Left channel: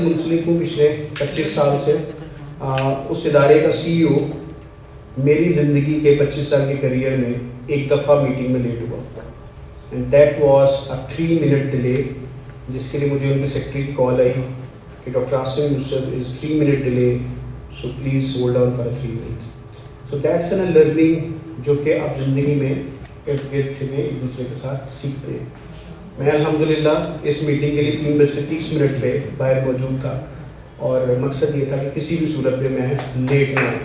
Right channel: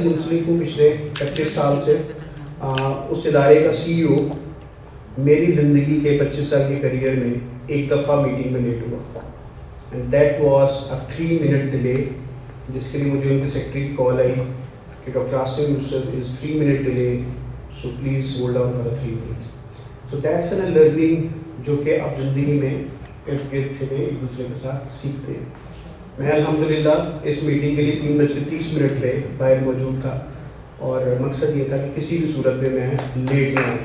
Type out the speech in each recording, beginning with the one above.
منسلک ہوں پچھلے 25 سال سے. اس ادارے کا سی ای او میری زندگی کے 25 سال کے کیریئر میں ایک دفعہ میٹنگ میں لیٹ ہوا, and that was a 3 minute delay, جس کے لیے مجھے ان کے سیکرٹری کی کال آئی کہ doctor Asim Yousuf is 3 minute delay, so please hold on for 3 minute. So that's an learning جو کہ آپ زندگی میں ارد گرد سے ایک دوسرے کے ساتھ سیکھتے ہیں. میں الحمدللہ اس میٹنگ کے لیے 3:30 پہ باہر موجود تھا, اور مقصد یہ تھا کہ کسی بھی صورت میں لیٹ نہ آؤں.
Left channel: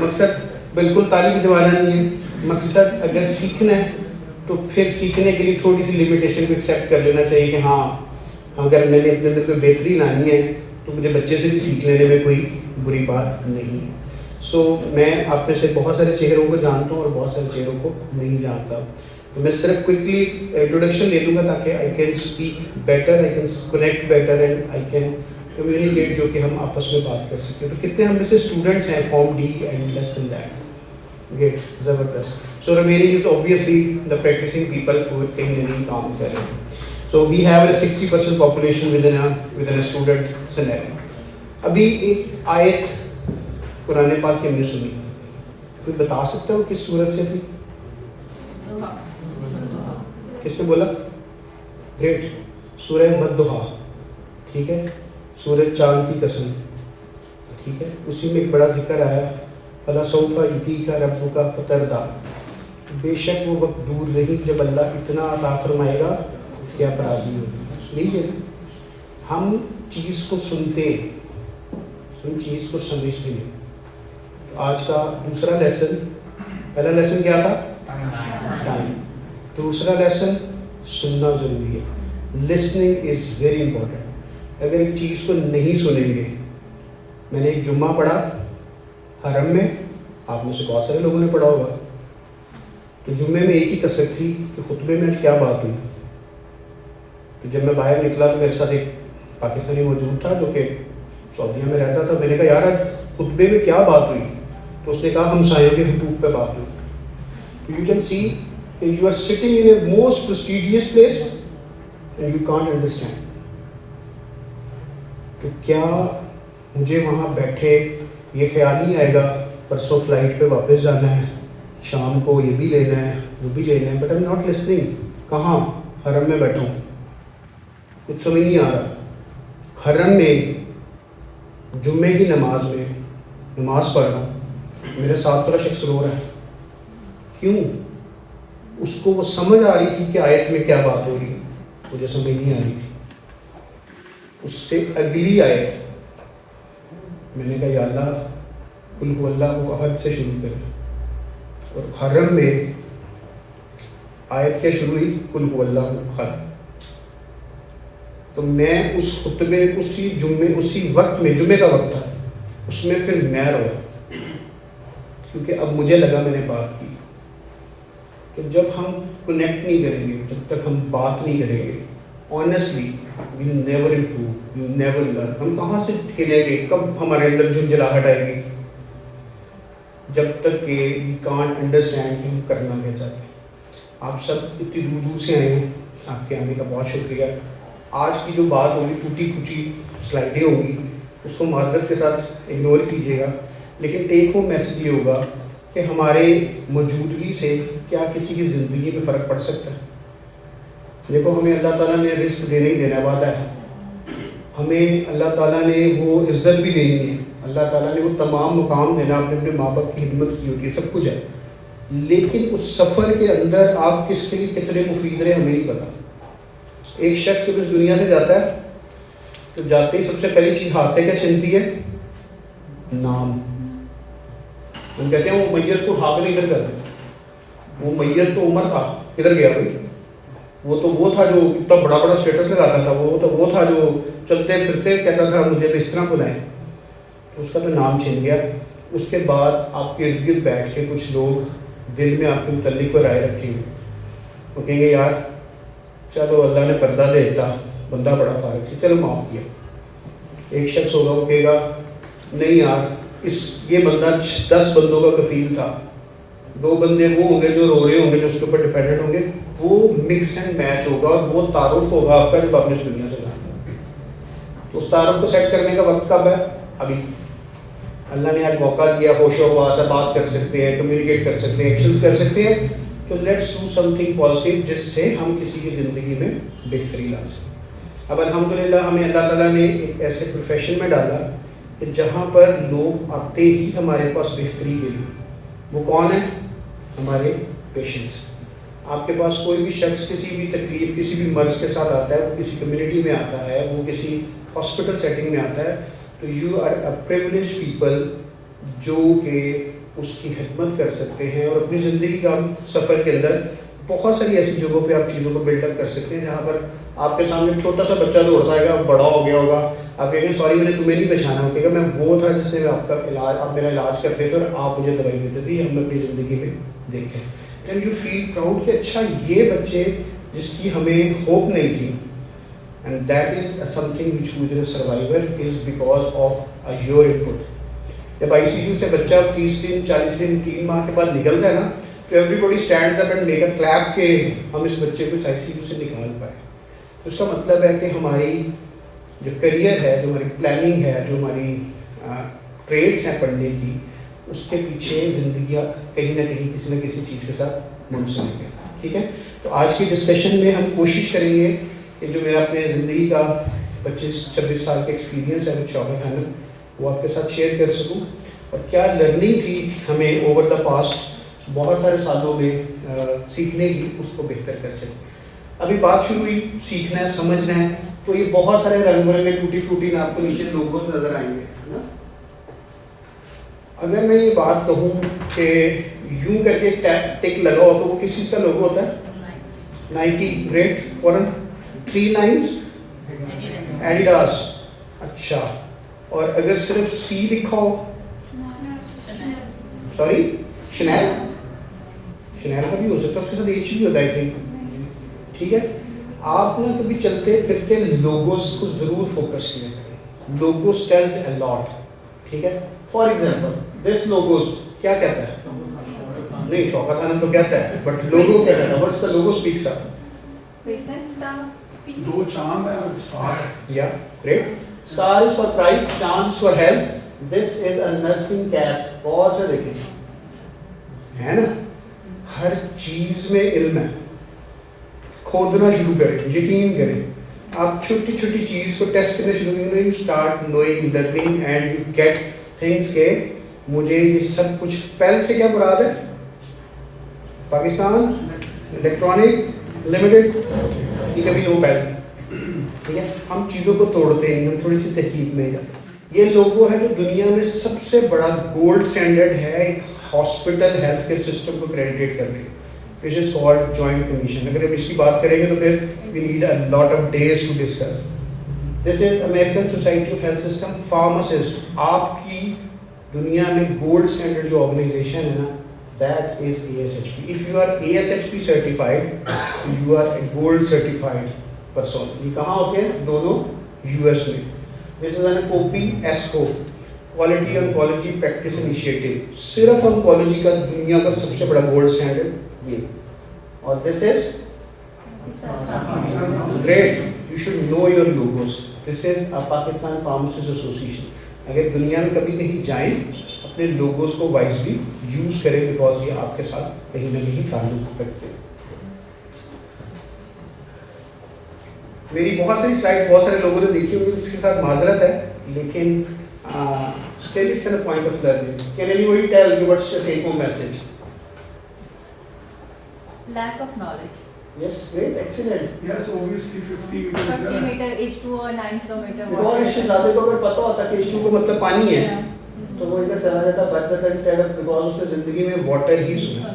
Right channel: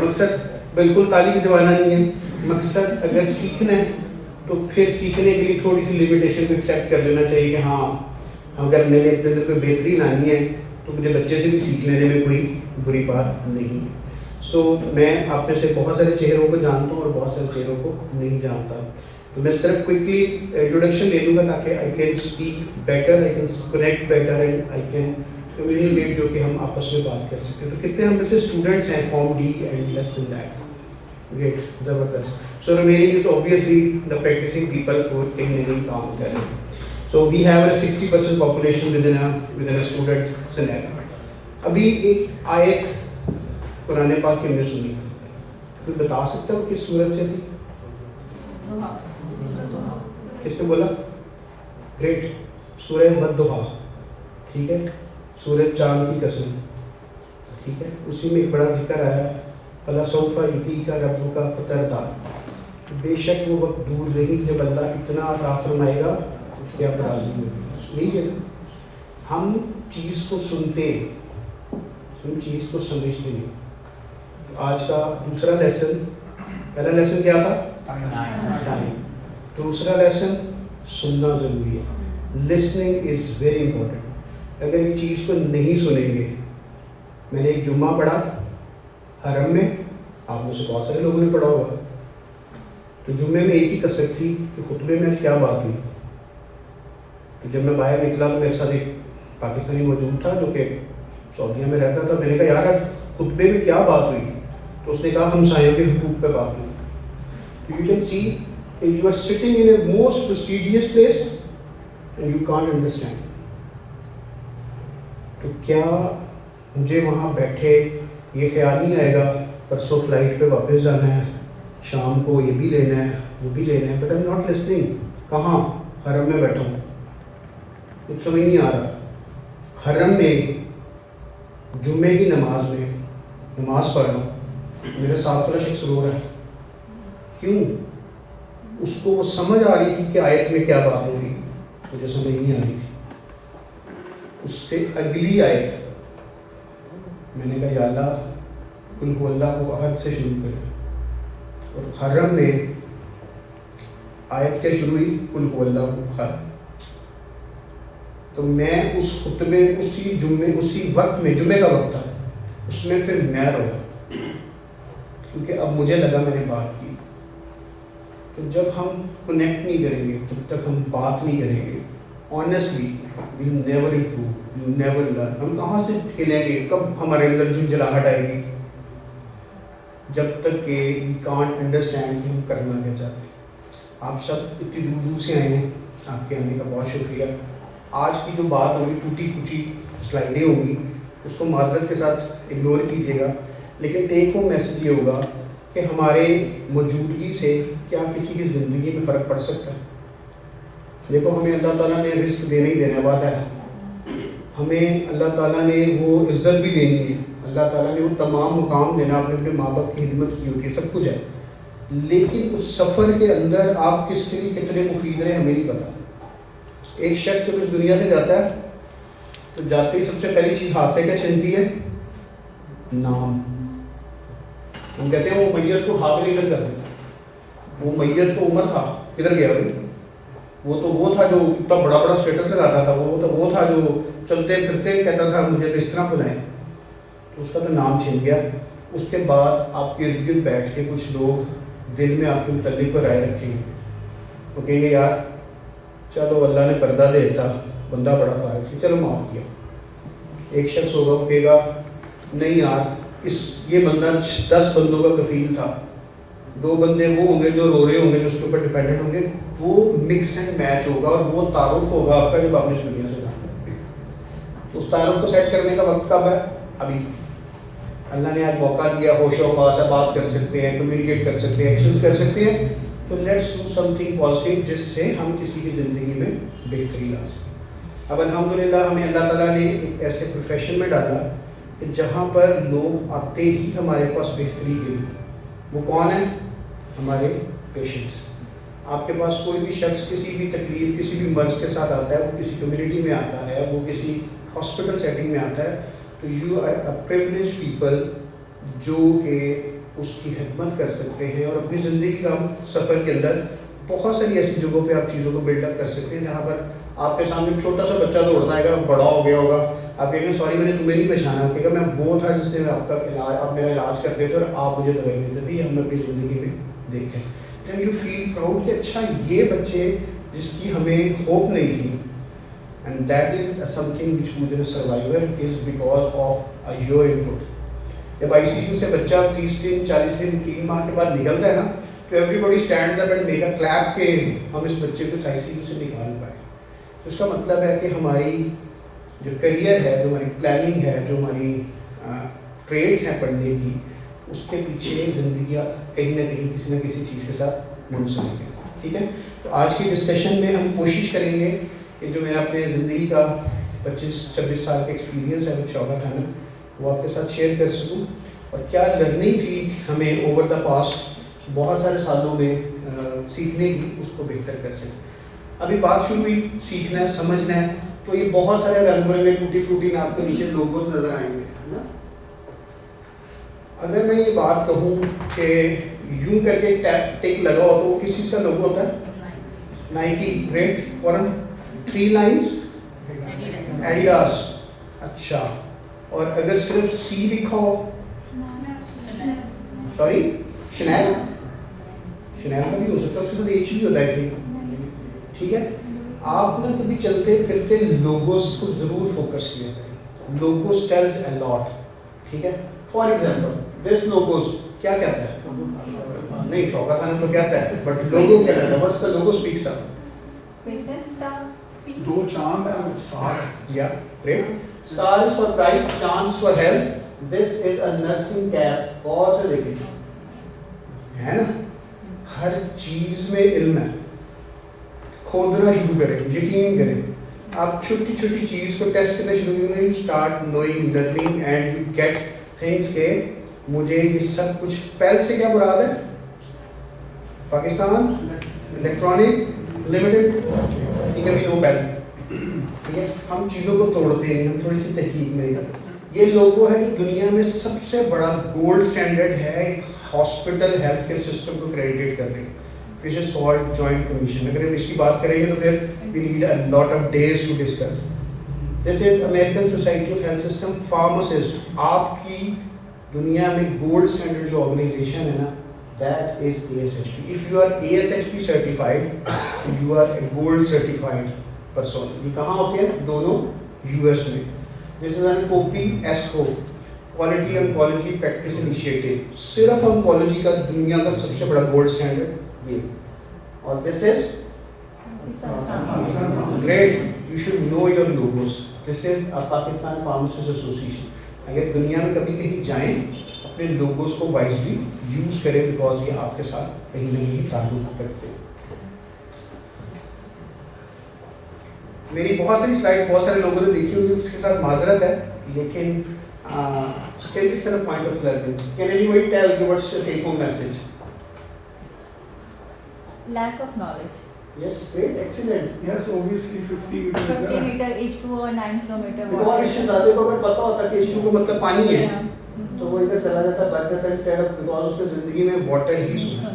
مقصد بالکل تعلیم کا زمانہ نہیں ہے. مقصد اگر سیکھنا ہے تو پھر سیکھنے کے لیے تھوڑی سی لمیٹیشن کو ایکسیپٹ کر لینا چاہیے کہ ہاں اگر میں نے اپنے اندر کوئی بہتری لانی ہے تو مجھے بچے سے بھی سیکھ لینے میں کوئی بری بات نہیں ہے. سو میں آپ میں سے بہت سارے چہروں کو جانتا ہوں اور بہت سارے چہروں کو نہیں جانتا. تو میں صرف کوئکلی انٹروڈکشن دے دوں گا تاکہ I can speak better, I can connect better, and I can communicate, جو کہ ہم آپس میں بات کر سکتے ہیں. تو کتنے ہم میں سے اسٹوڈنٹس ہیں pharm D and less than that. Great, زبردست. سو میری is obviously the practising people کو کہیں نہ کہیں کام کر رہے ہیں. So we have a 60% population within student scenario. ابھی ایک آیت قرآن پاک کی ہم نے سنی, کوئی بتا سکتا ہو کس سورت سے تھی؟ کس نے بولا؟ گریٹ. سورہ والضحیٰ, ٹھیک ہے, سورج چاند کی قسم, ٹھیک ہے. اسی میں ایک بڑا ذکر آیا, فَلَسَوْفَ يُعْطِيكَ رَبُّكَ فَتَرْضَىٰ, بے شک وہ وقت دور نہیں جب اللہ اتنا عطا فرمائے گا کہ آپ راضی ہوں. یہی ہے, ہم چیز کو سنتے ہیں, ہم چیز کو سمجھتے ہیں. آج کا دوسرا لیسن, پہلا لیسن کیا تھا؟ ٹائم. دوسرا لیسن سننا ضروری ہے. Listening is very important. اگر ایک چیز کو نہیں سنیں گے, میں نے ایک جمعہ پڑھا حرم میں, آپ میں سے بہت سارے لوگوں نے پڑھا ہوگا, تو جمعے میں ایک ہی کثرت تھی کہ خطبے میں کیا بات ہوئی. تو جب میں باہر نکلا تو میرے ساتھ ایک پاکستانی موجود تھا جو کہ سعودیہ میں رہتا تھا. میں نے کہا یار خطبے میں کیا بات ہوئی؟ تو اس نے کہا ہمسایوں کے حقوق پہ بات ہوئی. You can see you are sitting in a most prestigious place and you can't understand. تو کیا مجھے وہاں بیٹھے یہ خیال نہیں آئے گا پرسوں فلائٹ پہ واپس جانا ہے, شام کو یہ بھی لینا ہے وہ بھی لینا ہے, بٹ آئی ناٹ لسننگ. کہاں؟ حرم میں بیٹھا ہوں, کچھ سمجھ نہیں آ رہا. حرم میں جمعے کی نماز میں نماز پڑھ رہا ہوں, میرے ساتھ تھوڑا شخص رو رہا ہے. کیوں؟ اس کو وہ سمجھ آ رہی تھی کہ آیت میں کیا بات ہو رہی, مجھے سمجھ نہیں آ رہی تھی. اس سے اگلی آیت میں نے کہا یا اللہ قل هو اللہ کو احد سے شروع کریں, اور حرم میں آیت کے شروع ہوئی قل هو اللہ احد. تو میں اس خطبے اسی جمعے اسی وقت میں, جمعے کا وقت تھا, اس میں پھر میں رویا, کیونکہ اب مجھے لگا میں نے بات کی. تو جب ہم کنیکٹ نہیں کریں گے, جب تک ہم بات نہیں کریں گے, honestly we never improve, we never learn. ہم کہاں سے کھیلیں گے, کب ہمارے اندر جھنجھلاہٹ آئے گی؟ جب تک کہ وی کانٹ انڈرسٹینڈ کہ ہم کرنا کیا چاہتے ہیں. آپ سب اتنی دور دور سے آئے ہیں, آپ کے آنے کا بہت شکریہ. آج کی جو بات ہوگی ٹوٹی پھوٹی سلائڈیں ہوگی, اس کو معذرت کے ساتھ اگنور کیجیے گا, لیکن ایک وہ میسج یہ ہوگا کہ ہمارے موجودگی سے کیا کسی کی زندگی میں فرق پڑ سکتا ہے. دیکھو, ہمیں اللہ تعالیٰ نے رزق دینے ہی دینا والا ہے, ہمیں اللہ تعالیٰ نے وہ عزت بھی دینی ہے, اللہ تعالیٰ نے وہ تمام مقام دینا, اپنے ماں باپ کی خدمت کی ہوتی ہے, سب کچھ ہے. لیکن اس سفر کے اندر آپ کس کے لیے کتنے مفید رہے ہمیں نہیں پتا. ایک شخص جب اس دنیا سے جاتا ہے تو جاتے ہی سب سے پہلی چیز ہاتھ سے کیا چھنتی ہے؟ نام. ہم کہتے ہیں وہ میت کو ہاتھ لے کر کرتے, وہ میت تو عمر تھا, کدھر گیا بھائی؟ وہ تھا جو اتنا بڑا بڑا اسٹیٹس لگاتا تھا, وہ تھا جو چلتے پھرتے کہتا تھا مجھے اس طرح بلائیں. اس کا تو نام چھن گیا. اس کے بعد آپ کے ارد گرد بیٹھ کے کچھ لوگ دل میں آپ کے متعلق کو رائے رکھیں, وہ کہیں گے یار چلو اللہ نے پردہ دیتا, بندہ بڑا فارغ سے, چلو معاف کیا. ایک شخص ہوگا وہ کہے گا نہیں یار یہ بندہ 10 بندوں کا کفیل تھا, 2 بندے وہ ہوں گے جو رو رہے ہوں گے, جو اس کے اوپر ڈپینڈنٹ ہوں گے, وہ مکس اینڈ میچ ہوگا اور وہ تعارف ہوگا آپ کا جب آپ نے اس دنیا سے جانا. تو اس تعارف کو سیٹ کرنے کا وقت کب ہے؟ ابھی. اللہ نے آج موقع دیا، ہوش و حواس سے بات کر سکتے ہیں، کمیونیکیٹ کر سکتے ہیں، ایکشنز کر سکتے ہیں. تو let's do some thing positive جس سے ہم کسی کی زندگی میں بہتری لا سکیں. اب الحمدللہ ہمیں اللہ تعالیٰ نے ایک ایسے پروفیشن میں ڈالا کہ جہاں پر لوگ آتے ہی ہمارے پاس بہتری کے لیے. وہ کون ہے؟ ہمارے پیشنٹس. آپ کے پاس کوئی بھی شخص کسی بھی تکلیف، کسی بھی مرض کے ساتھ آتا ہے، وہ کسی کمیونٹی میں آتا ہے، وہ کسی ہاسپٹل سیٹنگ میں آتا ہے، تو you are a privilege people جو کہ اس کی خدمت کر سکتے ہیں اور اپنی زندگی کا سفر کے اندر بہت ساری ایسی جگہوں پہ آپ چیزوں کو بلڈ اپ کر سکتے ہیں جہاں پر آپ کے سامنے چھوٹا سا بچہ دوڑ جائے گا، بڑا ہو گیا ہوگا، آپ کہیں گے سوری میں نے تمہیں نہیں پہچانا، کہ میں وہ تھا جس نے آپ کا علاج، آپ میرا علاج کرتے تھے اور آپ مجھے دوائی دیتے تھے. ہم نے اپنی زندگی میں دیکھیں. دین یو فیل پراؤڈ کہ اچھا یہ بچے جس کی ہمیں ہوپ نہیں تھی. And that is something which who is a survivor is because of your input. جب آئی سی یو سے بچہ 30 دن 40 دن 3 ماہ کے بعد نکلتا ہے نا، تو everybody stands up and make a clap کہ ہم اس بچے کو آئی سی یو سے نکال پائے. تو اس کا مطلب ہے کہ ہماری جو کریئر ہے، جو ہماری پلاننگ ہے، جو ہماری ٹریڈس ہیں پڑھنے کی، اس کے پیچھے زندگی کہیں نہ کہیں کسی نہ کسی چیز کے ساتھ منسلک ہے. ٹھیک ہے. تو آج کی ڈسکشن میں ہم کوشش کریں گے کہ جو میرا اپنے زندگی کا 25-26 سال کا ایکسپیرینس ہے کچھ شعبہ خانہ، وہ آپ کے ساتھ شیئر کر سکوں اور کیا لرننگ تھی ہمیں اوور دا پاسٹ بہت سارے سالوں میں سیکھنے کی، اس کو بہتر کر سکیں. ابھی بات شروع ہوئی، سیکھنا ہے، سمجھنا ہے، تو یہ بہت سارے رنگ برنگے ٹوٹی پھوٹی آپ کو نیچے لوگوز نظر آئیں گے نا. اگر میں یہ بات کہوں کہ یوں کر کے ٹک لگا ہو تو وہ کس چیز کا لوگو ہوتا ہے؟ نائکی. گریٹ. فورن 3 لائنز ایڈیڈاس. اچھا. اور اگر صرف سی لکھا ہو؟ Sorry Chanel. شنیل کا بھی ہو سکتا ہے، اس کے ساتھ ایچ بھی ہوتا ہے. ٹھیک ہے. آپ نے کبھی چلتے پھرتے لوگوز کو ضرور فوکس کیا کریں. لوگوز ٹیلز اے لاٹ. ٹھیک ہے. فار ایگزامپل دس لوگوز کیا کہتا ہے؟ نہیں شوکت خان تو کہتا ہے، بٹ لوگو کیا کہتا ہے؟ واٹس دا لوگو اسپیکس اپ؟ دو چاند ہے اور اسٹار. یا great. Star is for bright, چاند for health. This is a nursing cap. اور سے دیکھیں ہے نا، ہر چیز میں علم ہے. کھودنا شروع کریں، یقین کریں. آپ چھوٹی چھوٹی چیز کو ٹیسٹ کرنا شروع کریں. You start knowing learning and you get things کہ مجھے یہ سب کچھ. پہلے سے کیا مراد ہے؟ Pakistan electronic limited. ٹھیک ہے بھی وہ پہلے. ٹھیک ہے. ہم چیزوں کو توڑتے ہیں، ہم تھوڑی سی تحقیق میں. یہ لوگو ہے جو دنیا میں سب سے بڑا گولڈ اسٹینڈرڈ ہے ایک ہاسپٹل ہیلتھ کیئر سسٹم کو کریڈٹ کرنے، which is called joint commission. اگر ہم اس کی بات کریں گے تو پھر we need a lot of days to discuss. This is American Society of Health System. Pharmacist آپ کی دنیا میں گولڈ اسٹینڈرڈ جو آرگنائزیشن ہے نا، that is ASHP. If you are ASHP certified, you are a gold certified person. یہ کہاں ہوتے ہیں؟ دونوں US میں. This is an OPSO, Quality Oncology Practice Initiative. صرف oncology کا دنیا کا سب سے بڑا گولڈ اسٹینڈرڈ یہ. اور this is great. You should know your logos. This is a Pakistan Pharmacists Association. اگر دنیا میں کبھی کہیں جائیں اپنے لوگوز کو وائزلی یوز کریں، بیکاز یہ آپ کے ساتھ کہیں نہ کہیں تعلق رکھتے ہیں. میری بہت ساری سلائڈ بہت سارے لوگوں نے دیکھی ہوئی، اس کے ساتھ معذرت ہے، لیکن still it's a point of learning. Can anybody tell me what's the take home message? Lack of knowledge. Yes, great, excellent. Yes, obviously 50 meter. 50 meter H2 اور 9 kilometer. اور اس شہزادے کو اگر پتا ہوتا کہ H2 کو مطلب پانی ہے تو وہ ادھر چلا جاتا بچ جاتا انسٹیڈ آف، بیکاز اس نے زندگی میں واٹر ہی سنا.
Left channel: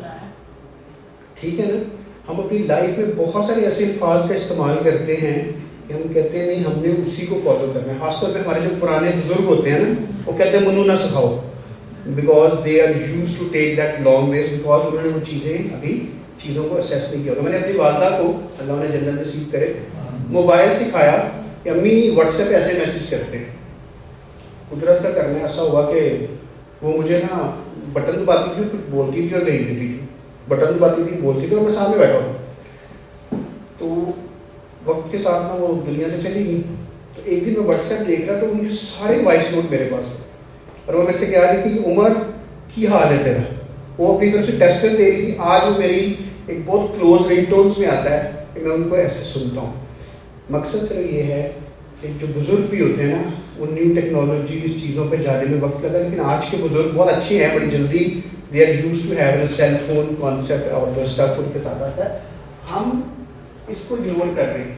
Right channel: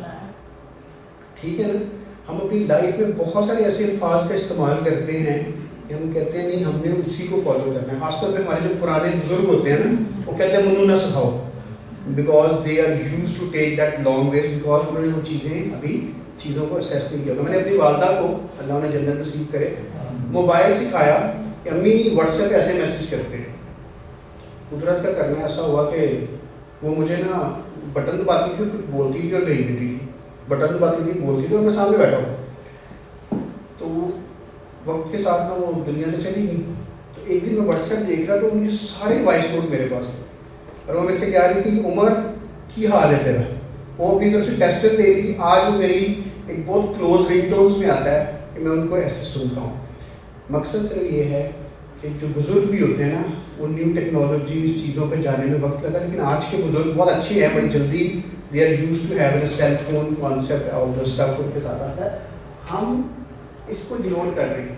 ٹھیک ہے نا. ہم اپنی لائف میں بہت سارے ایسے الفاظ کا استعمال کرتے ہیں کہ ہم کہتے ہیں نہیں ہم نے اسی کو فالو کرنا ہے. خاص طور پہ ہمارے جو پرانے بزرگ ہوتے ہیں نا، وہ کہتے ہیں منو نہ سکھاؤ، because they are used to take that long ways, because انہوں نے وہ چیزیں ابھی چیزوں کو اسیس نہیں کیا. میں نے اپنی والدہ کو، اللہ نے جنت نصیب کرے، موبائل سکھایا کہ امی واٹس ایپ ایسے میسج کرتے ہیں. قدرت کا کرنا ایسا ہوا کہ وہ مجھے نا بٹن دباتی تھی، کچھ بولتی تھی اور نہیں دیتی تھی. بٹن دباتی تھی، بولتی تھی، اور میں سامنے بیٹھا ہوں. وقت کے ساتھ نا وہ دنیا سے چلی گئی. تو ایک دن میں واٹس ایپ دیکھ رہا تو مجھے سارے وائس نوٹ میرے پاس تھے اور وہ میرے سے کہہ رہی تھی عمر کی حال ہے تیرا. وہ اپنی طرف سے ٹیسٹر دے رہی تھی. آج میری ایک بہت کلوز رنگ ٹونس میں آتا ہے کہ میں ان کو ایسے سنتا ہوں. مقصد صرف یہ ہے کہ جو بزرگ بھی ہوتے ہیں نا وہ نیو ٹیکنالوجیز چیزوں پہ جانے میں وقت لگا, لیکن آج کے بزرگ بہت اچھے ہیں, بڑی جلدی they are used to have a cell phone concept اور جو اسٹف ان کے ساتھ آتا ہے. ہم اس کو اگنور کر رہے ہیں.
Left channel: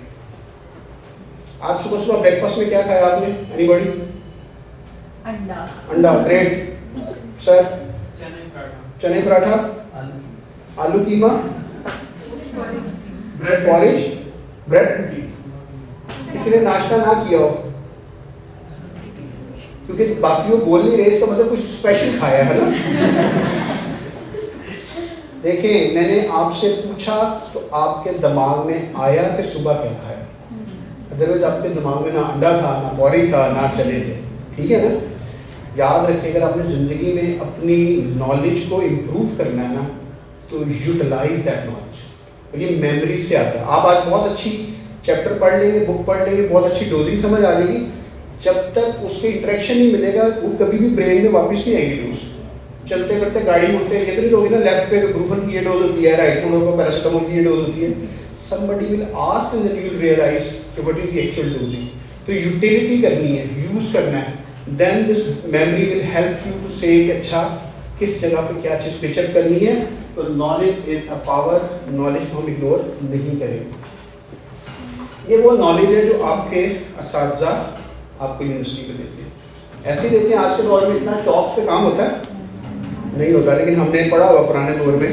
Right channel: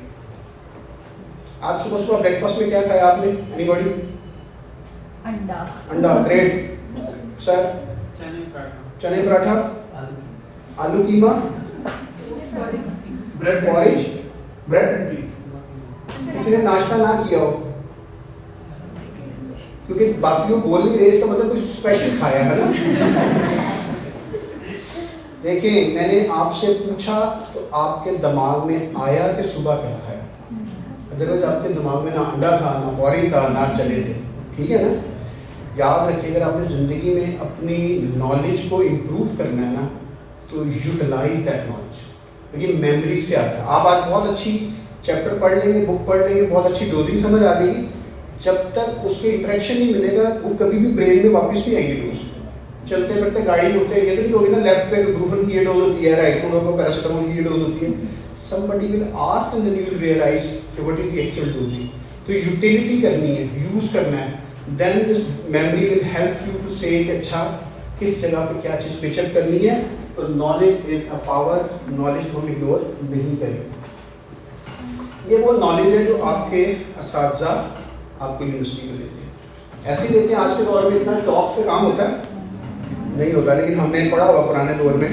آج صبح صبح بریک فاسٹ میں کیا کھایا آپ نے؟ Any body? انڈا. انڈا, بریڈ, سر چنے پراٹھا, آلو قیمہ, Bread پورج, bread and tea. کسی نے ناشتہ نہ کیا ہو کیونکہ باقی وہ بول نہیں رہے, اس کا مطلب کچھ اسپیشل کھایا ہے نا. دیکھیں میں نے آپ سے پوچھا تو آپ کے دماغ میں آیا کہ صبح کیا کھایا. ادروائز آپ کے دماغ میں نہ انڈا تھا, نہ پورج تھا, نہ چنے تھے. ٹھیک ہے نا. یاد رکھیں اگر آپ نے زندگی میں اپنی نالج کو امپروو کرنا ہے نا تو یوٹیلائز دیٹ نالج. یہ میموری سے آتا ہے. آپ آج بہت اچھی چیپٹر پڑھ لیں گے, بک پڑھ لیں گے, بہت اچھی ڈوزنگ سمجھ آ جائے گی, جب تک اس کے انٹریکشن نہیں ملے گا وہ کبھی بھی برین میں واپس نہیں آئے گی. ڈوز چلتے پڑتے گاڑی مڑتے یہ نہیں ہوگی نا لیفٹ پہ بروفن کی یہ ڈوز ہوتی ہے, رائٹ مڑوں کو پیراسیٹامول کی یہ ڈوز ہوتی ہے. somebody will ask and then you will realize کہ what is the actual dosing. تو یوٹیلیٹی کرنی ہے, یوز کرنا ہے. then this memory will help you to say کہ اچھا کس جگہ پہ کیا چیز پکچر کرنی ہے. تو knowledge is a power, knowledge ہم اگنور نہیں کریں. یہ وہ نالج ہے جو آپ کے اساتذہ آپ کو یونیورسٹی میں دیتے ہیں. ایسے دیتے ہیں. آج کے دور میں اتنا چاکس پہ کام ہوتا ہے نہیں ہوتا, لیکن ہم نے پڑھا ہوا پرانے دور میں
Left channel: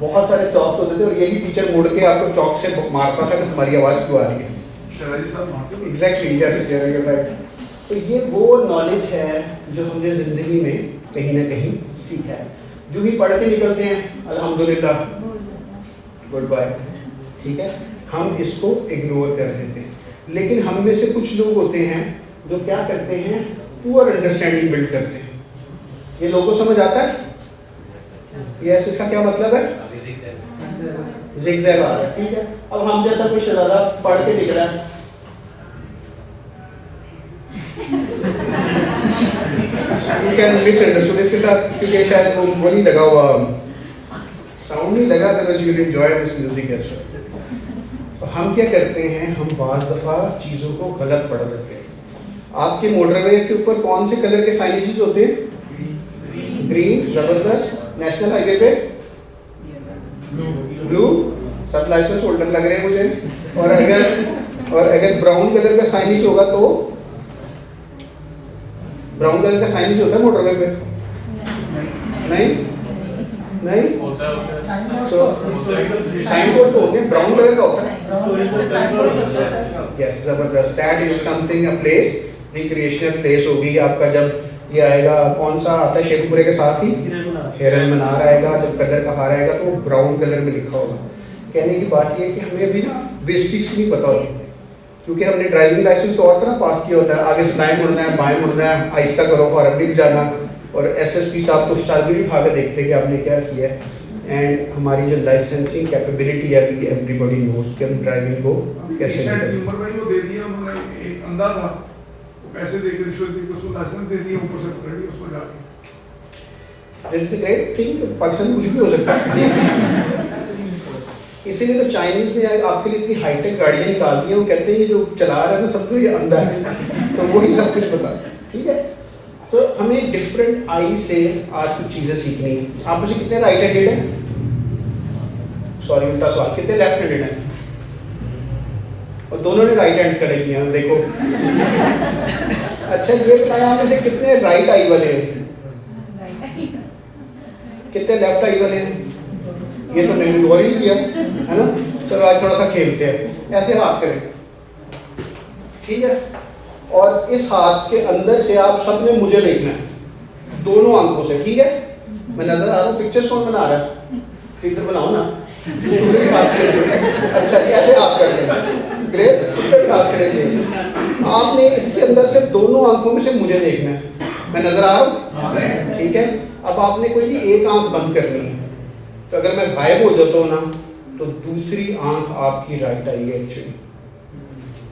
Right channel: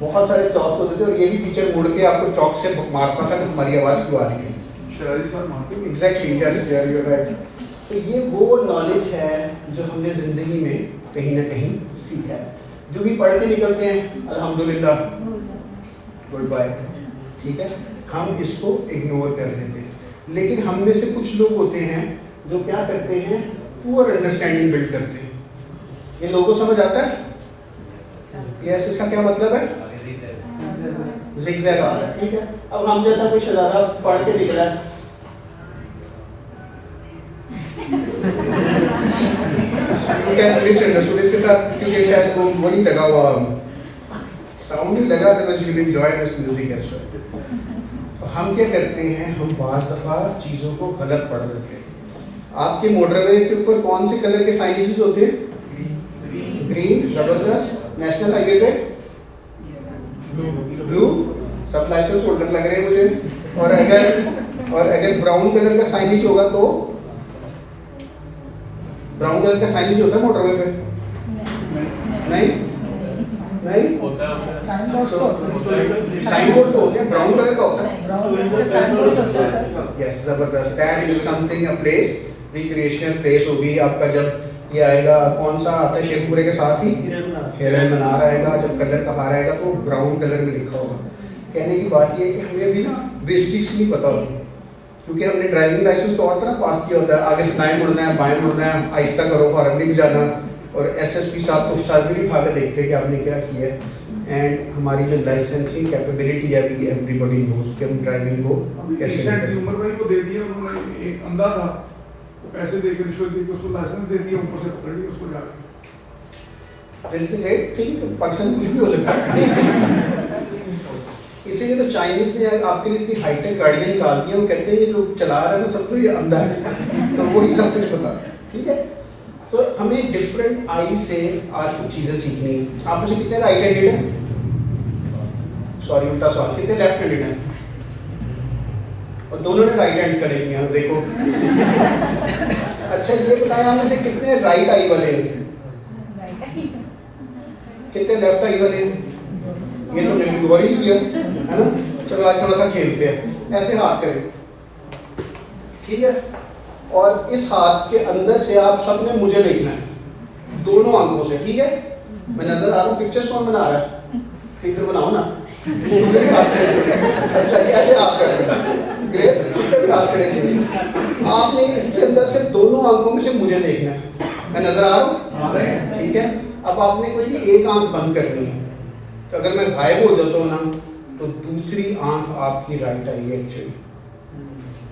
بہت سارے چاکس ہوتے تھے اور یہی ٹیچر مڑ کے آپ کو چاک سے مارتا تھا کہ ہماری آواز کیوں آ رہی ہے. شہری صاحب وہاں پہ ایگزیکٹلی یس رائٹ. تو یہ وہ نالج ہے جو ہم نے زندگی میں کہیں نہ کہیں سیکھا ہے. جو بھی پڑھ کے نکلتے ہیں الحمدللہ گڈ بائے. ٹھیک ہے, ہم اس کو اگنور کر دیتے ہیں. لیکن ہم میں سے کچھ لوگ ہوتے ہیں جو کیا کرتے ہیں, پور انڈرسٹینڈنگ بلڈ کرتے ہیں. یہ لوگوں سمجھ آتا ہے یس, اس کا کیا مطلب ہے؟ زگ زیگ آ رہا ہے. ٹھیک ہے, اب ہم جیسا کوئی شرارہ پڑھ کے نکلا ہے اس کے ساتھ کیونکہ شاید وہ نہیں لگا ہوا, ساؤنڈ نہیں لگا because you enjoy this music as well. تو ہم کیا کرتے ہیں, ہم بعض دفعہ چیزوں کو غلط پڑھ دیتے ہیں. آپ کے موٹر وے کے اوپر کون سے کلر کے سائنیجز ہوتے ہیں؟ گرین. زبردست. نیشنل ہائی وے پہ بلو. سب لائسنس ہولڈر لگ رہے ہیں مجھے. اور اگر براؤن کلر کا سائنیج ہوگا تو براؤن کلر کا سائنیج ہوتا ہے موٹر وے پہ؟ نہیں نہیں, سائن بورڈ تو ہوتے ہیں, براؤن کلر کا ہوتا ہے. یس زبردست. That is some thing a place, recreational place ہوگی آپ کا. جب یہ آئے گا کون سا آتا ہے شیخ پورے کے ساتھ ہی ہیرن منار آئے گا, جب کلر کا باہر آئے گا تو وہ براؤن کلر میں لکھا ہوگا. کہنے کی بات یہ ہے کہ ہمیں بھی نا بیسکس نہیں پتا ہوتی, کیونکہ ہم نے ڈرائیونگ لائسنس تو اور طرح پاس کیا ہوتا ہے. آگے سے دائیں مڑنا ہے, بائیں مڑنا ہے, آہستہ کرو, فارغ بھی جانا. اور ایس ایس پی صاحب کو ساتھ بھی اٹھا کے دیکھتے کہ آپ نے کیا کیا ہے. اینڈ ہماری جو لائسنسنگ کیپیبلٹی ہے ایوری باڈی نوز کہ ہم ڈرائیونگ کو کیسے کرتے ہیں. عمر بھائی کو دے دیا انہوں نے ایک اندھا تھا, پیسے دے کے رشوت دے کے اس کو لائسنس دے دیا, اوپر سے پکڑ لیا اس کو جا کے. That's the great thing, Pakistan کچھ بھی ہو سکتا ہے. اسی لیے تو چائنیز نے آپ کے لیے اتنی ہائی ٹیک گاڑیاں نکال دی ہیں. وہ کہتے ہیں یہ جو چلا رہا ہے وہ سب کو یہ اندھا ہے, تو وہی سب کچھ بتا. ٹھیک ہے, تو ہمیں ڈفرینٹ آئی سے آج کچھ چیزیں سیکھنی ہیں. آپ میں سے کتنے رائٹ ہینڈیڈ ہیں؟ سوری الٹا سوال, کتنے لیفٹ ہینڈیڈ ہیں؟ اور دونوں نے رائٹ ہینڈ کرے کیا دیکھو. اچھا یہ بتایا ہم میں سے کتنے رائٹ آئی والے ہیں, کتنے لیفٹ آئی والے ہیں؟ یہ تو میں نے اور ہی کیا ہے نا. چلو آج تھوڑا سا کھیلتے ہیں, ایسے ہاتھ کریں. ٹھیک ہے, اور اس ہاتھ کے اندر سے آپ سب نے مجھے دیکھنا ہے دونوں آنکھوں سے. ٹھیک ہے, میں نظر آ رہا ہوں. پکچرز کون بنا رہا ہے؟ پکچر بناؤ نا. اچھا کیسے آپ کریں گے؟ آپ کریں گے. آپ نے اس کے اندر سے دونوں آنکھوں میں سے مجھے دیکھنا ہے. میں نظر آ رہا ہوں. ٹھیک ہے, اب آپ نے کوئی بھی ایک آنکھ بند کرنی ہے. تو اگر میں غائب ہو جاتا ہوں نا تو دوسری آنکھ آپ کی رائٹ آئی ہے actually.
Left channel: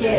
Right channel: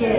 Yes.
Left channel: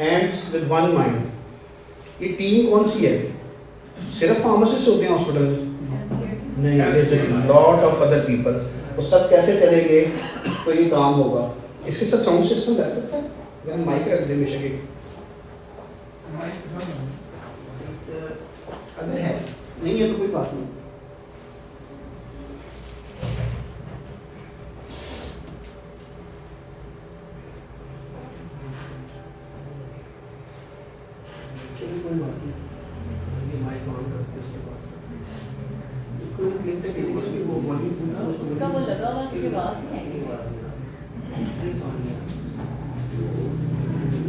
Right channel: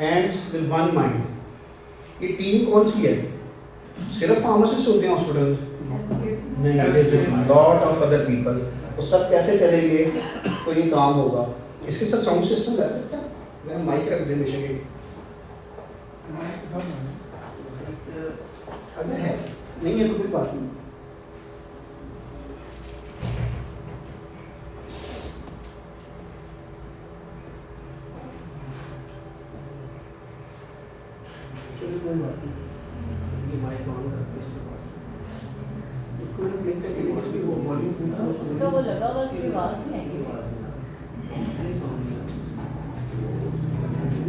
hands with one mind. یہ ٹیم کون سی ہے؟ صرف فارماسسٹ ہوتے ہیں ہاسپٹل میں؟ نہیں، لاٹ آف ادر پیپل. وہ سب کیسے چلیں گے تو یہ کام ہوگا. اس کے ساتھ ساؤنڈ سسٹم لگ سکتا ہے؟ میں مائک رکھ دیں بے شک. اگر ہے نہیں ہے تو کوئی بات نہیں. چلو کوئی بات نہیں. یہ مائک آن کر کے اس کے پاس اس کو لکھتے کہ اس کی وہ باڈی اس کا وہ لگا ہوا اس کی بات نہیں ہے.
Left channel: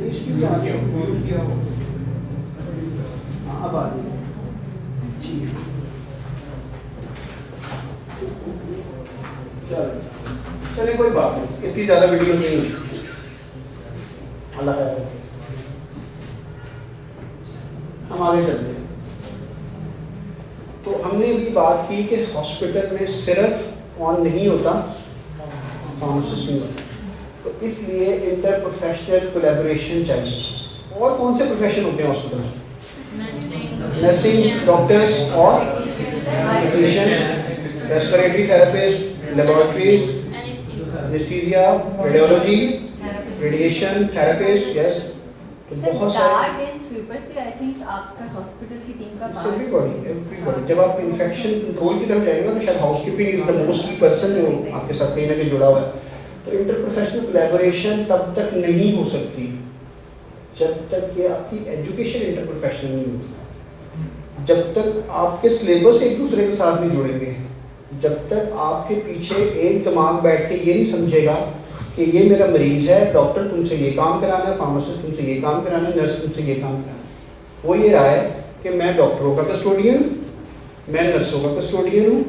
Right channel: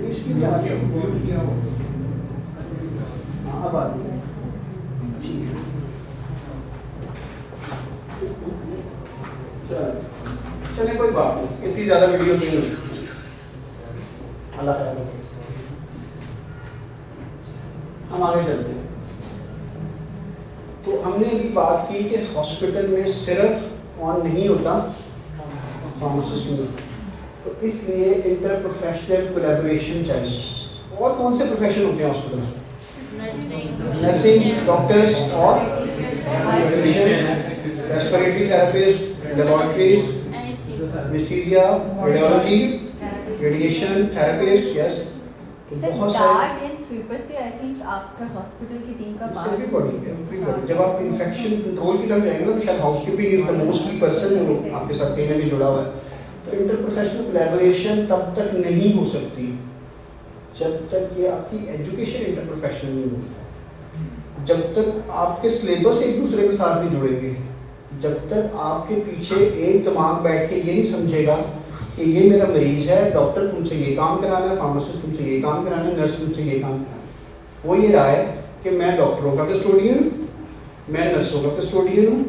اس کی کیا کیا ہاں اب آ جائے. ٹھیک ہے چلے کوئی بات نہیں. اتنی زیادہ ویڈیو نہیں ہوئی. اللہ کا ہم آگے چلتے ہیں. تو ہم نے بھی بات کی کہ ہاسپٹل میں صرف آن نہیں ہوتا فارماسسٹ میں، تو اس لیے انٹر پروفیشنل کولیبوریشن چاہیے. اور کون سے پروفیشن ہوتے ہیں ہاسپٹل میں؟ نرسنگ، ڈاکٹرس اور respiratory therapist, laboratories, anaesthesia, radiology, radiation therapist. Yes بہت سارے جب آپ انفیکشن کنٹرول کی طرف جائیں گے تو شاید ہاؤس کیپنگ از دا موسٹلی پرسن جو آپ کے ساتھ کہیں نہ کہیں جڑا ہوا ہے. تو انٹر پروفیشنل کولیبوریشن تب تک نہیں ہو سکتی جب تک کہ آپ کی ایجوکیشن انٹر پروفیشنل نہیں ہوتی، جب تک آپ کے سلیبس ایک دوسرے کے ساتھ نہیں جڑیں گے، جب تک آپ کے پیچھے ایک دماغ بیٹھ کے یہ نہیں سمجھے گا کہ یہ میرا مریض ہے، ڈاکٹر تم سے یہ کام کرانا ہے، فارماسسٹ تم سے یہ کام کرانا ہے، نرس تم سے یہ کام کرانا ہے. وہ یہ رہا ہے کہ میں ڈاکٹروں کا کسٹوڈین ہوں، میں نرسوں کا کسٹوڈین ہوں،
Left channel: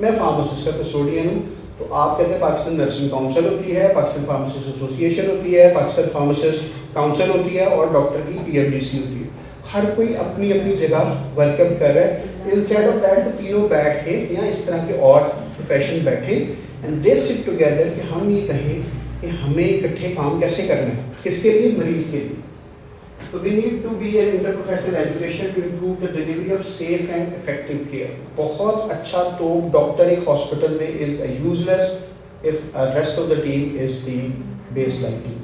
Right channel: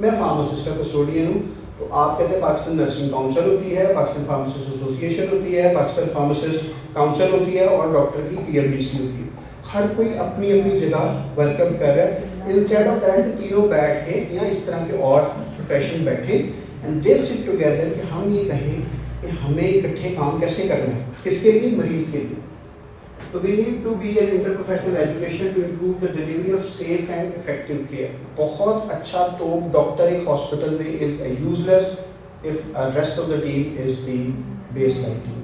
میں فارماسسٹ کا کسٹوڈین ہوں. تو آپ کہتے ہیں پاکستان نرسنگ کاؤنسل ہوتی ہے، پاکستان فارماسسٹ ایسوسیشن ہوتی ہے، پاکستان فارماسسٹ کاؤنسل ہوتی ہے اور ڈاکٹر کی PFDC ہوتی ہے. ہر کوئی اپنی اپنی جگہ ویلکم کر رہا ہے. انسٹیڈ آف دیٹ تینوں بیٹھ کے یا اس طرح کے اور پروفیشن بیٹھے اینڈ دے سٹ ٹوگیدر کہ ہم یہ کہیں کہ ہمیں اکٹھے کام کیسے کرنا ہے، کس کے لیے؟ مریض کے لیے. So we need to be an interprofessional education to improve the delivery of safe and effective care. بہت اچھا تو ڈاکٹر ایک ہاسپٹل میں is useless if the rest of the team is the baseline team.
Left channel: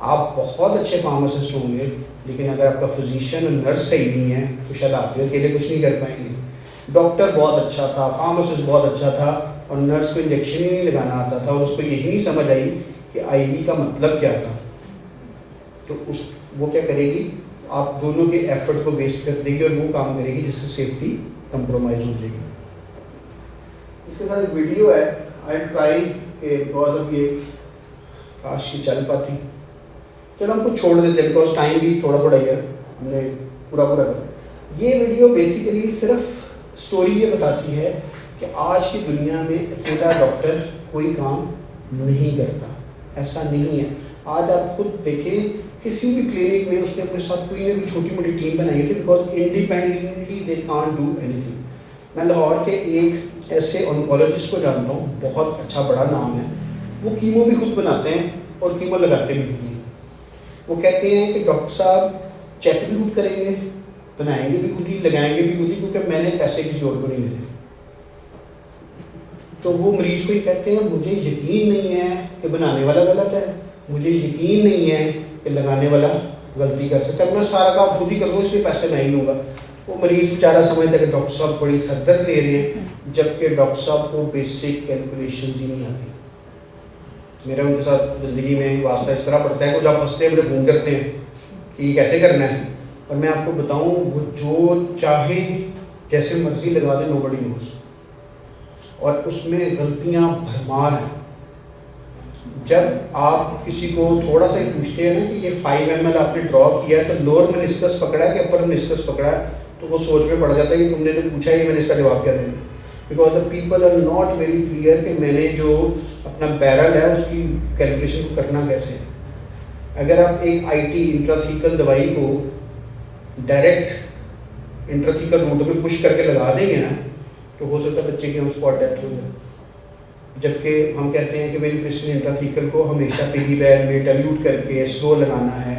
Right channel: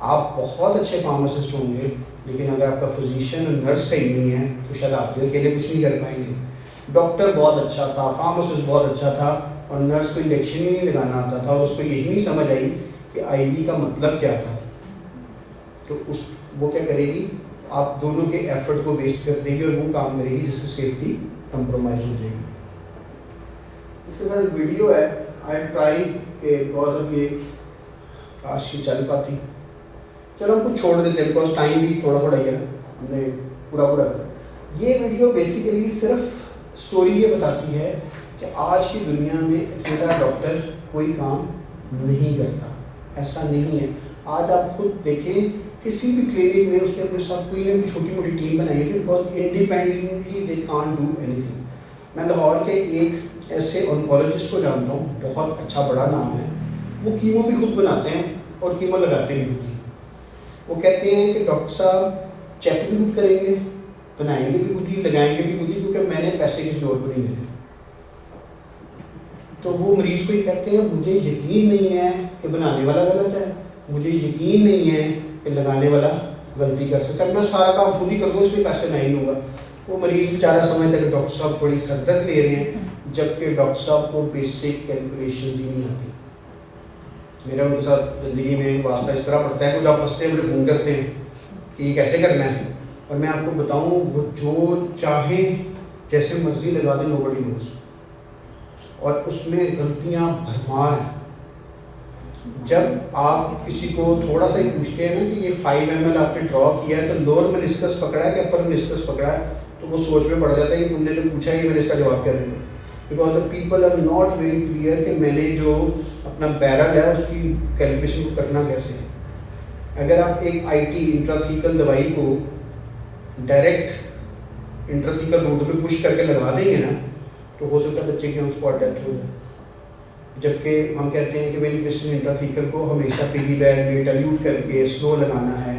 آپ بہت اچھے pharmacist ہوں گے لیکن اگر آپ کا فزیشین اور نرس صحیح نہیں ہے تو شاید آپ اکیلے کچھ نہیں کر پائیں گے. ڈاکٹر بہت اچھا تھا، فارماسسٹ بہت اچھا تھا اور نرس کو انجیکشن ہی نہیں لگانا آتا تھا اور اس کو یہی نہیں سمجھ آئی کہ IV کا مطلب کیا تھا، تو وہ کیا کرے گی؟ آپ دونوں کے ایفرٹ کو ویسٹ کر دے گی اور وہ کام کرے گی جس سے سیفٹی کمپرومائز ہو جائے گی. اس کے بعد ایک ویڈیو ہے، آئی ٹرائی کہ بہت اب یہ کاش کی چل پاتی. چلو ہم کو چھوڑ دیتے ہیں بیکاز ٹائم بھی تھوڑا تھوڑا ہی ہے، ہم نے پورا کر. یہ ویڈیو بیسیکلی صرف اسٹوری یہ بتاتی ہے کہ آج کی دنیا میں اکیلا ڈاکٹر کوئی کام نہیں کرتا. ایسا نہیں ہے. آج آپ خود دیکھیں کسی بھی کلینک میں اس نے اپنے ساتھ کوئی نہ کوئی چھوٹی موٹی ٹیم بنائی ہے because independently they can't do any thing. میں لاہور کے ایک ایسے آنکولوجسٹ کو جانتا ہوں، بہت اچھا بڑا نام ہے. وہ کیمو بھی خود بناتے ہیں اور کیمو لگاتے بھی ہیں. وہ کہتے ہیں کہ ڈاکٹر صاحب چیک بھی خود کریں گے، بنائیں گے بھی خود ہی، لگائیں گے بھی خود ہی، کیونکہ میں نے پیسے کسی اور کو نہیں دیے. تو وہ مریض کو یہ کہتے ہیں مجھے یقین نہیں ہے کہ بنانے والا غلط ہے، مجھے یقین نہیں ہے کہ لگانے والا غلطی کر سکتا ہے، میں سارا کام خود ہی کر دوں، اس کے پیسے نہیں لوں گا. وہ مریض بیچارہ سمجھتا ہے کہ ڈاکٹر صاحب بڑی سر درد لے رہے ہیں، جبکہ ڈاکٹر صاحب کو بیسک کیلکولیشنز ہی نہیں آتی. میرا ان کے ساتھ زندگی میں واسطہ اس طرح پڑتا ہے کہ آپ ہنستے مجھے فون کرتے ہیں کہ یہ کیسے کرنا ہے، اور میں آپ کو بتاؤں وہ جو چاہیں جیسے مرضی لگا دیں، نوبڈی نوز. اور اس میں غلطیاں بھرمار ہیں. جب آپ کسی کو تھوڑا سا ہی پوچھتے ہیں نا کہ یہ 5 ml آپ نے ڈرا کیا ہے تو لوور منسکس پکڑا ہے کہ اپر منسکس پکڑا ہے، تو وہ سوچ میں پڑ جاتا ہے کہ تم نے جو پوچھا ہے میں نے اس کا جواب کیا دیں گے. Because the people are not very clear کہ میں نے جو اپنا بیرل ہے اس کی کیلکولیشن کرنا کیسے ہے. اگر آپ ایک IT انٹراتھیکل دوائی کو ڈائریکٹ انٹراتھیکل روٹ میں پش کر کے لگا دیں گے نا تو ہو سکتا ہے بچے کی ہم اسپاٹ ڈیتھ ہو. جبکہ ہم کہتے ہیں کہ میری کرسٹن انٹراتھیکل کو ہمیشہ PV بیگ میں ڈائلیوٹ کر کے سلو لگانا ہے،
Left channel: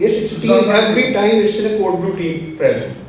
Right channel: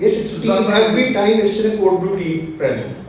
Yes, it's team every time it's in a code blue team present.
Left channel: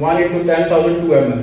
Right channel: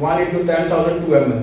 1 × 10,000 2 ml।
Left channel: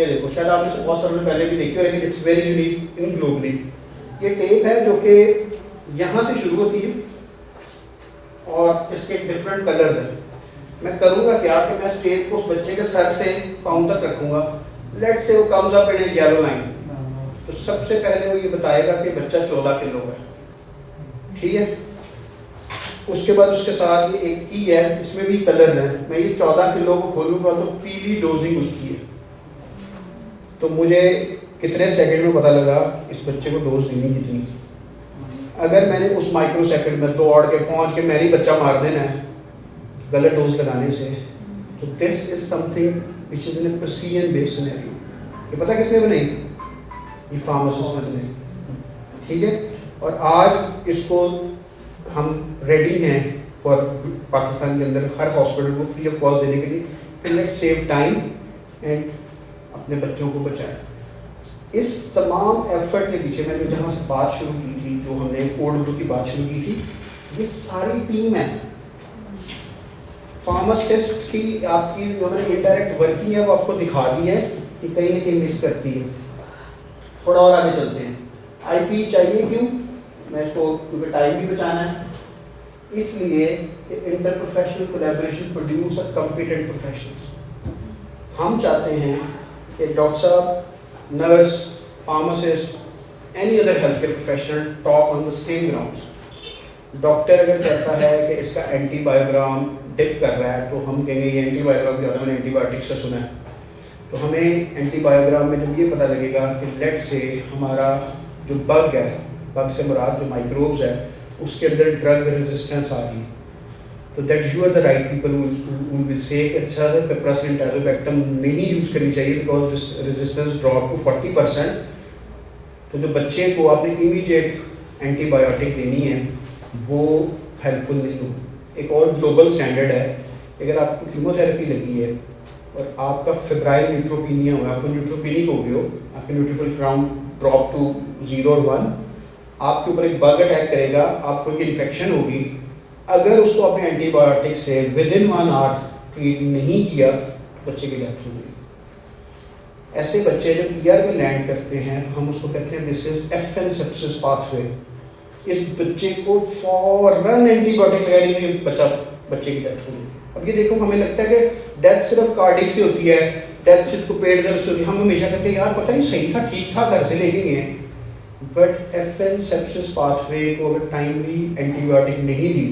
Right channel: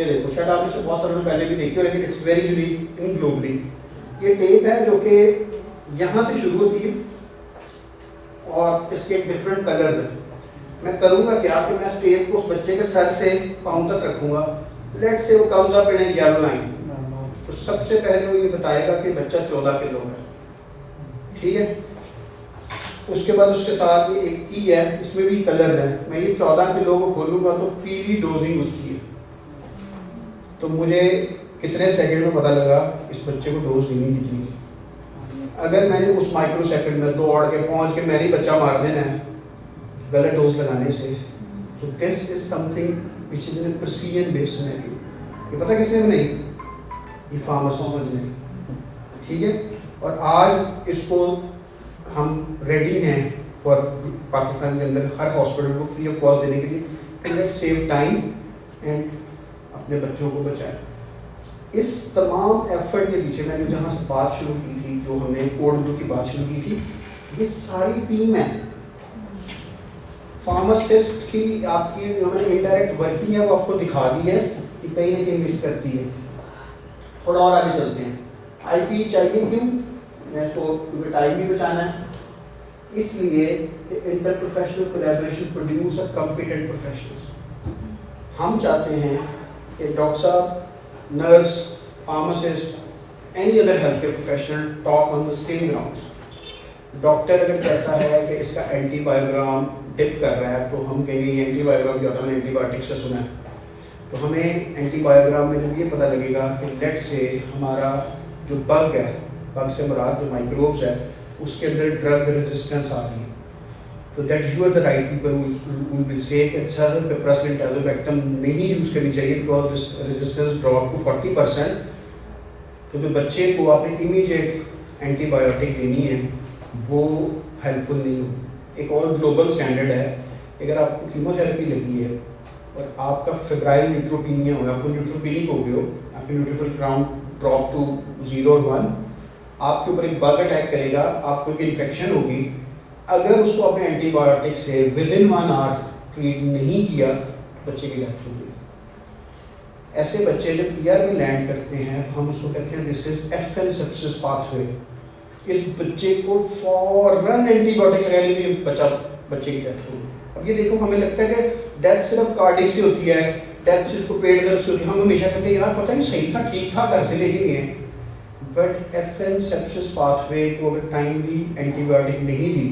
یہ دیکھو شاید آپ نے بہت سالوں پہلے بھی دیکھی ہو لیکن it's very unique in globally. یہ ٹیپ ہے جو کہ یہاں سے شروع ہوتی ہے اور اس کے ڈفرینٹ کلرز ہیں. میں کروں گا کیا کہ میں اس ٹیپ کو اس بچے کے سر سے پاؤں تک رکھوں گا. لیٹ سے وہ کمز اپ ان یلو لائن. تو سب سے پہلے وہ یہ بتائے گا کہ بچہ 14 کلو ہے. ٹھیک ہے. اس کے بعد اس کے ساتھ یہ ایک کی ہے, اس میں بھی کلرز ہیں. میں یہ 14 کلو کو کھولوں گا تو پیلی ڈوزنگ اس کی ہے. تو مجھے کتنے سیکنڈ میں پتہ لگا اس بچے کو ڈوز دینی کتنی. اگر میں نے اس مائکرو سیکنڈ میں دوڑ کے پہنچ کے میری بچہ مار دینا ہے غلط ڈوز لگانے سے, تو this is something which is in person base scenario. یہ پتہ کس نے بنائی؟ یہ فارماسسٹ بنے. ٹھیک ہے. اور آج اس کو ہم ریڈی ہیں فار پاکستان کے اندر ہر ہاسپٹل کو فری آف کاسٹ دینے کے لیے. لیٹ سیو ٹائم اینڈ اپنے بچوں کو بچائیں. اس تمام ایفرٹ کے پیچھے میں نے جہاں سے بات شروع کی تھی, جو ہم نے کوڈ اردو کی بات شروع کی تھی, یہ ساری ٹیم ہے. فارماسسٹ کی آپ کی جو میں نے انڈائریکٹ ورکنگ ہے وہ آپ کو دکھا دی ہے کہ کہیں نہ کہیں مس کرتی ہے. تھوڑا اور آگے چلتے ہیں. آئی پی چاہیے کیوں؟ میں اس کو کیونکہ ٹائم بھی بچانا ہے, اس لیے کہ inter professional collaboration produce a competent professionals. ہم چاہتے ہیں کہ ڈاکٹر صاحب, nurse, pharmacist, any other health care professional talk on the same grounds. Doctor اگر کہتا ہے کہ اس کا اینٹی بایوگرام ڈپ کر رہا ہے تو ہم کہیں گے یہ اینٹی بایوگرام جو ہم نے اینٹی بایوٹک سے سنا ہے. تو ہمیں اینٹی بایوگرام میں جو یہ پتہ لگے گا کہ لیٹ سے ہمارا جو بگ ہے, بگ سے مراد جو مائکروبس ہے, اس کے اندر ڈرگ ریزسٹنس آ گئی. تو that you are the right people will be say کہ سر پیپراسین ٹازوبیکٹم نہیں یوز کرنی چاہیے because this resistance drop to 40%. تو جو بچے کو آپ نے امیڈیٹ اینٹی بایوٹک دینی ہے وہ ہیلپ فل نہیں ہوگی. ایک اور گلوبل اسٹینڈرڈ ہے, اگر آپ کو کیمو تھراپی لگی ہے اور آپ کا فیبرائل نیوٹروپینیا ہوا, آپ کو نیوٹروپینک ہو گئے ہو, آپ کے نیوٹروفل کاؤنٹ ڈراپ ٹو 0 اور 1, آپ کے اوپر ایک بگ اٹیک کرے گا, آپ کو ایک انفیکشن ہوگی. اگر اس کو اپنے اینٹی بایوٹک سے ودن 1 hour ٹریٹ نہیں کیا, بچے کی ڈیتھ ہوگی. ایسے بچے جب ای آر میں لینڈ کرتے ہیں تو ہم اس کو کہتے ہیں دس از F an sepsis path way. اس بچے کو فوراً اینٹی بایوٹک لینے کے بچے کی ڈیتھ ہوگی. اب یہ دیکھو, ہمیں لگتا ہے کہ ڈیتھ صرف کارڈک سے ہوتی ہے, ڈیتھ صرف کو پیٹ درد سے ہوتی ہے. ہم ہمیشہ کہتے ہیں یار پتہ نہیں صحیح تھا, ٹھیک تھا, گھر سے لے کے گئے. But if an sepsis pathway کو اگر ٹائملی اینٹی بایوٹک نہیں دی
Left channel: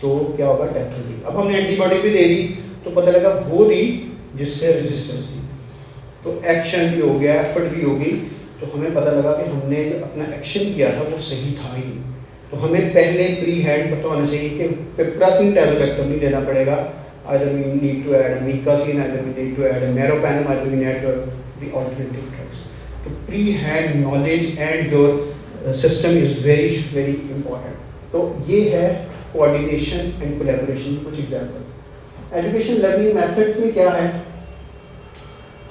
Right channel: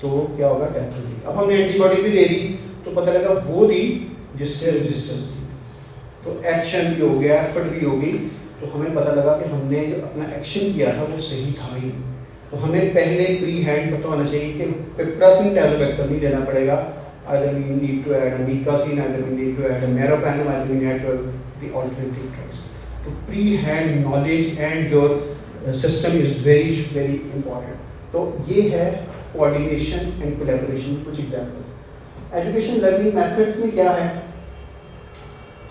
تو کیا ہوگا؟ ڈیتھ ہوگی. اب ہم نے اینٹی بایوٹک بھی دے دی تو پتہ لگا وہ دی جس سے ریزسٹنس دی, تو ایکشن بھی ہو گیا, ایفرٹ بھی ہوگی. تو ہمیں پتہ لگا کہ ہم نے جو اپنا ایکشن کیا تھا وہ صحیح تھا ہی. تو ہمیں پہلے پری ہینڈ پتہ ہونا چاہیے کہ پیپراسین ٹازوبیکٹم نہیں دینا پڑے گا. either we need to add a micacine, either we need to add a meropenem, either we need to add the alternative drugs. The pre-hand knowledge and your system is very, very important. تو یہ ہے coordination and collaboration. کچھ examples. Education learning methods میں کیا ہے؟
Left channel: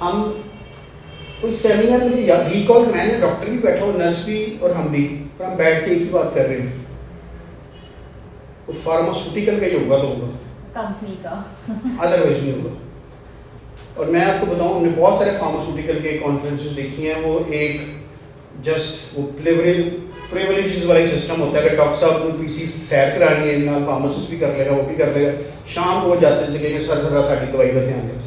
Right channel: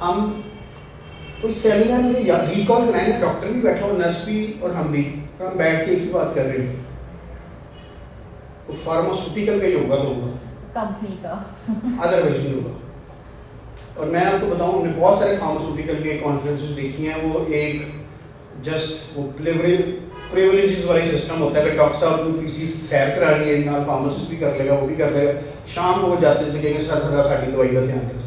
ہم کوئی seminar میں ریکال کرائیں نا, ڈاکٹر بھی بیٹھا ہو, نرس بھی اور ہم بھی, تو ہم بیٹھ کے ایک ہی بات کر رہے ہیں. تو فارماسوٹیکل کا ہی ہوگا تو ہوگا, کمپنی کا, ادروائز نہیں ہوگا. اور میں آپ کو بتاؤں, ہم نے بہت سارے فارماسوٹیکل کے کانفرنسز دیکھی ہیں. وہ ایک جسٹ وہ پریولیجز والا سسٹم ہوتا ہے کہ ڈاکٹر صاحب کو کسی سیر کرانی ہے, یہاں فارماسسٹ بھی کر لے گا, وہ بھی کر لے گا. شام کو وہ جاتے تھے کہ سر ذرا ساری دوائی کا دھیان رکھیں.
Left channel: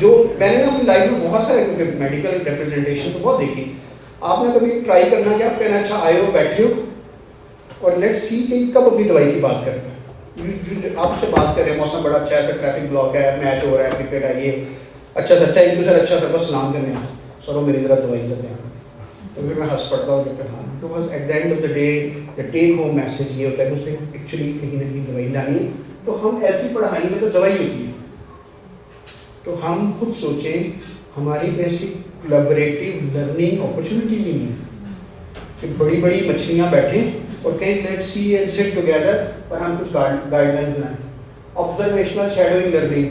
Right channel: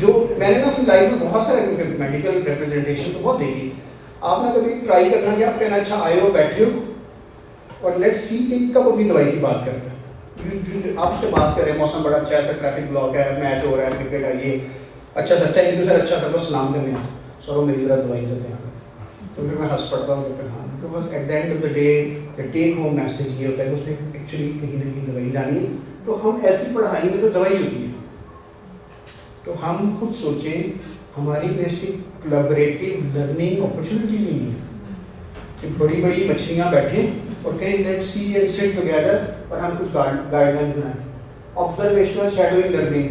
جو میں نے نا اپنی لائف میں بہت سارے میڈیکل ریپرزنٹیشن تو بہت دیکھی. آپ نے کبھی ٹرائی کرنا کہ آپ کہنا اچھا آئے ہو, بیٹھے ہو, اور لیٹ سی کہ کب اپنی دوائی کی بات کریں. آپ سے بات کریں, موسم بڑا اچھا ہے, سر ٹریفک بلاک ہے, میچ ہو رہا ہے, کرکٹ آئیے, اچھا سر تھینک یو سر, اچھا سر بس سلام کرنے سر وہ میری ذرا دوائی کا دھیان. تو پھر میں ہنس پڑتا ہوں کہ کہاں, تو بس at the end of the day the take home message یہ ہوتا ہے کہ اس نے ایکچولی کہیں نہ کہیں دوائی لانی ہے. تو ہم ایسی پڑھائی میں تو دوائی ہوتی ہے. تو ہم خود سوچیں, ہماری بیسک کولیبریٹیو لرننگ اپرچونیٹیز ہی نہیں ہے کہ بڑی بڑی مچھلیاں بیٹھیں اور کہیں let see and sit together اور ہم کچھ گائیڈ لائن بنائیں. آبزرویشنل شیڈوئنگ لرننگ,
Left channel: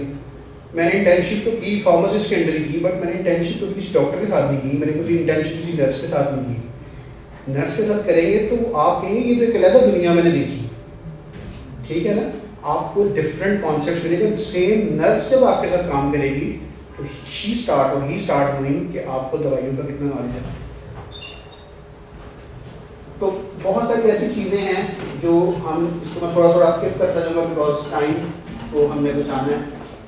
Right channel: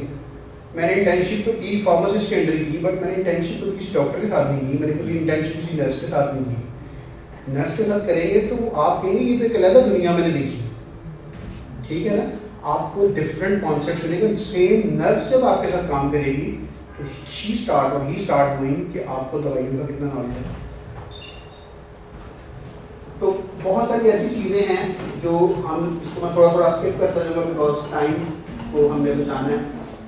میں نے انٹرنشپ تو کی فارماسسٹ کے انڈر کی, بٹ میں نے انٹرنشپ تو کسی ڈاکٹر کے ساتھ نہیں کی, میں نے کچھ انٹرنشپ کسی نرس کے ساتھ نہیں کی. نرس کے ساتھ کریں گے تو آپ کہیں گے یہ تو علیحدہ دنیا میں نے دیکھی, ٹھیک ہے نا. آپ کو ڈفرینٹ کانسیپٹ ملے گا. سیم نرس جب آپ کے ساتھ کام کرے گی تو شی اسٹارٹ اور ہی اسٹارٹ ڈوئنگ کہ آپ کو دوائیوں کا کتنا نالج ہے. تو بہت ساری ایسی چیزیں ہیں جو ہم اس کو میں تھوڑا تھوڑا اسکپ کرتا جاؤں گا بیکاز ٹائم کو ہم نے بچانا ہے.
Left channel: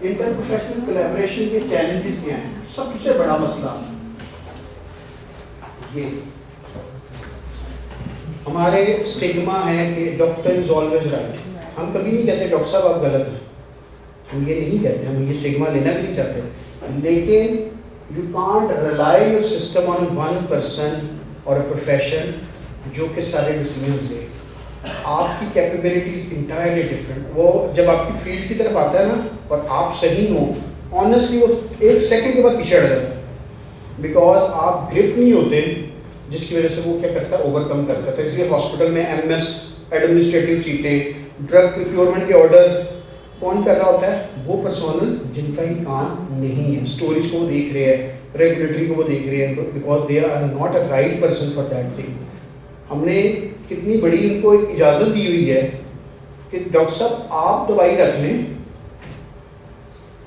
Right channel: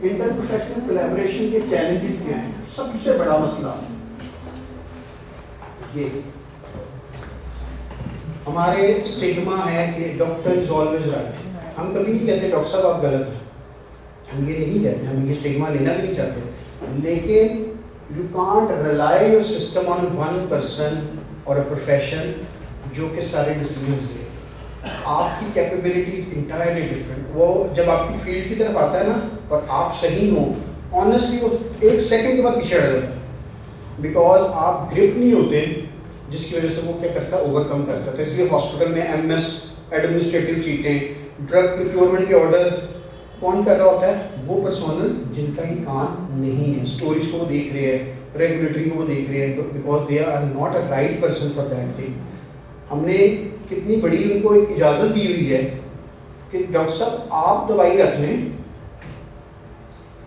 انٹر پروفیشنل کولیبریشن کے چیلنجز کیا ہیں؟ سب سے بڑا مسئلہ یہ ہمارے اسٹیگما ہے کہ ڈاکٹر از آلویز رائٹ. ہم کبھی نہیں کہتے ڈاکٹر صاحب آپ غلط ہیں, ہم یہ نہیں کہتے, ہم یہ اسٹیگما لینا بھی نہیں چاہتے, لیکن you can't rely your system on one person اور اے پروفیشن جو کہ سارے ڈیسیجنس دے. آپ کی کیپیبلٹیز انٹائرلی ڈفرینٹ. وہ جب آپ کی فیلڈ کی طرف آتا ہے نا اور آپ صحیح ہوں, آنیسٹلی وہ ایک سیکنڈ کے بعد پیچھے ہٹ جاتا ہے, بیکاز آپ گرپ نہیں ہوتے, جس کی وجہ سے وہ کیا کرتا ہے اوور کم کرتا ہے. اس لیے ہاسپٹل میں ایم ایس ایڈمنسٹریٹو سیٹیں, ڈرگ پروکیورمنٹ کے آرڈر کون کر رہا ہوتا ہے؟ وہ پرسونل جن کا ہی کام نہیں ہے. اسٹوریج کو وہ دیکھ رہے ہیں, ریگولیٹری کو وہ دیکھ رہے ہیں, because they are not a right person for that thing. ہم نے کتنی بڑی ان کو ایک اجازت دی ہوئی ہے کہ ڈاکٹر صاحب آپ دوائی رکھ لیں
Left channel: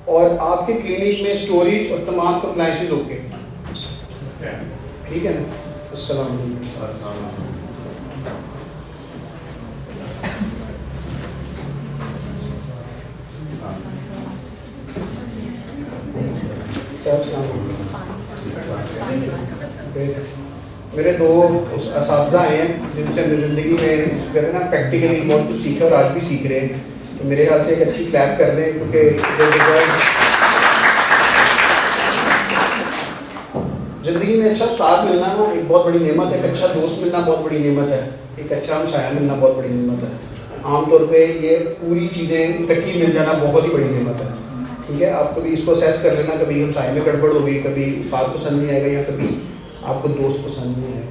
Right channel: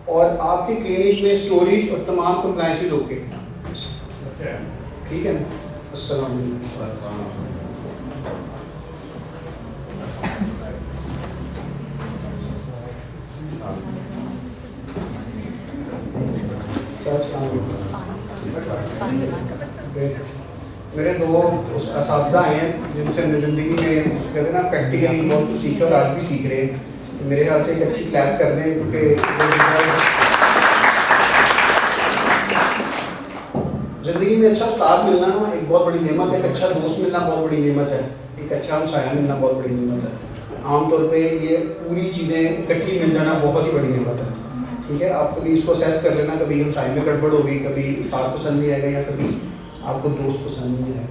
اور آپ کے کلینک میں اسٹوریج اور تمام کمپلائنسز اوکے. ٹھیک ہے نا. السلام علیکم. میرے دو اساتذہ ہیں جن سے میں زندگی میں کہتے ہیں نا پریکٹیکلی بہت کچھ سیکھے اور آج بھی سیکھ رہے ہیں. میرے خیال سے ایک اچھی کلیپ کر رہے ہیں, کیونکہ زندگی میں اچھا استاد ملنا نا ایک بہت بڑی نعمت ہے. ایک اچھا دوست ملنا بہت بڑی نعمت ہے. ایک اچھا ہمسایہ ملنا بہت بڑی نعمت ہے. عام طور پہ یہ پوری چیزیں اکٹھی مل جانا بہت ہی بڑی نعمت ہے. ٹھیک ہے, آپ کبھی اس کو اسیس کر لینا, کبھی ہمسائے میں گڑبڑ ہوگی, کبھی استاد پسند نہیں آئے گا, یا کبھی آپ کو دوست پسند نہیں ہے.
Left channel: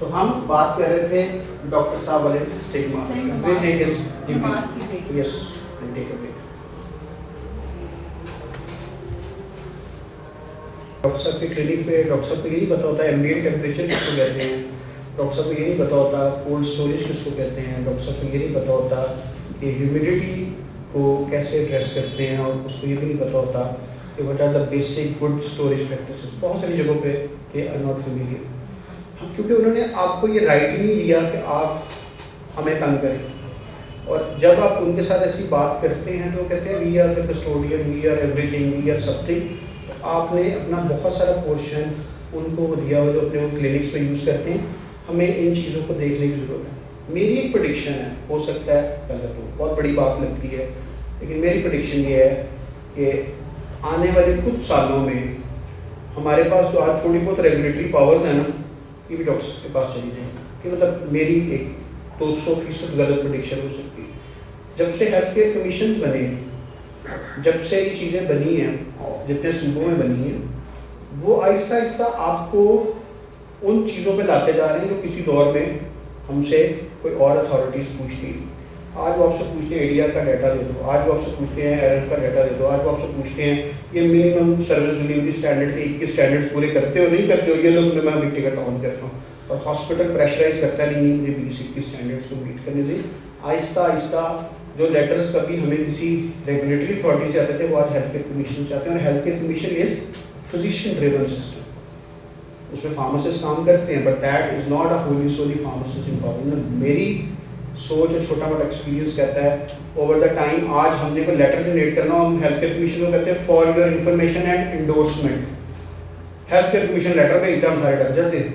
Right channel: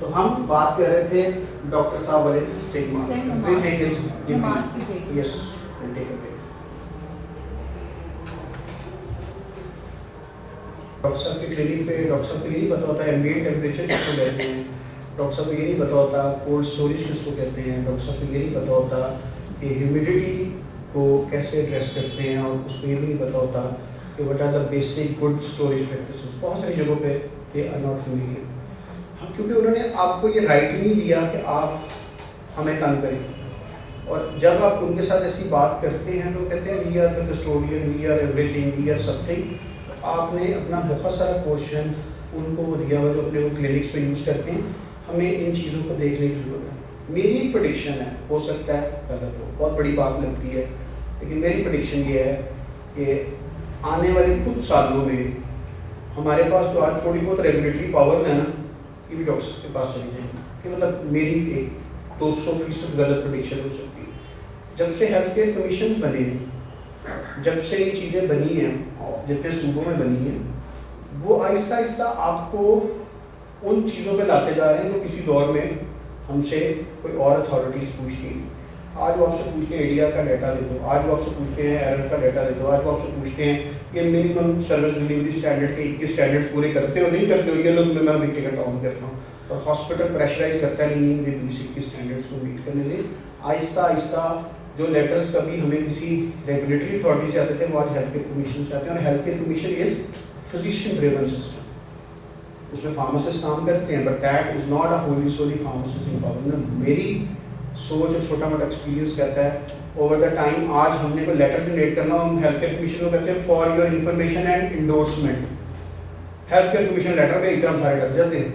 تو ہم بات کر رہے تھے ڈاکٹر صاحب والے اسٹیگما. یس, ڈاکٹر صاحب کے کلینک پہ ڈاکٹر صاحب کو یہ نہیں پتا ہوتا ایمبیئنٹ ٹیمپریچر کس کو کہتے ہیں, ڈاکٹر صاحب کو یہ نہیں پتا ہوتا کولڈ اسٹوریج کس کو کہتے ہیں, ڈاکٹر صاحب کو یہ نہیں پتا ہوتا کہ ہیومیڈیٹی کو کیسے ایڈریس کرتے ہیں, اور اس کو یہ بھی نہیں پتا ہوتا کہ what are the basic good storage practices. بہت ساری جگہوں پہ دے آر ناٹ فیملیئر, کیونکہ انہوں نے آپ کو یہ رائٹ ہی نہیں دیا کہ آپ ہمیں تنگ کریں. اور جب آپ ان کے ساتھ ایسی بات کرتے ہیں تو کہتے ہیں we are the custodian, we are everything, we are something. آپ نے اپنا بہت سارا پورشن ان کو دیا ہو جو اپنے کلینکس پہ یوز کرتے ہیں. ہمیں ان چیزوں کو دیکھنے کی ضرورت ہے. میری ایک پریڈکشن ہے, ہو سکتا ہے غلط ہو, بہت بڑی بات لگتی ہے, لیکن میری پریڈکشن یہ ہے کہ آنے والے کچھ سالوں میں ہمارے پاس جو آج تھوڑی بہت ریگولیٹری پاورز ہیں نا, یہ بھی ڈاکٹر کے پاس چلی جائیں. کہ مطلب میری ایک 200% غلط پریڈکشن ہو سکتی ہے. جب سے ہیلتھ کیئر کمیشنز بنے ہیں, جب سے یہ چیزیں بنی ہیں, جتنے صوبوں میں بنی ہیں, وہ آہستہ آہستہ آپ کو ان چیزوں پہ لاتے جا رہے ہیں جو کسی دور میں ہم سے کوئی اور اتھارٹیز پوچھتی ہیں. آج وہ آپ سے پوچھتے ہیں اے ڈی آر کا ڈیٹا دے دو, آج وہ آپ سے پوچھتے ہیں ایرر کا ڈیٹا دے دو, آج وہ آپ سے پوچھتے ہیں یہ منیمم سروس ڈلیوری اسٹینڈرڈ کے 21 اسٹینڈرڈ پورے کرتے ہو نہیں کرتے ہو, یہ لوگ میں بھی ٹکٹ آن کرتا ہوں. اور ہاسپٹل پریشرائز کرتا نہیں ہے مجھے 20-21 اسٹینڈرڈس کو میٹ کرنے سے. آہستہ آہستہ جو لیٹرس کبھی ہمیں کسی ریگولیٹری اتھارٹی سے آتے تھے وہ آج ہیلتھ کیئر کمیشن سے آتے ہیں. اور health care commission is physician driven system. اس میں فارماسسٹ کام کرتے ہیں, but that is not a wholly solely pharmacist involvement. میری سوچ اور چھوٹا موٹا ایکسپیرینس کہتا ہے اوور دا ٹائم آج ہم نے کوئی لیٹر جنریٹ کرنا, ہم ہیلتھ کیئر کمیشن کو کہتے ہیں for your information and endorsement. Health care commission letter پہ ہم سارے ڈر جاتے ہیں.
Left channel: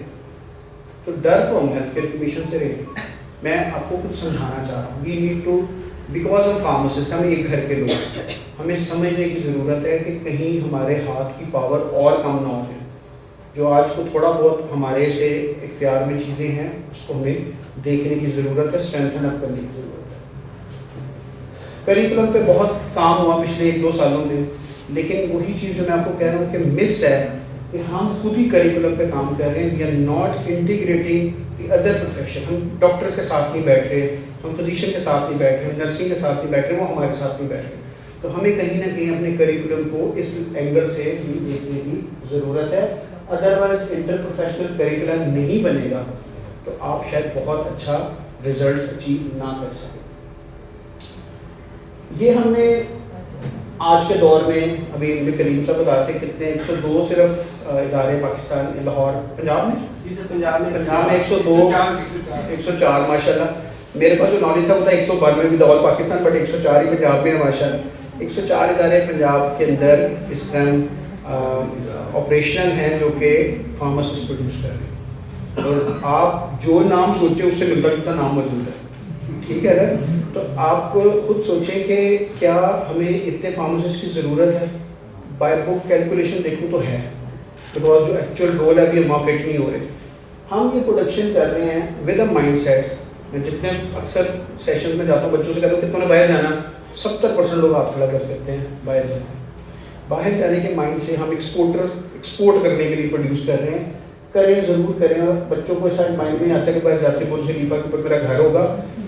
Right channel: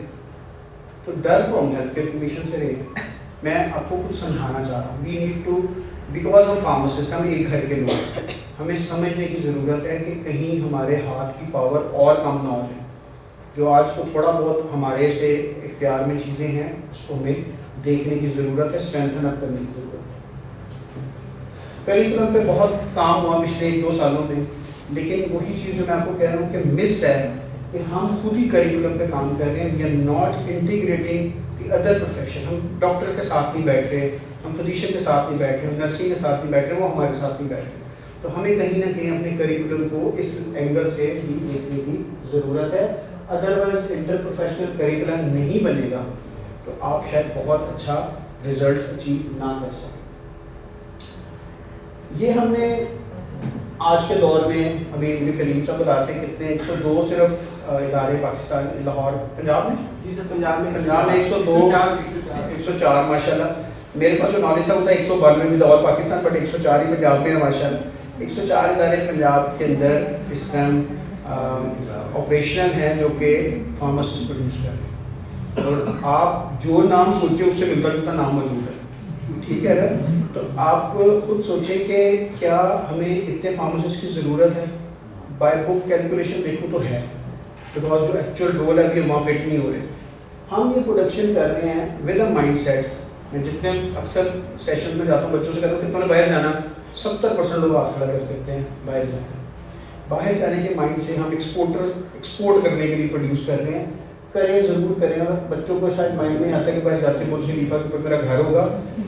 تو ڈر کو ہم ہیلتھ کیئر کمیشن سے رہے. میں آپ کو کچھ سمجھانا چاہ رہا ہوں. وی نیڈ ٹو, بیکاز ہم فارماسسٹ, ہمیں ایک گھر کے لوگ, ہمیں سمجھنے کی ضرورت ہے کہ کہیں ہمارے ہاتھ کی پاور اور کم نہ ہو جائے. جو آج کو تھوڑا بہت ہمارے سے اختیار میں چیزیں ہیں اس کو ہمیں دیکھنے کی ضرورت ہے, اسٹرینتھن اپ کرنے کی ضرورت ہے. کریکولم پہ بہت کام ہوا پچھلے 1-2 سالوں میں, لیکن وہی چیز جو میں آپ کو کہہ رہا ہوں کہ مس ہے کہ ہم خود ہی کریکولم پہ کام کر رہے ہیں. We are not integrating the other profession. ہم ڈاکٹر کے ساتھ نہیں بیٹھ رہے, ہم فزیشین کے ساتھ نہیں بیٹھ رہے, ہم نرسنگ کے ساتھ نہیں بیٹھ رہے, وہ ہمارے ساتھ نہیں بیٹھ رہے. تو ہمیں کہیں نہ کہیں اپنے کریکولم کو اس اینگل سے بھی دیکھنے کی ضرورت ہے. ادروائز انٹر پروفیشنل کریکولم نہیں بنے گا تو آپ شاید بہت اچھا ریزلٹس اچیو نہ کر سکیں. یہ ہم نے آج کے دور میں ابھی نبی کریم صاحب بتا کے کتنے 102 صرف ادارے پاکستان لاہور پنجاب میں پنجاب میں 102 104 ماشاء اللہ. میرے پاس جو نالج تھا وہ تھا 192 بھی لاہور پاکستان بٹ 104 ہی پنجاب میں ہے ماشاء اللہ. 104 ادارے پنجاب کے اندر اس طرح آپریشنل ہیں جو کہ فارماسسٹ پروڈیوس کر رہے ہیں, اور آپ جو نام سوچیں اس سے ملتا جلتا نام موجود ہے. ٹھیک ہے نا, تو آپ خود سوچیں کہ کیا ہمیں اتنے فارماسسٹ کی ضرورت ہے. بائی بک کیلکولیشن دیکھو تو ہے, بیکاز جو ایکچوئل رول ہے ابھی وہاں فٹ نہیں ہو رہے. ہم یہ پروڈکشن کر رہے ہیں ود اے مائنڈ سیٹ. میں جتنے اکثر سیشن میں جاتا ہوں بچوں سے کہتا ہوں کہ تمہیں باہر جانا, 70% لوگ آپ کھڑا کر دیتے ہیں باہر جاتے ہیں. باہر جانے کے مائنڈ سے ہم ایکسپورٹ کرنے کے لیے پروڈیوس کر رہے ہیں. کریں ضرور کریں, اور بچوں کو ایسا مائنڈ میں آتا ہے کہ باہر جاتے بول سے لیپا کہ میرا گھر ہوگا,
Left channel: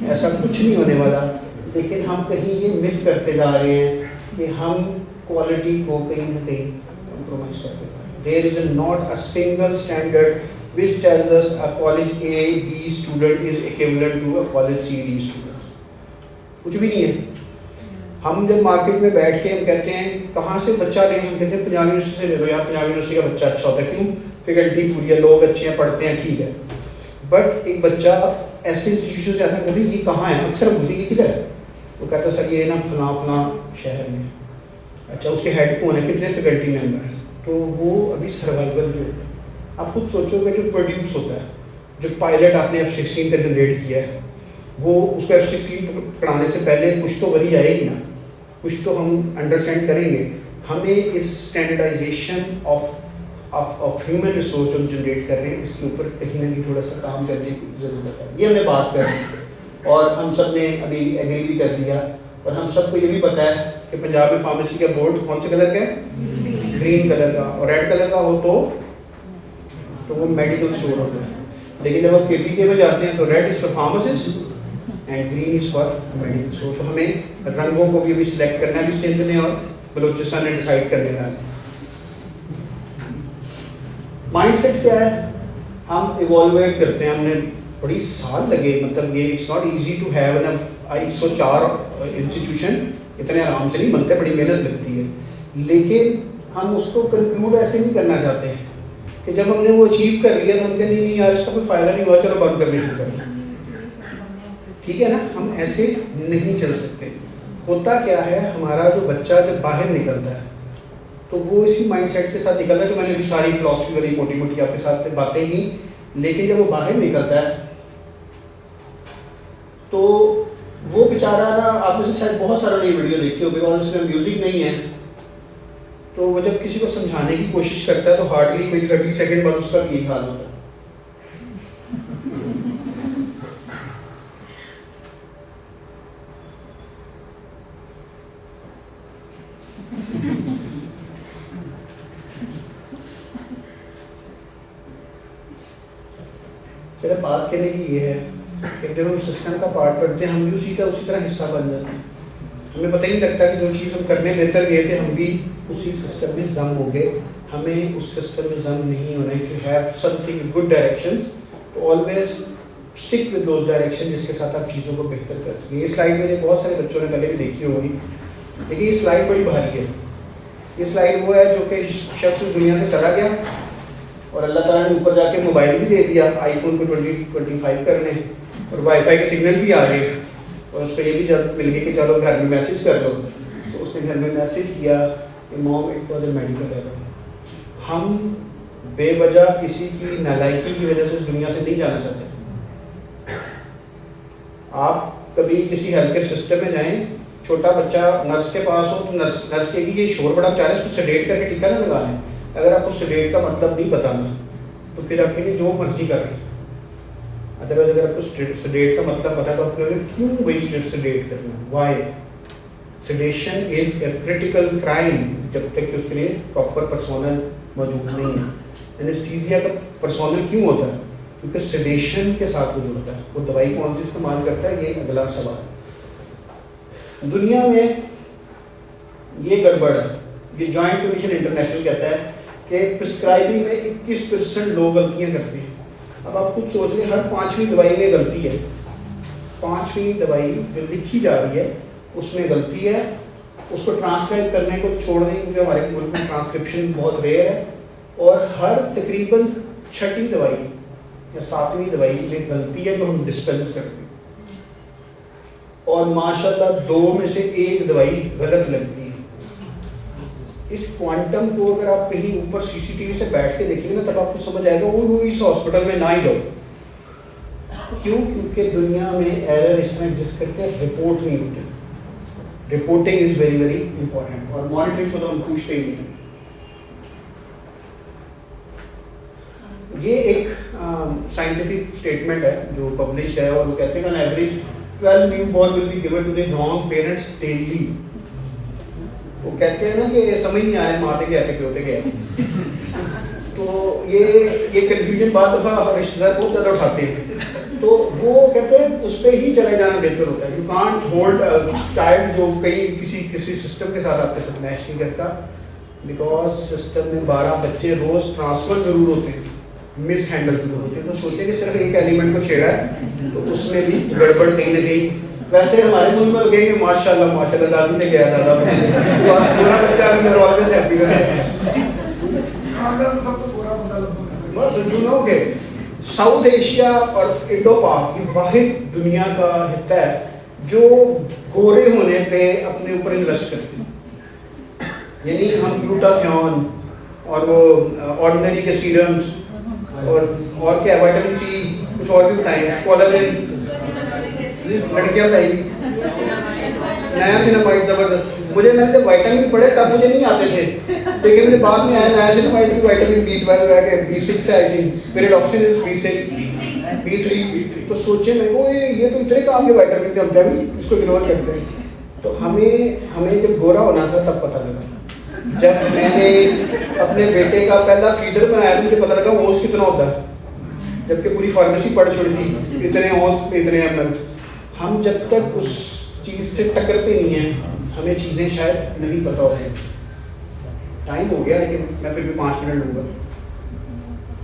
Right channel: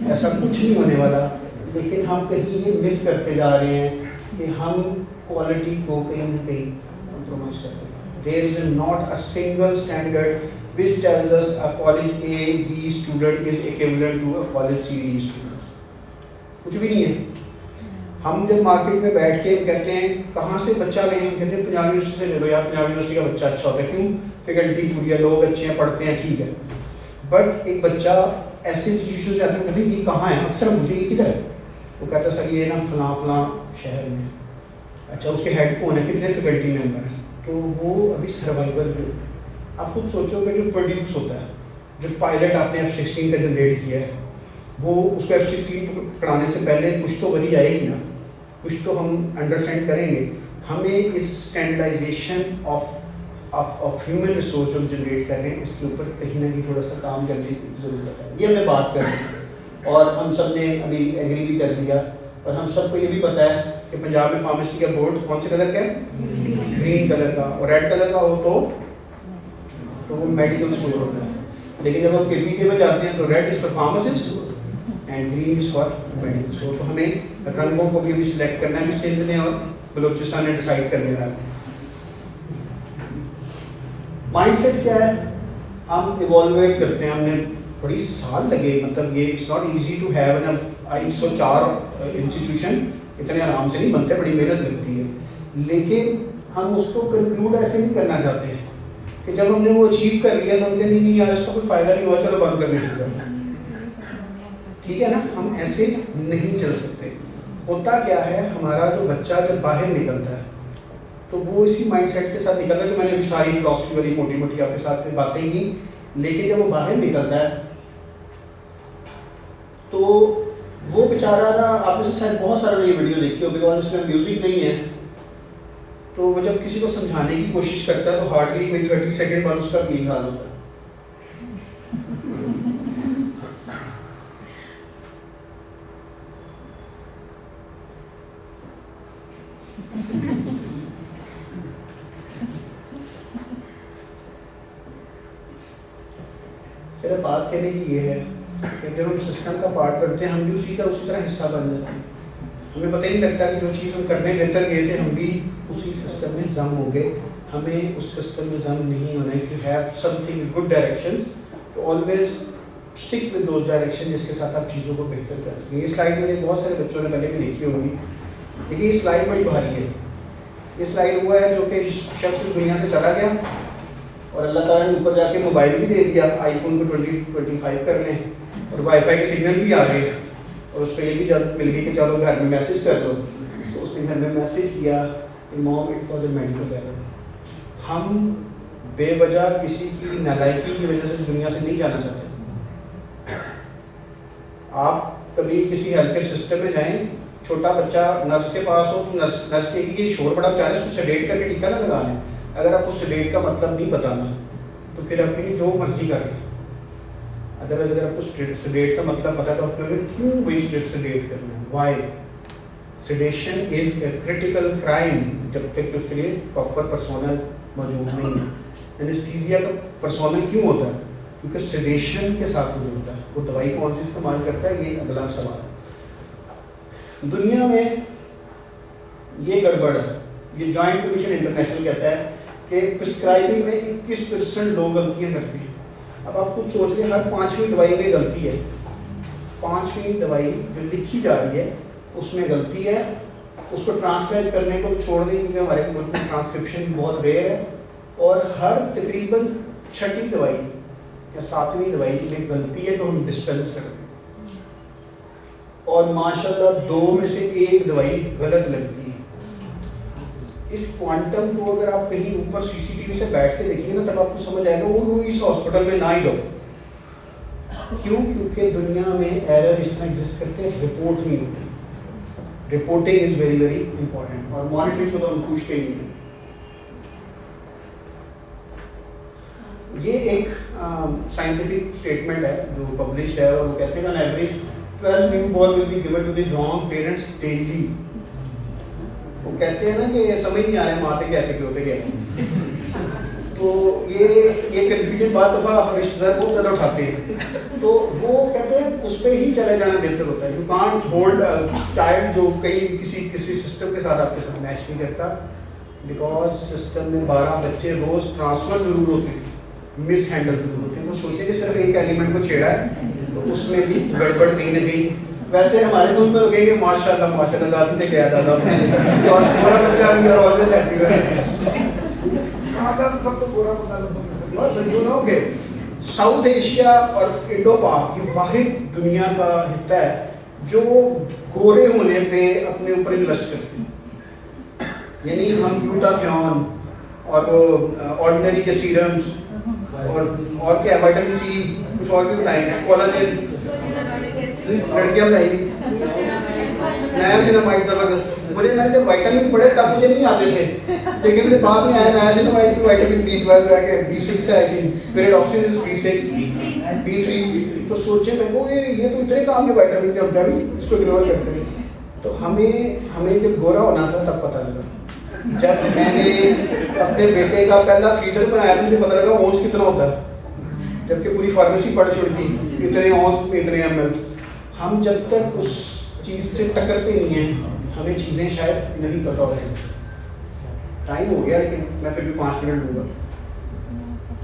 ایسا کچھ نہیں ہونے والا. لیکن ہم کہیں یہ مس کرتے جا رہے ہیں کہ ہم کوالٹی کو کہیں نہ کہیں کمپرومائز کرتے ہیں. There is not a single standard which tells us a college A, B student is equivalent to a college C, D student. کچھ بھی نہیں ہے. ہم جب مارکیٹ میں بیٹھ کے ہم کہتے ہیں کہاں سے بچہ لیں, ہم کہتے ہیں پنجاب یونیورسٹی سے لے لو, یار پنجاب یونیورسٹی کا بچہ اچھا ہوتا ہے. کیوں؟ فیکلٹی پوری ہے, لوگ اچھے ہیں, پڑھتے ہیں, ٹھیک ہے. بٹ ایک بچہ ایسے انسٹیٹیوشن سے آتا ہے کہ یہ کہاں ہے, اکثر ہم پوچھیں گے کدھر ہے, وہ کہتا ہے سر یہ نا فلاں فلاں شہر میں. اچھا اس کے ہیڈ کون ہے, کتنے فیکلٹی ممبر ہیں. تو وہ ابھی سروائیول جو آپ خود سوچو گے جو پروڈیوس ہوتا ہے, جو پائلٹ آپ نے F-16 کا جنریٹ کیا ہے, وہ اس کو F-16 پڑھانے سے پہلے کچھ تو وہی آئے گی نا, کچھ تو ہم انڈرسٹینڈ کریں گے. ہمیں اس اسٹینڈرڈائزیشن آف ہیومن ریسورس جو جنریٹ کر رہے ہیں اس کے اوپر کہیں نہ کہیں تھوڑا سا کام کرنے کی ضرورت ہے. یہ ہمیں بات کریں, اور ہم سب نے ابھی ایگری بھی کر لیا, اور ہم سب کو یہ بھی پتہ ہے کہ پنجاب میں فارمیسی کا بورڈ کون سے کلر کا ہے, گرین کلر کا, اور ریڈ کلر کا ہو تو وہ میڈیکل اسٹور ہوتا ہے. لیکن جب ہم KPK میں جاتے ہیں تو red is for pharmacist and green is for medical store. تو ہمیں رنگوں کو بھی سلیکٹ کرنا ہے, بھی سندھ نے اور بلوچستان نے ڈیسائیڈ کر دینا ہے. مائنڈ سیٹ کیا ہے, ہم ایوالویٹ کرتے ہیں. ہم نے بڑی سال لگے, مطلب یہ it's not easy to have نا 104 انسٹیٹیوشن اتنے آرام سے نہیں بنتے, بڑی محنت لگتی ہے. لیکن ہم اس کو کنکلوڈ ایسے نہیں کرنا چاہتے ہیں کہ جب ہم نے وہ اچیو کر لیا تو ہم کہیں نہیں یار اس کا کوئی فائدہ نہیں ہوا, چلو بند کرنے شروع کر. ٹھیک ہے نا, ہم ایسے نہیں چل سکتے. ہوتا کیا ہے, ہمارا جو بچہ جب باہر نکلتا ہے تو وہ اسی مائنڈ سیٹ کے ساتھ نکلتا ہے کہ میں نے بھی ساری فلاسفی والی موٹی موٹی آپ کے ساتھ باتیں کی, لیکن جب وہ باہر نکلتا ہے تو وہ بیچارہ نا, آپ نے شاید بہت سارا نئی ویڈیو دیکھی ہوگی, اور اس میں میوزک نہیں ہے, تو وہ جب کسی کو سمجھانے کی کوشش کرتا ہے تو ہارڈلی کوئی 30 سیکنڈ بعد اس کا یہی حال ہوتا ہے. صرف بات کہنے کی یہ ہے کہ جب ہم سسٹم کا پارٹ کرتے ہیں ہم بھی اسی کا اسی طرح حصہ بن جاتے ہیں. ہمیں پتہ ہی نہیں لگتا کہ جو چیز ہم کرنے بہتر گئے تھے ہم بھی اسی سسٹم میں ضم ہو گئے. ہمیں اس سسٹم میں ضم نہیں ہونا ہے. کہ have something good directions, always stick with those direction جس کے ساتھ آپ چیزوں کو بہتر کر سکیں. یہ سلائڈ میرے بہت سارے بچوں نے پہلے بھی دیکھی ہوگی, لیکن یہ سلائڈ بڑی بھاری ہے. یہ سلائڈ وہ ہے جو کہ شخص اس دنیا سے چلا گیا اور اللہ تعالیٰ نے اوپر جا کے موبائل بھی دے دیا, آئی فون کو 2025 کرنے, اور وائی فائی کے سگنل بھی آ گئے, اور اس کو یہ بھی اجازت مل گئی کہ چلو گھر میں میسیج کر دو. تو اس نے گھر میں میسیج کیا کہ mom it was a medical error. ہم بے وجہ کسی کی نالائکی کی وجہ سے دنیا سے نہیں جانا چاہتے. آپ کبھی کسی ہیلتھ کیئر سسٹم میں جائیں, چھوٹا بچہ نرس کے پاس ہو تو نرس کے لیے شور بڑا چاہ رہا ہے, اس کو سیڈیٹ کر کے ٹیکا نہ لگانا. اگر آپ کو سیڈیٹ کا مطلب نہیں بتانا تو پھر آپ کہیں جو مرضی کر رہے ہیں. ادروائز اگر آپ کو سیڈیٹ کا مطلب پتا تو آپ کہیں گے کیوں بھائی سیڈیٹ کرنا ہے, why. Sedation is a critical crime جب تک کہ اس کے لیے پراپر پرسونل موجود نہیں ہے. اینستھیزیا کا پرسونل کیوں ہوتا ہے؟ کیونکہ سیڈیشن کے ساتھ وہ جڑتا ہے. وہ دوائی کون سی استعمال کرتا ہے, یہ اگلا سوال. دنیا میں یہ گڑبڑ ہے, یہ جوائنٹ کمیشن انٹرنیشنل کہتا ہے کہ پرسکرائبنگ میں 21% لوگ غلطیاں کرتے ہیں. اب آپ خود سوچ لیں, ہر 5ویں دوائی میں غلطی ہے. 5ویں دوائی جو لکھی جا رہی ہے اس میں غلطی ہے, اس کو ٹرانسلیٹ کرنے کو چھوڑ دیں کیونکہ ہمارے ملک میں ٹرانسکرپشن بہت ریئر ہے، اور ہر تقریباً 6ٹھی دوائی یا 7ویں دوائی میں غلطی ہے جو ہم ڈسپینس کرتے ہیں، اور ماشاء اللہ 2 میں سے 1 دوائی غلط لگتی ہے۔ اس کوانٹم کو اگر آپ کہیں اوپر CCTV سے بیٹھ کے دیکھیں گے تب آپ کو سمجھ آئے گا وہ اس ہاسپٹل میں نہ ہی جاؤ۔ کیوں؟ کیونکہ دنیا میں ایرر اس میں ایگزسٹ کرتے ہیں، رپورٹ نہیں ہوتی۔ Reporting is very very important, اور مانیٹرنگ کو تو ہم پوچھتے ہی نہیں۔ یہ ایک سائنٹیفک اسٹیٹمنٹ ہے جو پبلش ہے، اور وہ کہتے ہیں کہ average 12 newborn will be given to the wrong parents daily. وہ کہتے ہیں نا کہ سمجھ نہیں آیا ماں کے کیسے کیوں پہ گئے، تو یہ کنفیوژن بات دفعہ رشتے دار بہت زیادہ اٹھاتے ہیں، تو وہ کہتے ہیں اس پہ ہی چلے جانا بہتر ہوتا ہے۔ یو کانٹ ہولڈ چائلڈ جو کسی سسٹم کے ساتھ آپ کے ساتھ میچ نہیں کرتا، بیکاز سسٹم میں 12 بچے روز ٹرانسفر ضرور ہوتے ہیں، مس ہینڈل ضرور ہوتے ہیں۔ تو سوچیں کہ صرف ایک ایلیمنٹ کو چھیڑا ہے تو اس میں بھی گڑبڑ کہیں نہ کہیں۔ ویسے ہمارے ملک میں لوگ کہ ماشاء اللہ دادی نے کیا دادا پورا بچہ بھی آلویز ہیپی رہے۔ جو لوگ ساؤتھ ایشیا اور انڈو پاک یہ واحد دنیا کا حصہ ہے جو گورے ہونے پہ اپنے اوپر انویسٹ کرتے ہیں، یعنی ہم گلوٹاتھیون اور آرڈینری کے سیرمز اور کیا وائٹامن سی کچھ اور بھی بتائیں، کولاجن لڑکیاں بتائیں گی، نیا سینامائڈ زبردست۔ مجھے میں جب وائٹامن پڑھے تب مجھے نہیں آتے تھے، لیکن میرے بعد میں آیا نیا سینامائڈ کی وائٹامن B12 ہے کہ B6 ہے، لیکن پیریڈاکسین B6 B3، تو سوچے میں وہ یہ تو اتنے کام کے وائٹامن تھے، اب بھی اس کو اگنور کرتے ہیں۔ تو ہمیں جب گورا ہونا تھا تب پتہ لگا، جب میں نے اپنے بیٹے کا پہلا فیڈر بنایا مجھے پتہ لگا اونس کتنا ہوتا ہے، جبکہ پوری فارمیسی پڑھ چھوڑی تھی اتنے اونس اتنے ml۔ ہم جب تک اس چیز سے ٹکرتے نہیں ہیں ہمیں چیزیں شاید نہیں پتہ ہوتی۔ ٹائم ہو گیا لیکن میں پھر بھی 5 منٹ لوں گا۔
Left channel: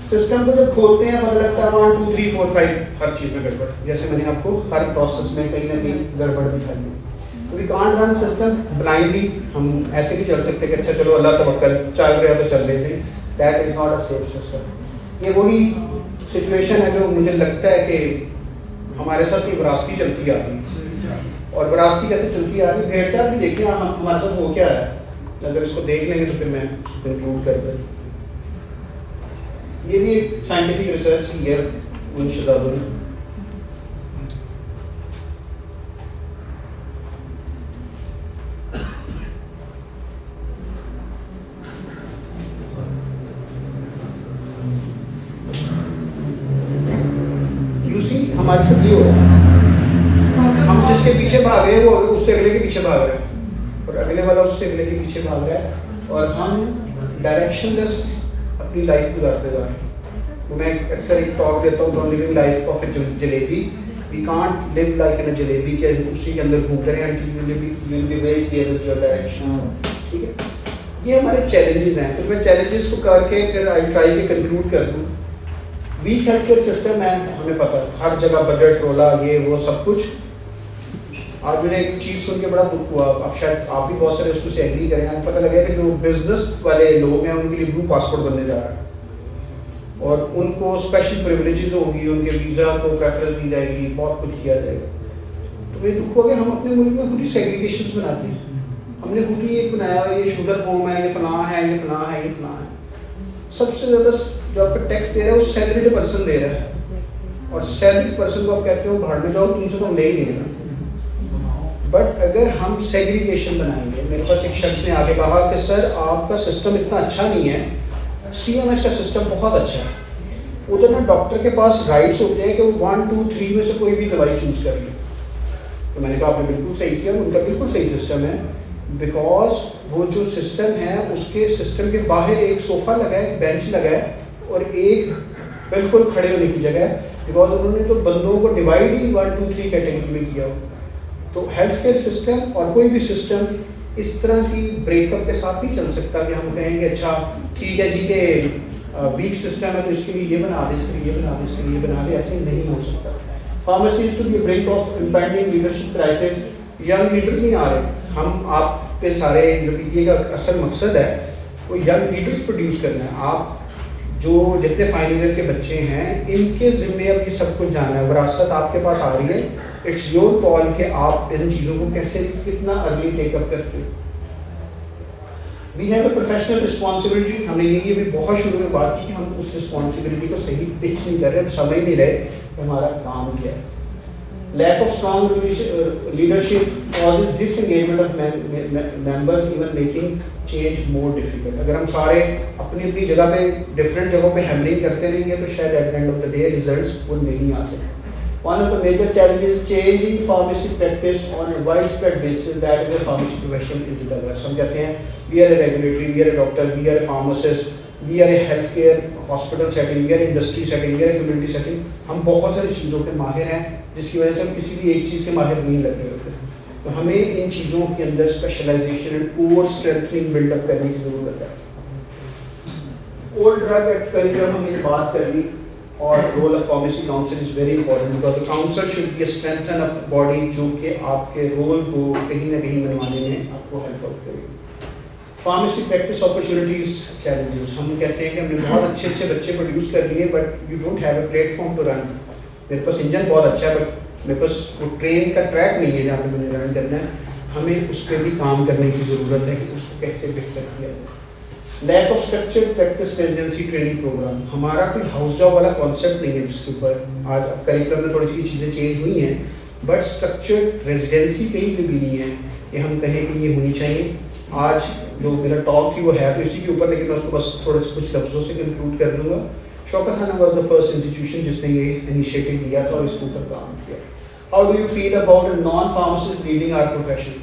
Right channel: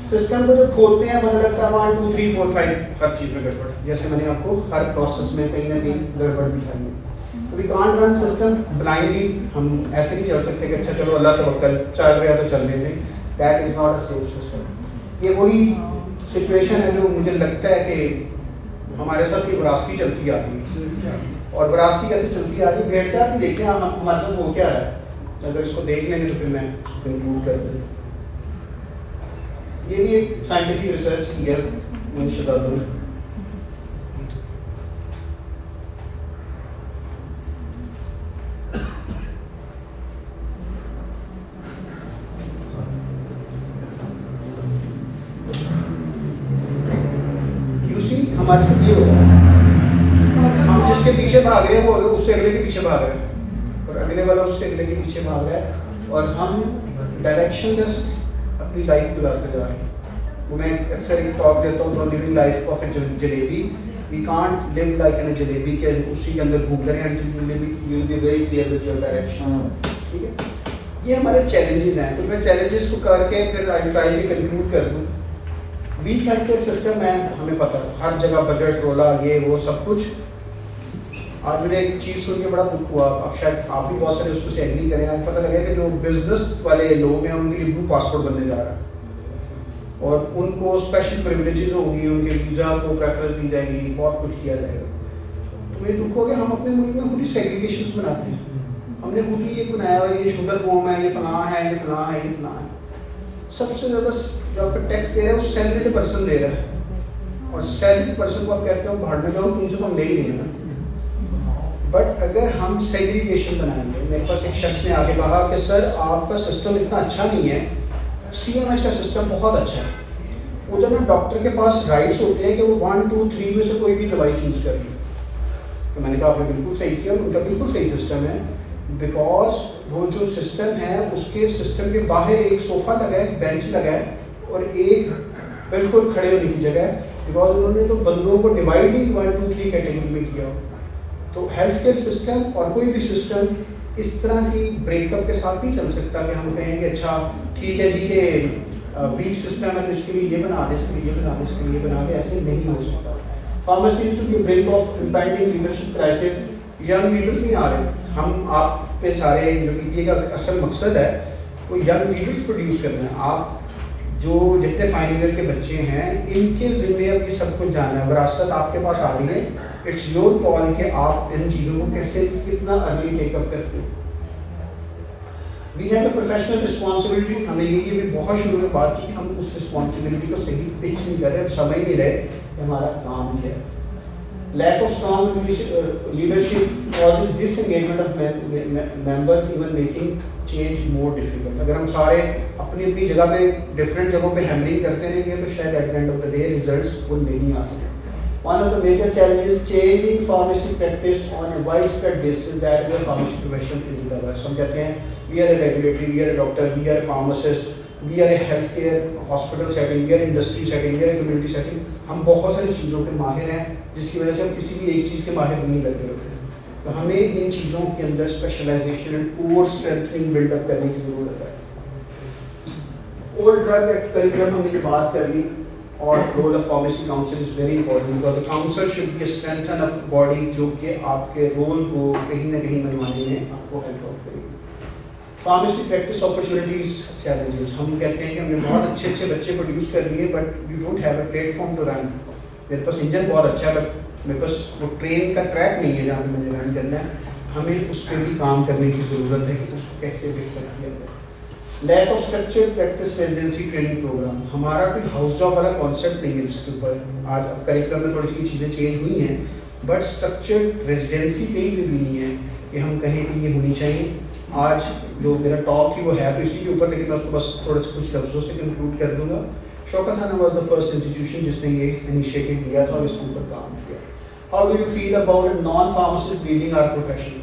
سسٹم کو جب کھولتے ہیں مطلب 1 2 3 4 5 ہر چیز میں گڑبڑ، جیسے میں نے آپ کو ہر پروسیس میں کہیں نہ کہیں گڑبڑ دکھائی ہے۔ We can't run system blindly, ہم ایسے نہیں چل سکتے کہ اچھا چلو اللہ توکل چل رہا ہے تو چل لیتے ہیں، that is not a safe system. یہ وہی سچویشن ہے جو مجھے لگتا ہے کہ ہمارے ساتھ یہ وراثتی چلتی آتی ہے، اور وراثتی کیسے چلتی آ رہی ہے بھیڑ چال بھی دیکھیں ہمارے ساتھ ہو کیا ہے، اگر اس کو دیکھ لیں تو پھر میں کنکلوڈ کرتا ہوں۔ یہ بھی ایک سائنٹیفک ریسرچ کی ہے منشدہ دن۔ ہمارے ساتھ یہ ہو رہا ہے، ہم جس کے پیچھے بھاگ رہے ہیں وہ اس سے اگلے کے پیچھے بھاگ رہے ہیں، اور اگلے والا اس سے اگلے کے پیچھے بھاگ رہا ہے، اور ہم ڈائریکشن لیس اپنی لائف گزارتے جا رہے ہیں۔ میں اکثر ایک ٹاک دیتا ہوں تو living life of a jalebi, we can't live like an jalebi کہ اسی کے اندر گھوم رہے ہیں، will be very clear with your direction. ٹھیک ہے، یہ ہمارے چیلنجز ہیں، تو میں چیلنجز کو کر کے پھر آئی ٹرائی کے کنکلوڈ کر دوں۔ ویک ہیلتھ کیئر سسٹم ہے، ہمیں پتہ ہے ہر جگہ بجٹ رولا یہ وہ سب کچھ۔ آپ نے ایک چیز سن کے بڑا دکھ ہوا، اب شاید آپ بھی بہت سارے اس کو سے ایگری کریں، آپ پتہ لگا کہ جو بزنس والے لوگ ہیں ان کے لیے بلو پاسپورٹ بننے جا رہا ہے، اور ان کو اسپیشل پریولیجز ہوں گی، ان کے ویزا کو پریفرنس دی جائے گی، بہت کچھ کیا جائے گا۔ تو یہ دکھ ہو گیا ہم اپنے ملک میں خود ہی سیگریگیشنز بناتے ہیں، ہم نے خود ہی یہ بنایا ہوا یہ شوگر بوم ہے، یہ فلاں ہے، یہ فلاں ہے، یہ فلاں ہے۔ سب سے زیادہ جو آپ کو ٹیکس دے رہا ہے وہ سیلری پرسن دے رہا ہے، اور سیلری پرسن کو آپ کہتے ہو بھاڑ میں جاؤ تم سے تو ہم لے ہی نہیں ہے۔ بٹ اگر ہم سیگریگیشن بنائیں گے، میرے پاس ایک شخص نے آگے کہا کہ سر آپ کا سسٹم اتنا اچھا نہیں ہے، CMH کا سسٹم بہت اچھا ہے، ادھر میں ڈاکٹر کے پاس رائٹس ہوتے ہیں کہ وہ 1 2 3 میں سے کوئی بھی دوائی چوز کر لی۔ تو میں نے کہا آپ نے بالکل صحیح کیا، ان کا بالکل صحیح سسٹم ہے، بیکاز وہ جو سسٹم ہے اس کے سسٹم کے باہر ایک صوفہ لگا ہے، ایک بینچ لگا ہے، اور ایک بالکل کھڑے ہونے کی جگہ ہے، بیکاز انہوں نے تو بندوں کو ڈیوائڈ ہی 1 2 3 کیٹیگری میں کیا۔ تو ہیلتھ کیئر سسٹم اور کوئی بھی سسٹم اس طرح کی بریک اپ کے ساتھ نہیں چل سکتا کہ ہم کہیں گے اچھا ٹھیک ہے جی یہ ویک سسٹم ہے اس کے لیے یہ بنا دے، اس کے لیے یہ بنا دے، اس کے لیے یہ بنا دے، ایسے نہیں ہو سکتا۔ Pharmacy is to be brink of impending leadership crisis, young leaders نہیں آ رہے، ہم آپ پہ سارے جو PTA کا اصل مقصد ہے وہ ینگ لیڈرس پروڈیوس کرنا ہے. آپ جو جتنے فائنل ایئر کے بچے ہیں ان کے ذمے اب یہ سب کچھ جانا ہے. وراثت آپ کے پاس آ رہی ہے, اٹس یور کال کہ آپ ان چیزوں کو کیسے کتنا ارلی ٹیک اپ کرتے ہو. We have a professional responsibility. ہم نے یہ بھی بہت شروع میں بات کی, ہم اس رسپانسبلٹی کو صحیح پچ نہیں کر رہے, ہم سمجھ نہیں رہے کہ ہمارا کام کیا ہے. Lack of strong leadership causes disengagement of members, even making change more difficult. اگر ہم سارے اپنی اپنی جگہ پہ ڈفرینٹ جگہوں پہ ہینڈلنگ کرتے رہیں گے تو شاید at end of the day results وہ نہیں آ سکتے. One of the major challenges changing pharmacy practice on a widespread basis that the pharmacy profession is diverse. ہم کہتے ہیں we are a regulatory, we are a doctor, we are a pharmacist, we are a healthcare hospital setting, we are industry setting, we are a community setting. ہم بہت ساری چیزوں کے ماہر ہیں جس کی وجہ سے ہم کسی بھی ایک چیز کے ماہر نہیں لگ رہے ہوتے. تو ہمیں ان چیزوں کے اندر specialisation and core strengthening build up کرنے کی ضرورت ہے. اولڈ ڈرگ ایکٹ کریکولم ہم نے بات کر لی, اور role of pharmacy council is very important. اور council should be strengthen of body جو کہ آپ کے رول کو کہیں نہ کہیں منوانے میں آپ کو ہیلپ آؤٹ کرے گی. Pharmacy practice opportunities challenges. ہم کہتے ہیں کہ ہم نے بہت اچھے اچھے بچے پروڈیوس کر لیے but you don't have a platform to run. میرے پاس انجن بہت اچھا ہے بٹ میرے پاس جو ٹرین کا ٹریک نہیں ہے جہاں پہ مجھے رن کرنا ہے. ہمیں اس پہ بھی کام کرنے کی ضرورت ہے کہ اس کو کیسے بہتر کیا جائے. Lack of structure practice residency training program. ہمارا کوئی ہاؤس جاب والا کانسیپٹ نہیں ہے جس کے اوپر آج کریکولم میں تھوڑی سی چیزیں چینج ہوئی ہیں بٹ اسٹرکچر ریزیڈنسی کہیں بھی نہیں ہے کہ ہم کہیں کہ یہ ہونی چاہیے. آج جو میرا ٹاک تھی وہ ہے تو اسی کے اوپر, لیکن میں اس کو بس تھوڑے سے کچھ لفظوں سے کنکلوڈ کر دوں گا. شوکت خانہ واز دا فرسٹ انسٹیٹیوشن جس نے یہ انیشیٹو لیا تھا اور اس کے اوپر کام کیا. How do you feel about a non pharmacist leading our profession.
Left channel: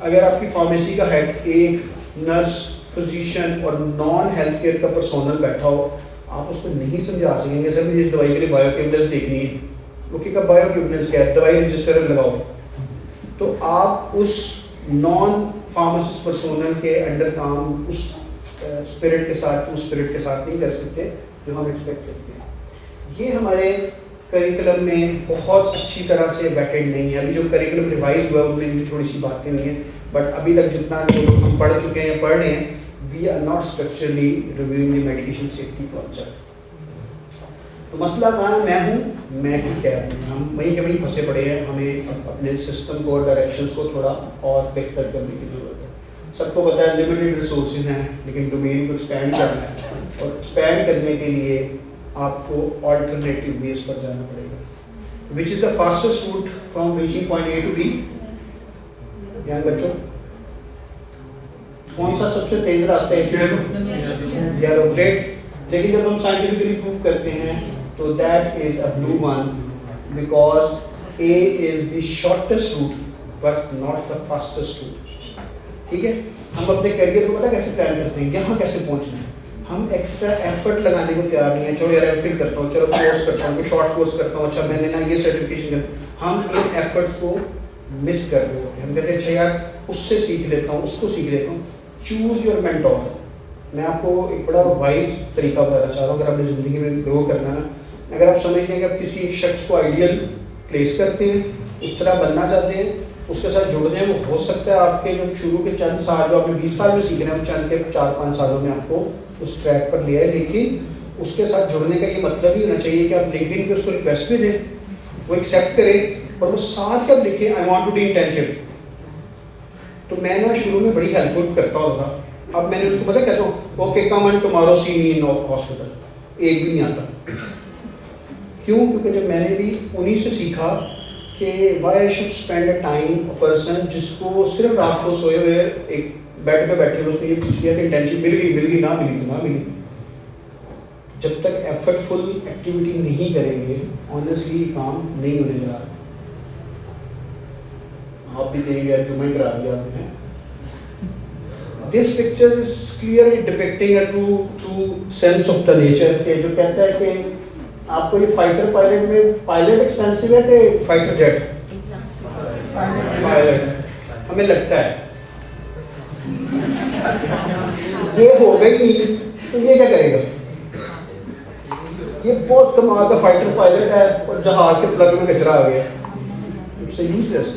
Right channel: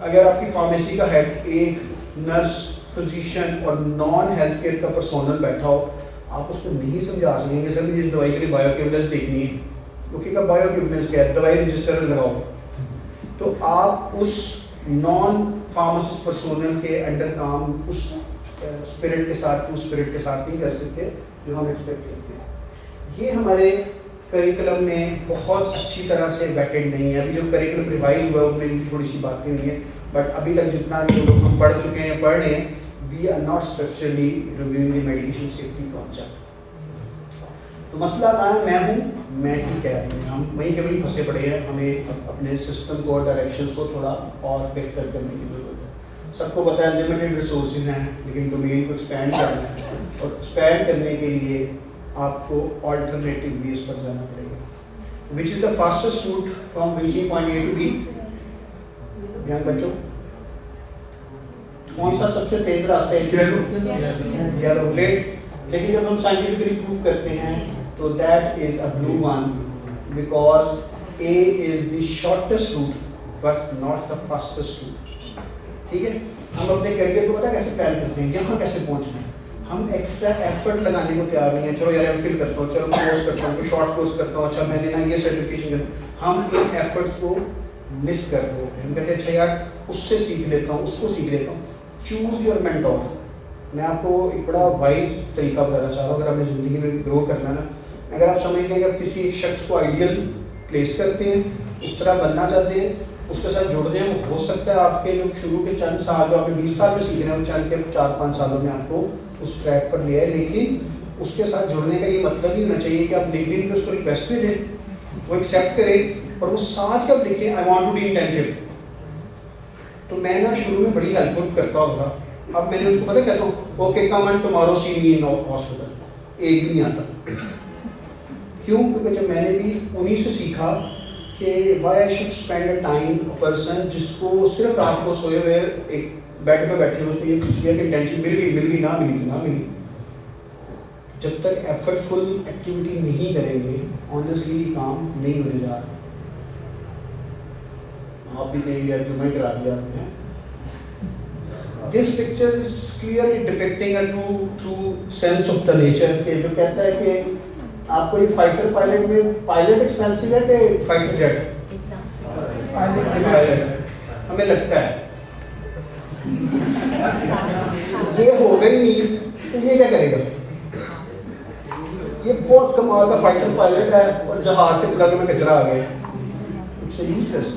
اگر آپ کی فارمیسی کا ہیڈ ایک نرس, فزیشین اور نان ہیلتھ کیئر کا پرسونل بیٹھا ہو, آپ اس کو نہیں سمجھا سکیں گے سر مجھے اس دوائی کے لیے بایو کیبلنس دیکھنی ہے. اوکے کا بایو کیبلنس کیا ہے, دوائی رجسٹر لگاؤ. تو آپ اس نان فارماسسٹ پرسونل کے انڈر کام اس اسپرٹ کے ساتھ نہیں کر سکتے جو ہم ایکسپیکٹ کرتے ہیں. یہ ہمارے کریکولم میں بہت اچھی طرح سے بیٹھڈ نہیں ہے. ابھی جو کریکولم ریوائز ہوا ہے اس میں تھوڑی سی باتیں ہوئی ہیں بٹ ابھی تک جتنا ہم پڑھ چکے ہیں پڑھ رہے ہیں, we are not structurally reviewing the medication safety concept. تو مسئلہ کہاں ہے, میں ہوں, میں ہی کہہ رہا ہوں, ہم وہیں کے وہیں پھنسے پڑے ہیں. ہمیں اپنے سسٹم کو, ڈائریکشنس کو تھوڑا اور بہتر کرنے کی ضرورت ہے. سب کو پتہ ہے لمیٹیڈ ریسورسز ہیں لیکن ڈومین کو ایکسپینڈ کرنا ہے, اور ایکسپینڈ کرنے کے لیے آپ کو آلٹرنیٹیو ویز پر جانا پڑے گا. Which is the fastest route from reaching point A to B. دھیان بچوں, کون سا سب سے تیز راستہ ہے؟ یلو. گریٹ. لیکن جب ہم سائنٹیفکلی پروو کرتے ہیں تو that is a blue one because A is the shortest route but not the fastest route. ٹھیک ہے, ہم اپنے کیریئر کو پتہ کیسے پلان کرتے ہیں, یہاں کیسے پہنچنا ہے. ہم ایکسٹرا ایفرٹ لگانے کو تیار نہیں ہیں. چلو یار ایم فل کرتا ہوں, چلو کورس کرتا ہوں, کوئی شارٹ کورس کرتا ہوں, اچھا میں نے یہ سرٹیفکیشن. ہم ان ایفرٹس کو مس کر رہے ہوتے ہیں. ہم کہتے ہیں اچھا یار اس سے سیکھ لیتا ہوں, اس کو سیکھ لیتا ہوں. Choose your mentor. میں آپ کو ایک بڑا وائز طریقہ بتانا چاہ رہا ہوں. اگر آپ نے زندگی میں گرو کرنا ہے, اگر آپ سمجھتے ہیں کہ آپ کسی ایک شخص کو آئیڈیل پلیس کرتے ہیں, اس طرح بننا چاہتے ہیں, اس کے ساتھ جڑ جائیں, وہ ہو سکتا ہے آپ کے جو شروع کے چند سال جو آپ نے 20 سال میں سیکھ رہے ہیں, چند کے 4-5 سالوں میں آپ کو اس ٹریک پر لے آئے. لیکن اس کے ساتھ جڑنے کا یہ مطلب نہیں ہونا چاہیے کہ آپ لکھیں پہ اس کو ریکویسٹ میں دیں, وہ ایکسیپٹ کرے اور وہ ساتھ کب لکھیں I want to be intention. تو میں نا شروع میں بڑی ہیلپ فل کرتا ہوتا. اب میں نے ان کو پتہ کہتا ہوں okay come and tomorrow see me in hospital. ایک بھی نہیں آتا. کیوں؟ کیونکہ جب میں نے بھی انہیں سے سیکھا کہ why I should spend a time person جس کو صرف رات کو سوئے ہوئے ایک بیڈ پہ بیٹھے ہوئے اس نے یہ پوچھ لیا کہ ٹینشن مل گئی نہ ملی. جب تک ایفرٹ فل ایکٹیویٹی نہیں کریں گے آنیسٹلی کام نہیں ہونے جا رہا. آپ بھی کہیں گے جو میں کرا دیا آپ نے. This picture is clearly depicting a true sense of the nature کہ جو کہتا ہے کہ آپ کو یہ فائٹر پائلٹ میں پائلٹ ایکسپینسو ہے کہ فائٹر جیٹ؟ پائلٹ. ہمیں لگتا ہے یہ ہو گئی نہیں تو یہ کیا کرے گا. یہ بہت کمال کا فائٹر پائلٹ ہے اور جہاز کے پلگ میں کچرا آ گیا. It's useless.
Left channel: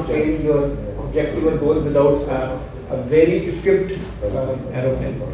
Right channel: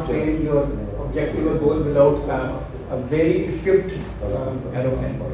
obtain your objective or goal without a very equipped aeroplane.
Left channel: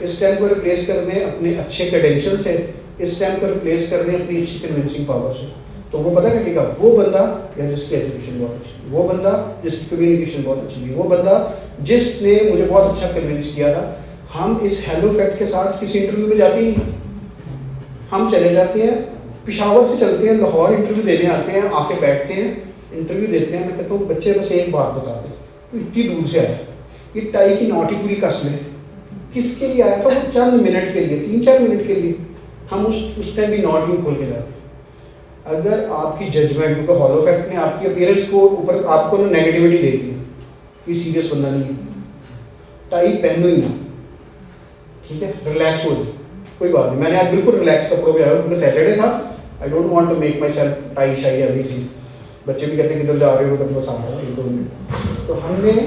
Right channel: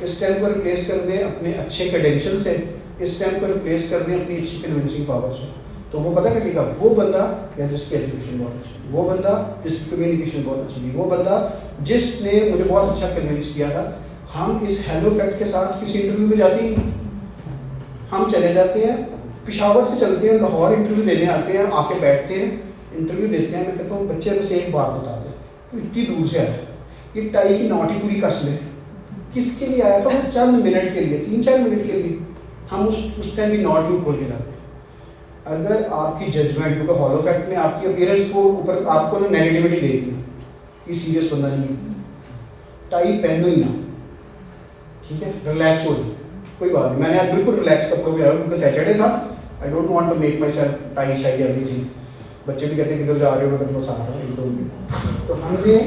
اس ٹائم کو ریپلیس کر دیں اپنے اچھے کریڈینشیل سے, اس ٹائم کو ریپلیس کر دیں اپنی اچھی کنونسنگ پاور سے, تو وہ پتہ کرے گا وہ بندہ یا جس کی ایجوکیشن بہت اچھی, وہ بندہ جس کی کمیونیکیشن بہت اچھی ہے, وہ بندہ جس نے مجھے بہت اچھا کنونس کیا تھا. ہم اس ہیلو فیکٹ کے ساتھ کسی انٹرویو میں جاتے ہی نہیں, ہم چلے جاتے ہیں پشاور سے چلتے ہیں لاہور انٹرویو دینے آتے ہیں, آ کے بیٹھتے ہیں انٹرویو دیتے ہیں. میں کہتا ہوں بچے بس ایک بات بتا دیں, اتنی دور سے آیا یہ ٹائی کی نوٹ ہی پوری کس میں کس کے لیے آیا تھا, وہ چند منٹ کے لیے 3-4 منٹ کے لیے. ہم اس ٹائم بھی نوٹ یوں کھول کے جاتے ہیں. اگر آپ کی ججمنٹ, کیونکہ ہالو فیکٹ میں آپ کی اپیرنس کو اوپر آپ کو نیگیٹیوٹی دے گی, یہ سیریس بندہ نہیں, ٹائی پہنو ہی نہ, ٹھیک ہے, ریلیکس ہو جائے, کوئی بات نہیں. میں نے بالکل ریلیکس کپڑوں پہ آیا کیونکہ سیٹرڈے تھا. I don't want to make myself tie shy everything. بچے بھی کہتے ہیں کدھر جا رہے ہو, مطلب بس آ رہا ہے. تو ہم نے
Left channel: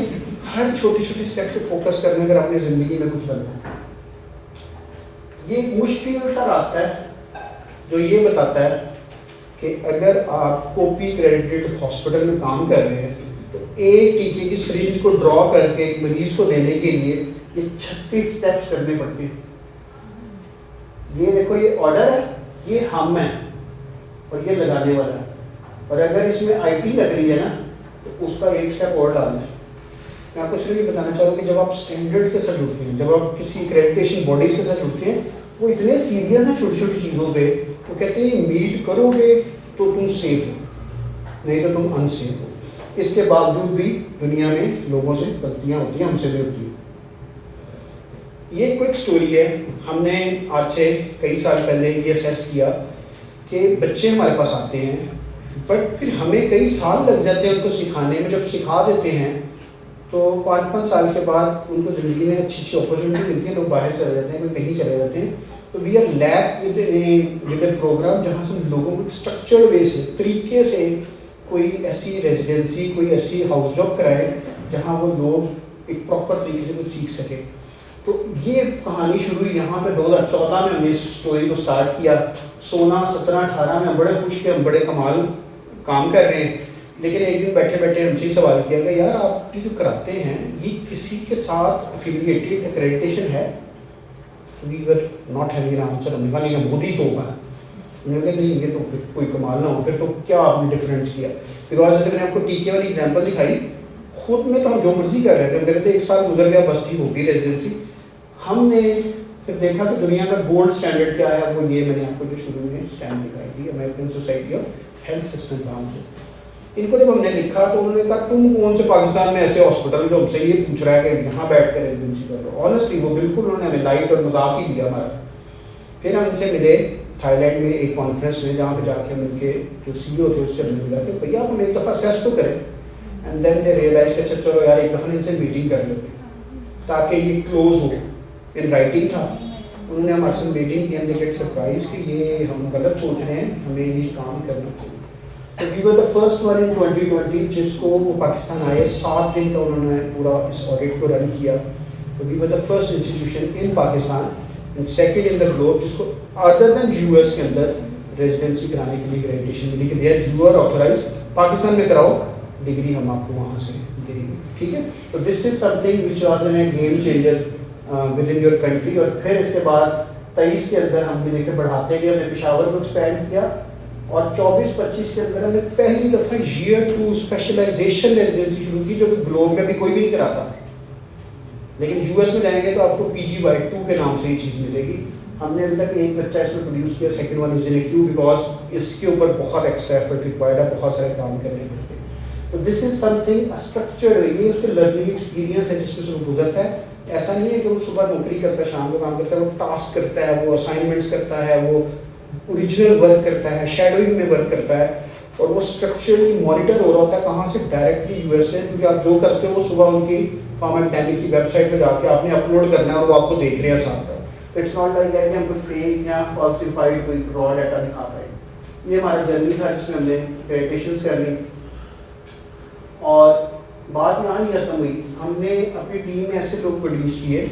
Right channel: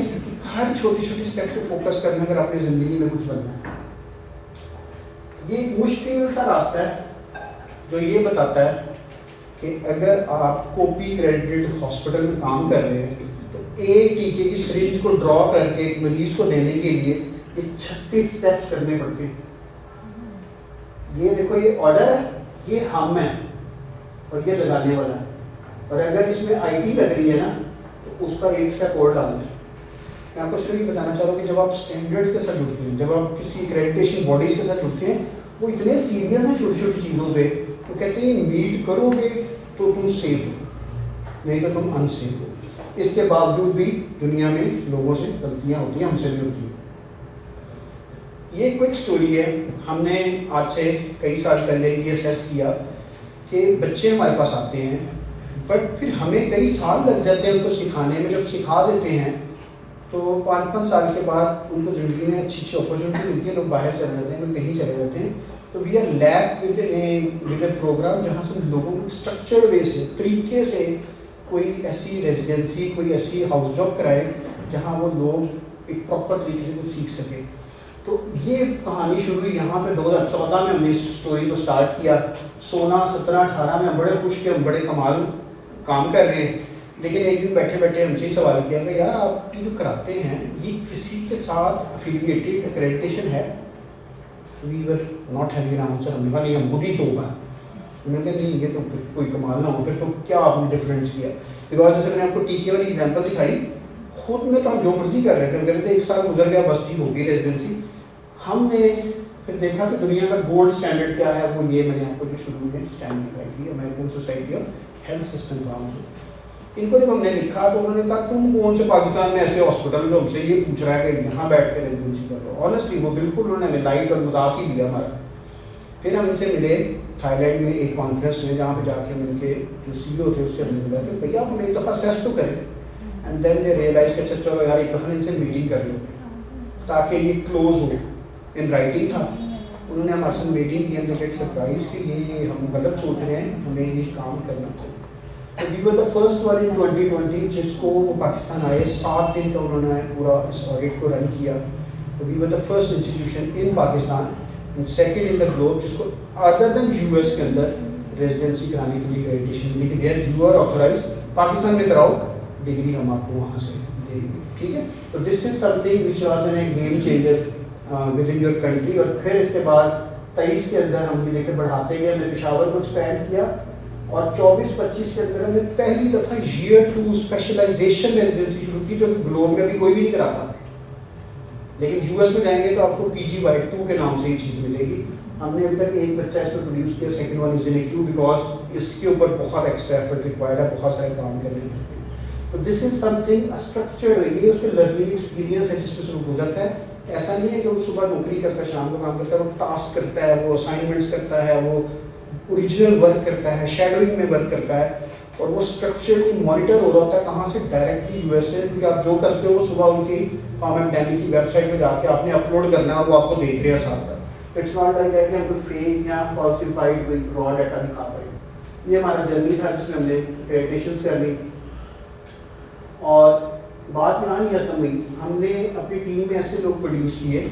ہر چھوٹی چھوٹی اسٹیپ کو فوکس کرنے اگر اپنی زندگی میں کچھ بننا ہے. یہ ایک مشکل سا راستہ ہے جو یہ بتاتا ہے کہ اگر آپ کوپی کریڈٹ ہاسپٹل میں کام کر رہے ہیں تو ایک ٹیکے کی سرنج کو ڈرا کر کے ایک مریض کو دینے کے لیے یہ 36 اسٹیپس کرنے پڑتے ہیں. یہ دیکھو یہ آرڈر ہے, یہ ہم ہے اور یہ لگانے والا ہے, اور اگر اس میں آئی ٹی لگ رہی ہے نا تو اس کا ایک اسٹیپ اور ڈالنا ہے. میں آپ کو صرف یہ بتانا چاہ رہا ہوں کہ جب آپ اسٹینڈرڈس کے ساتھ جڑتے ہیں, جب آپ کسی ایکریڈیٹیشن باڈیز کے ساتھ جڑتے ہیں, وہ اتنے سیریس ہیں چھوٹی چھوٹی چیزوں پہ. وہ کہتے ہیں میٹ کرو گے تو تم سیف ہو, نہیں تو تم ان سیف ہو. اس کے باوجود بھی دنیا میں لوگوں سے غلطیاں ہوتی ہیں, ہم سے بھی ہوتی ہیں. یہ کوئی اسٹوری ہے. ہم نے آج سے کئی سال پہلے یہ اسیس کیا کہ بچے ہمارے پاس آتے ہیں بٹ پھر ہمیں کئی سال لگ جاتے ہیں ان کو سکھانے میں. جب سکھا دیتے ہیں تو 5-5 سال کے بعد ان کو زندگی میں اچھی اچھی اپرچونیٹی ملتی ہے, لوگ باہر چلے جاتے ہیں, لوگ کہیں چلے جاتے ہیں. تو we are lack with a program جہاں سے لوگوں کو اسٹرکچر وے سے طریقے سے کوئی ایسی ریزیڈنسی, کوئی ایسی ہاؤس جاب کرائے جہاں وہ لوگ ایک پراپر طریقے سے کچھ سیکھ سکیں. تو یہ کہانی شروع ہوئی یہاں پہ 2014 میں ہم نے اس اسٹوری کو اسٹارٹ کیا. 16-17-18 میں ہم بڑے خوش تھے, ہم بڑے کمال کام کر رہے ہیں. لیکن ایک دن بیٹھے بیٹھے ہم سے سوال کیا کہ یار آپ جو کراتے ہیں یہ کسی کے ساتھ افیلیٹڈ ایکریڈیٹیشن ہے؟ We were not having an answer. ہم نے کہا نہیں, ہم خود ہی تو ہوگا. میں نے کہا نہیں یہ تو کوئی کمال نہ ہو, پھر تو کیا آپ نے ڈفرینس کیا؟ بیکاز جیسے میں نے آپ کو ٹیکے والی ایگزامپل دکھائی, خود میں تو ہم جو مرضی کر رہے تھے, میرے تو 1 سال گزر گیا, بس ٹھیک ہوگی ریزیڈنسی. ہم نے پھر دیکھا کہ دنیا کا گولڈ اسٹینڈرڈ کیا ہے, وہ یہ میں نے آپ کو جو شروع میں اسٹینڈ دکھائی تھی, American society of health system نام سے. ان کو جب ہم نے لکھا تو انہوں نے کہا تم کون سے پاکستان میں ایسے ہاسپٹل جو ہم سے یہ پوچھ رہا ہے کہ یہاں بیٹھ کر ریزیڈنسی کر لو. آنیسٹلی وہ بالکل انہوں نے ہمیں لائٹ اور مذاق ہی دیا ہمارا. پھر ہم ان سے ملے تھائی لینڈ میں ایک کانفرنس میں, جہاں پہ جا کے مل کے جو سی او تھے اس سے مل گیا کہ بھیا ہم ایک دفعہ سیس تو کریں. اینڈ دین دے ریئلائز کہ اچھا چلو یار ایک دفعہ ان سے میٹنگ کر لیتے تاکہ یہ کلوز ہو. ان رائٹنگ تھا, انہوں نے ہمارے سے میٹنگ کی. ہم نے سرپرائز کہ یہ ہم غلط سوچ رہے ہیں, ہمیں یہ کام کرنا چاہیے. تو we were the first one ان 2020 جس کو وہ پاکستان آئے. 7 دن کا انہوں نے پورا اس آڈٹ کو رن کیا. تو we were the first institution in Pakistan and second in the globe جس کو ادر دین یو ایس کے اندر ریزیڈنسی کرانے کے لیے ایکریڈیٹیشن ملی کہ there you are authorize, Pakistan میں کراؤ, ڈگری ہم آپ کو وہاں سے دیں گے. ٹھیک ہے, تو this is something which was an game changer within your country. اور پھر اس کے بعد 23 کے اندر ہم نے لے کے بڑھاتے گئے, ہم نے پشاور کو ایکسپینڈ کیا, اور 24-25 کے اندر ہم نے پہلی دفعہ ایئر 2 اسپیشلائزیشن ریزیڈنسی شروع کی, جو کہ گلوب میں بھی کوئی بھی نہیں کراتا. لیکن یو ایس میں جائیں گے تو آپ کو PGY2 کے نام سے یہ چیز ملے گی. ہم نے ابھی تک ایک بچہ اس میں پروڈیوس کیا, second one is in queue, because اس کے اوپر بہت ایکسٹرا ایفرٹ ریکوائرڈ ہے, بہت سارے کام کرنے پڑتے ہیں. تو this is some thing structure, یہ اس کے لرننگ ایکسپیرینس ہے جس میں سے گزرتا ہے. ایسا نہیں ہے کہ وہ صبح نوکری کرتا ہے, شام کو کام کرتا ہے, وہ ٹاسک کرتا ہے, وہ اسائنمنٹس کرتا ہے, وہ اوریجنل ورک کرتا ہے, شیڈوئنگ میں ورک کرتا ہے, اور وہ اسٹرکچرلی مانیٹر ہو رہا ہوتا ہے کہاں سے, ڈائریکٹلی یو ایس سے. کیونکہ آپ جو کرتے ہو صبح ان کی فارم اینڈ ٹیلی کی ویب سائٹ پہ جا کے آپ نے اپلوڈ کرنا ہے اور وہ آپ کو دیکھ رہے ہیں ساتھ ساتھ. اٹس ناٹ لائک کہ ہم کوئی فیک یا فالسیفائڈ کوئی را ڈیٹا دکھا پائے. یہ ہمارا جرنی تھا جس میں ہم نے ایکریڈیٹیشنس کر لی. اور بات یہاں نہیں ختم ہوئی, ہم نے اپنی ٹیم میں ایسے لوگ پروڈیوس کیے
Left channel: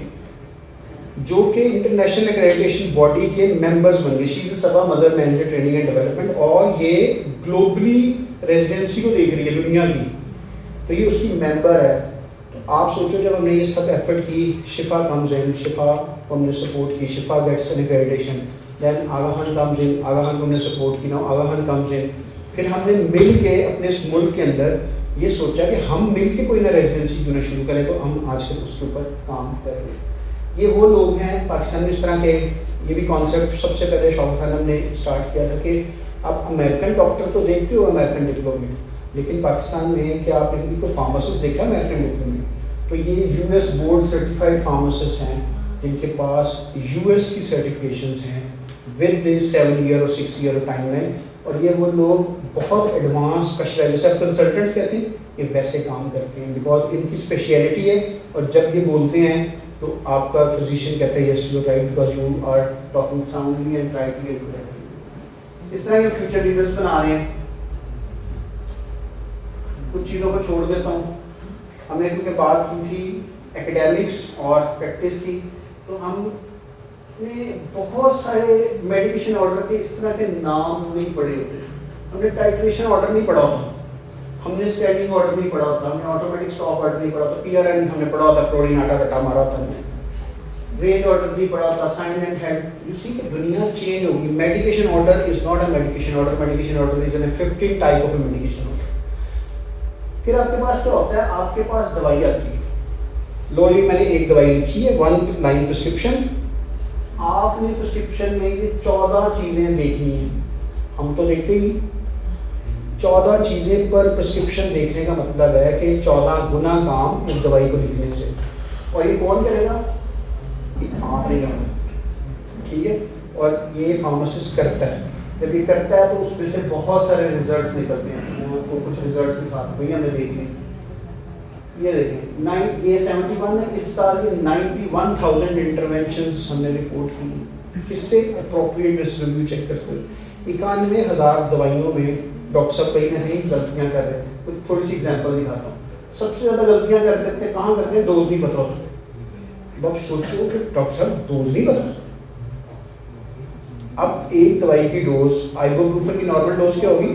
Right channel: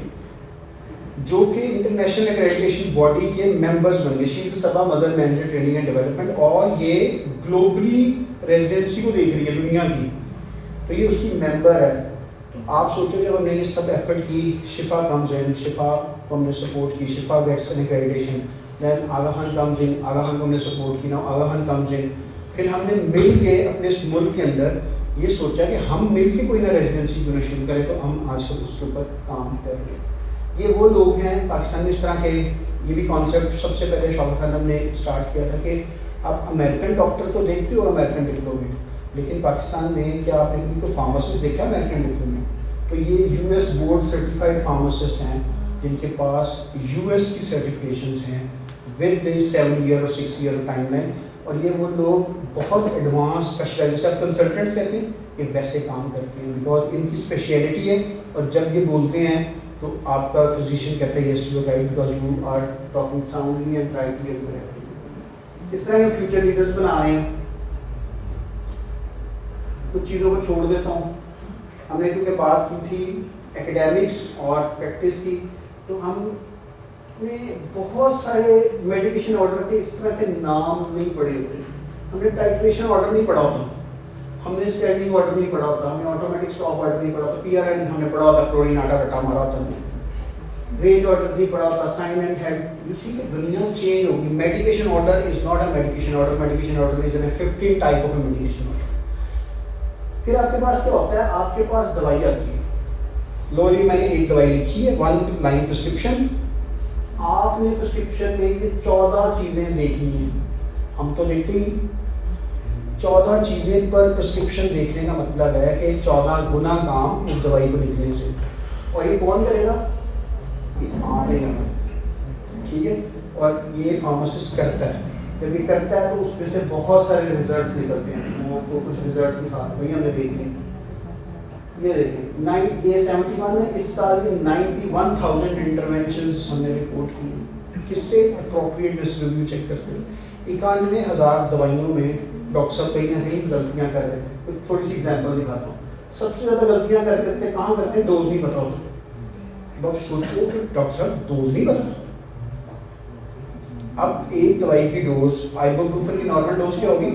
جو کہ انٹرنیشنل ایکریڈیٹیشن باڈی کے ممبرس بن گئے. شی از سبا مدر مینیجر ٹریننگ اینڈ ڈیولپمنٹ, اور یہ گلوبلی ریزیڈنسی کو دیکھ رہی ہے دنیا کی, تو یہ اس کی ممبر ہے. آپ سوچو جب ہم نے یہ سب ایفرٹ کی, شفا کمز ان, شفا کو ہم نے سپورٹ کی, Shifa gets an accreditation, then Aga Khan comes in, Aga Khan کو ہم نے سپورٹ کی, نا آگاہن کمز ان. پھر ہم نے مل کے اپنے اس ملک کے اندر یہ سوچا کہ ہم مل کے کوئی نہ ریزیڈنسی کیوں نہ شروع کریں, تو ہم آج کل اس کے اوپر کام کریں گے. یہ وہ لوگ ہیں پاکستان میں اس طرح کے, یہ بھی کانسیپٹ سب سے پہلے شوکت عالم نے اسٹارٹ کیا تھا کہ آپ امریکن ڈاکٹر تو دیکھتے ہو امریکن ڈپلومٹ, لیکن پاکستان میں کیا آپ نے کوئی فارماسسٹ دیکھا امریکن ڈپلومٹ؟ تو یہ U S board certified pharmacist ہیں جن کے پاس یو ایس کی سرٹیفکیشنز ہیں ود 7 ایئر اور 6 ایئر ٹائم لائن. اور یہ وہ لوگ بہت ایڈوانس اسپیشلائز, جیسے آپ کنسلٹنٹس کہتے ہیں, یہ ویسے کام کرتے ہیں بیکاز ان کی اسپیشلٹی ہے. اور جب یہ بولتے ہیں تو آپ کا فزیشین کہتے ہیں yes you right because you are talking soundly and rightly. اس طرح کے فیوچر لیڈرس بنا رہے ہیں. کچھ چیزوں کو چھوڑ دیتا ہوں. ہم نے کیونکہ بات کی تھی ایکیڈیمکس اور پریکٹس کی, تو ہم نے بہت سارے میڈیکیشن آرڈر کے اس طرح کے نام نہیں پڑھے ہوتے. ہم نے ٹائٹریشن آرڈر نہیں پڑھا ہوتا, ہم نے اسٹینڈنگ آرڈر نہیں پڑھا ہوتا, ہم نے آٹومیٹک اسٹاپ آرڈر نہیں پڑھا ہوتا, پی آر این ہم نے پڑھا ہوتا, کلورین آٹا کٹا مارا ہوتا, ہم نے رینج آرڈر نہیں پڑھا ہوتا, سائن اینڈ ہیڈ. یو سی کہ دنیا چینج ہوگی. Medication order is not a medication order, medication order is an 15 type of medication order. پھر آپ کے پاس کیا ہوتا ہے, آپ کے پاس دوائی آتی ہے. لوری میں نے ایک دوائی لکھی ہے 1 لائن پرسکرپشن. آپ نے پرسکرپشن میں یہ 14 چیزیں دیکھنی ہیں. ہم تو دیکھتے ہی 14 چیزیں پر پرسکرپشن دیکھنے کا مطلب ہے کہ 14 گنا کام اس دوائی کو لکھنے سے. اور یہ کون کرے گا؟ یہ آپ نے کرنا, ٹھیک ہے. اور یہ فارماسسٹ کرتا ہے. جب یہ کرتا ہے تو اس میں سے بہت سارے ریزلٹس نکلتے ہیں. میں آپ کو کچھ ریزلٹس دکھاتا ہوں, ہم نے دیکھ لیں. یہ دیکھیں یہ 71 ہے. اس سال یہ 91,000 انٹرونشنز ہم نے رپورٹ کی. کس سے اپروپریٹ ریویو چیک کرتے ہیں. 91,000 دوائیوں میں ڈاکٹر صاحب کہیں نہ کہیں غلطیاں کر رہے ہیں. کچھ تھوڑی سی ایگزامپل دکھاتا ہوں. سب سے زیادہ غلطیاں کر دیتے ہیں کہاں کرتے ہیں؟ ڈوز نہیں پتا ہوتا. ڈاکٹر سوچو کہ ڈاکٹر صاحب ڈوز نہیں پتا. اب ایک دوائی کی ڈوز آئبوپروفن کی نارمل ڈوز کیا ہوگی؟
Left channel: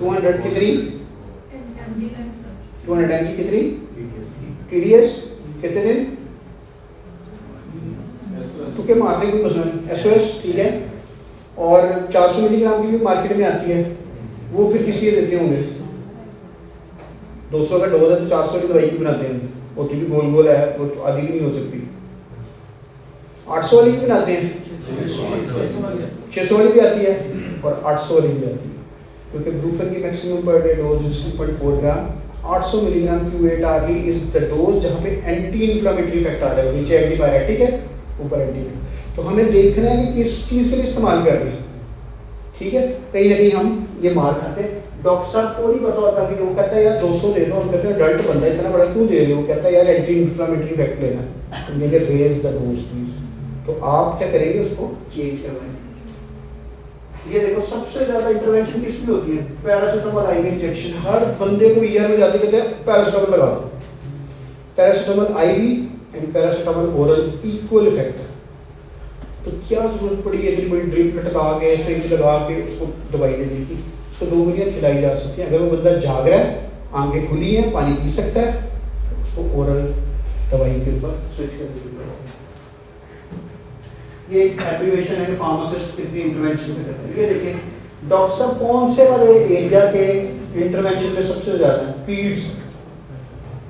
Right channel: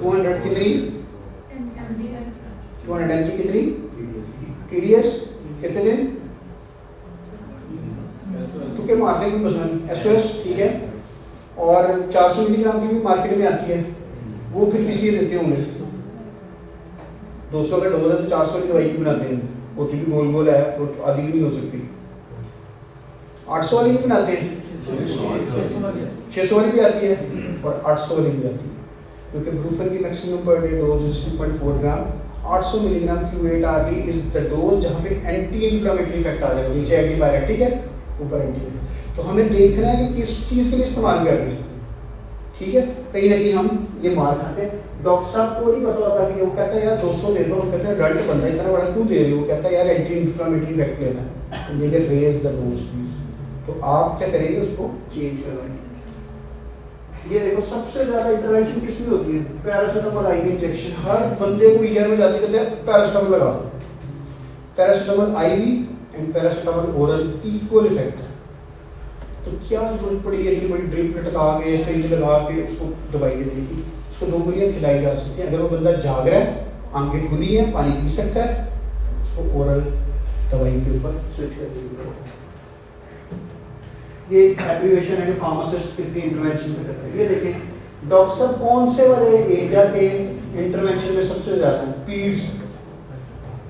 200 کتنی؟ 200 mg کتنی؟ ٹی ڈی ایس کتنے دن؟ کیونکہ مارکیٹ میں مسئلہ ایس او ایس, ٹھیک ہے. اور 400 ملی گرام کی بھی مارکیٹ میں آتی ہے, وہ پھر کس لیے دیتے ہوں گے؟ 200 کا ڈوز ہے تو 400 کی دوائی کی بناتے ہیں. وہ بھی گول گول ہے, وہ آدھی نہیں ہو سکتی. 800 والی بھی بناتے ہیں, 600 والی بھی آتی ہے اور 800 والی بھی آتی ہے. کیونکہ بروفن کی میکسیمم پر ڈے ڈوز از 2.4 گرام. 800 ملی گرام کی ویٹ آ گئی از دا ڈوز جہاں پہ اینٹی انفلیمیٹری افیکٹ آ جائے گا. نیچے اینٹی بایوٹک ہے, اوپر اینٹی. تو ہمیں دیکھنا ہے کہ کس چیز کے لیے استعمال کر رہے ہیں, ٹھیک ہے. کہیں نہ کہیں ہم یہ مار کھاتے ہیں. ڈاکٹر صاحب کو نہیں پتا ہوتا کہ وہ کہتا ہے یار 200 لے لو, ہم کہتے ہیں ڈلٹ بندہ اتنا بڑا کیوں لے لو, وہ کہتا ہے یار اینٹی انفلیمیٹری افیکٹ لینا ہے, میرے ریز دا ڈوز پلیز. تو آپ کیا کریں گے, اس کو چینج کروائیں. یہ دیکھو سب سے زیادہ انٹروینشن کس میں ہوتی ہے؟ Paracetamol I we injection. ہر بندے کو ایئر میں جاتے کہتے ہیں پیراسیٹامول لگا دو. Paracetamol I V and paracetamol oral equal effect. تو کیا ضرورت پڑی ہے کہ بڑی ڈرپ کٹکا کے سرنج لگا کے اس کو دوائی دے دی تھی؟ اس کو 2 ملیاں کھلائی جا سکتی ہیں. اگر وہ بندہ جاگ رہا ہے, آنکھیں کھلی ہیں, پانی پی سکتا ہے, اس کو اورل دوائی کے اوپر سوئچ کر دیا. یہ ایک ایپلیکیشن ہے کہ فارماسسٹ کتنی انٹروینشن پہ کرتے ہیں. یہ دیکھیں ڈاکٹر صاحب کون سے والے ایریا کے انٹروینشن میں سب سے زیادہ ہیں؟ پیڈس,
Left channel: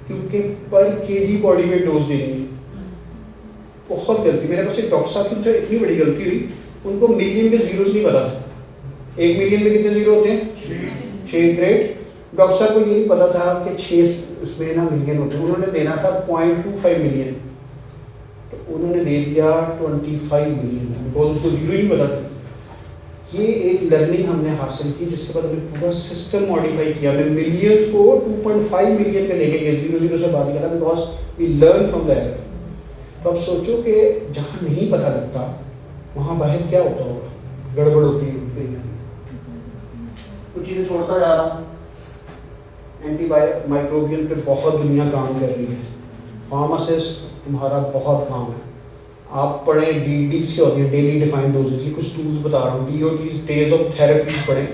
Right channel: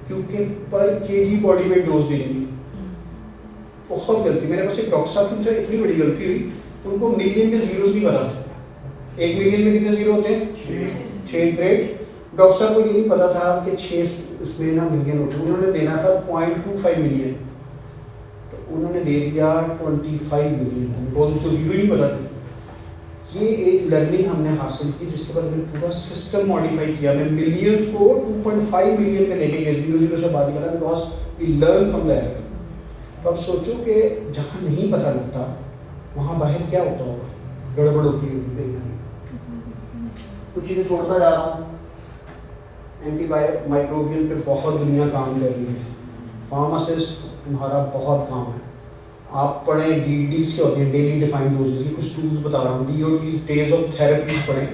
کیونکہ پر کے جی باڈی ویٹ ڈوز دینی ہے. بہت غلطی. میرے پاس ایک ڈاکٹر صاحب کی جو اتنی بڑی غلطی ہوئی, ان کو ملین کے زیروز نہیں پتا. 1 ملین میں کتنے زیرو ہوتے ہیں؟ 6. گریٹ. ڈاکٹر صاحب کو یہ نہیں پتا تھا کہ 6 اس میں نا ملین ہوتے ہیں. انہوں نے دینا تھا 0.25 ملین, تو انہوں نے دے دیا 25 ملین. ان کو زیرو نہیں پتا تھا. یہ ایک لرننگ ہم نے حاصل کی, جس کے بعد ہم نے پورا سسٹم ماڈیفائی کیا. ہم نے ملینس کو 2.5 ملین میں لے کے گئے, زیرو زیرو سے بات کرا, because we learn from that. اب سوچو کہ جہاں نہیں پتہ لگتا وہاں باہر کیا ہوتا ہوگا, گڑبڑ ہوتی ہے. کچھ چیزیں چھوڑتا جا رہا ہوں. اینٹی مائکروبیل پہ بہت دنیا کام کر رہی ہے. فارماسسٹ تمہارا بہت کام ہے. آپ پڑھیں ڈی ڈیز کے ہوتے ہیں, ڈیلی ڈیفائنڈ ڈوزز. یہ کچھ ٹولس بتا رہا ہوں. D O Ts, days of therapies پڑھیں,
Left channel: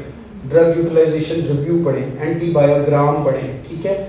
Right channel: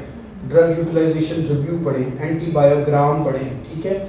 ڈرگ یوٹیلائزیشن ریویو پڑھیں, اینٹی بایوگرام پڑھیں, ٹھیک ہے.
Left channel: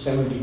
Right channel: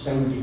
70।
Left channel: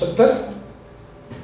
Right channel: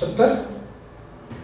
70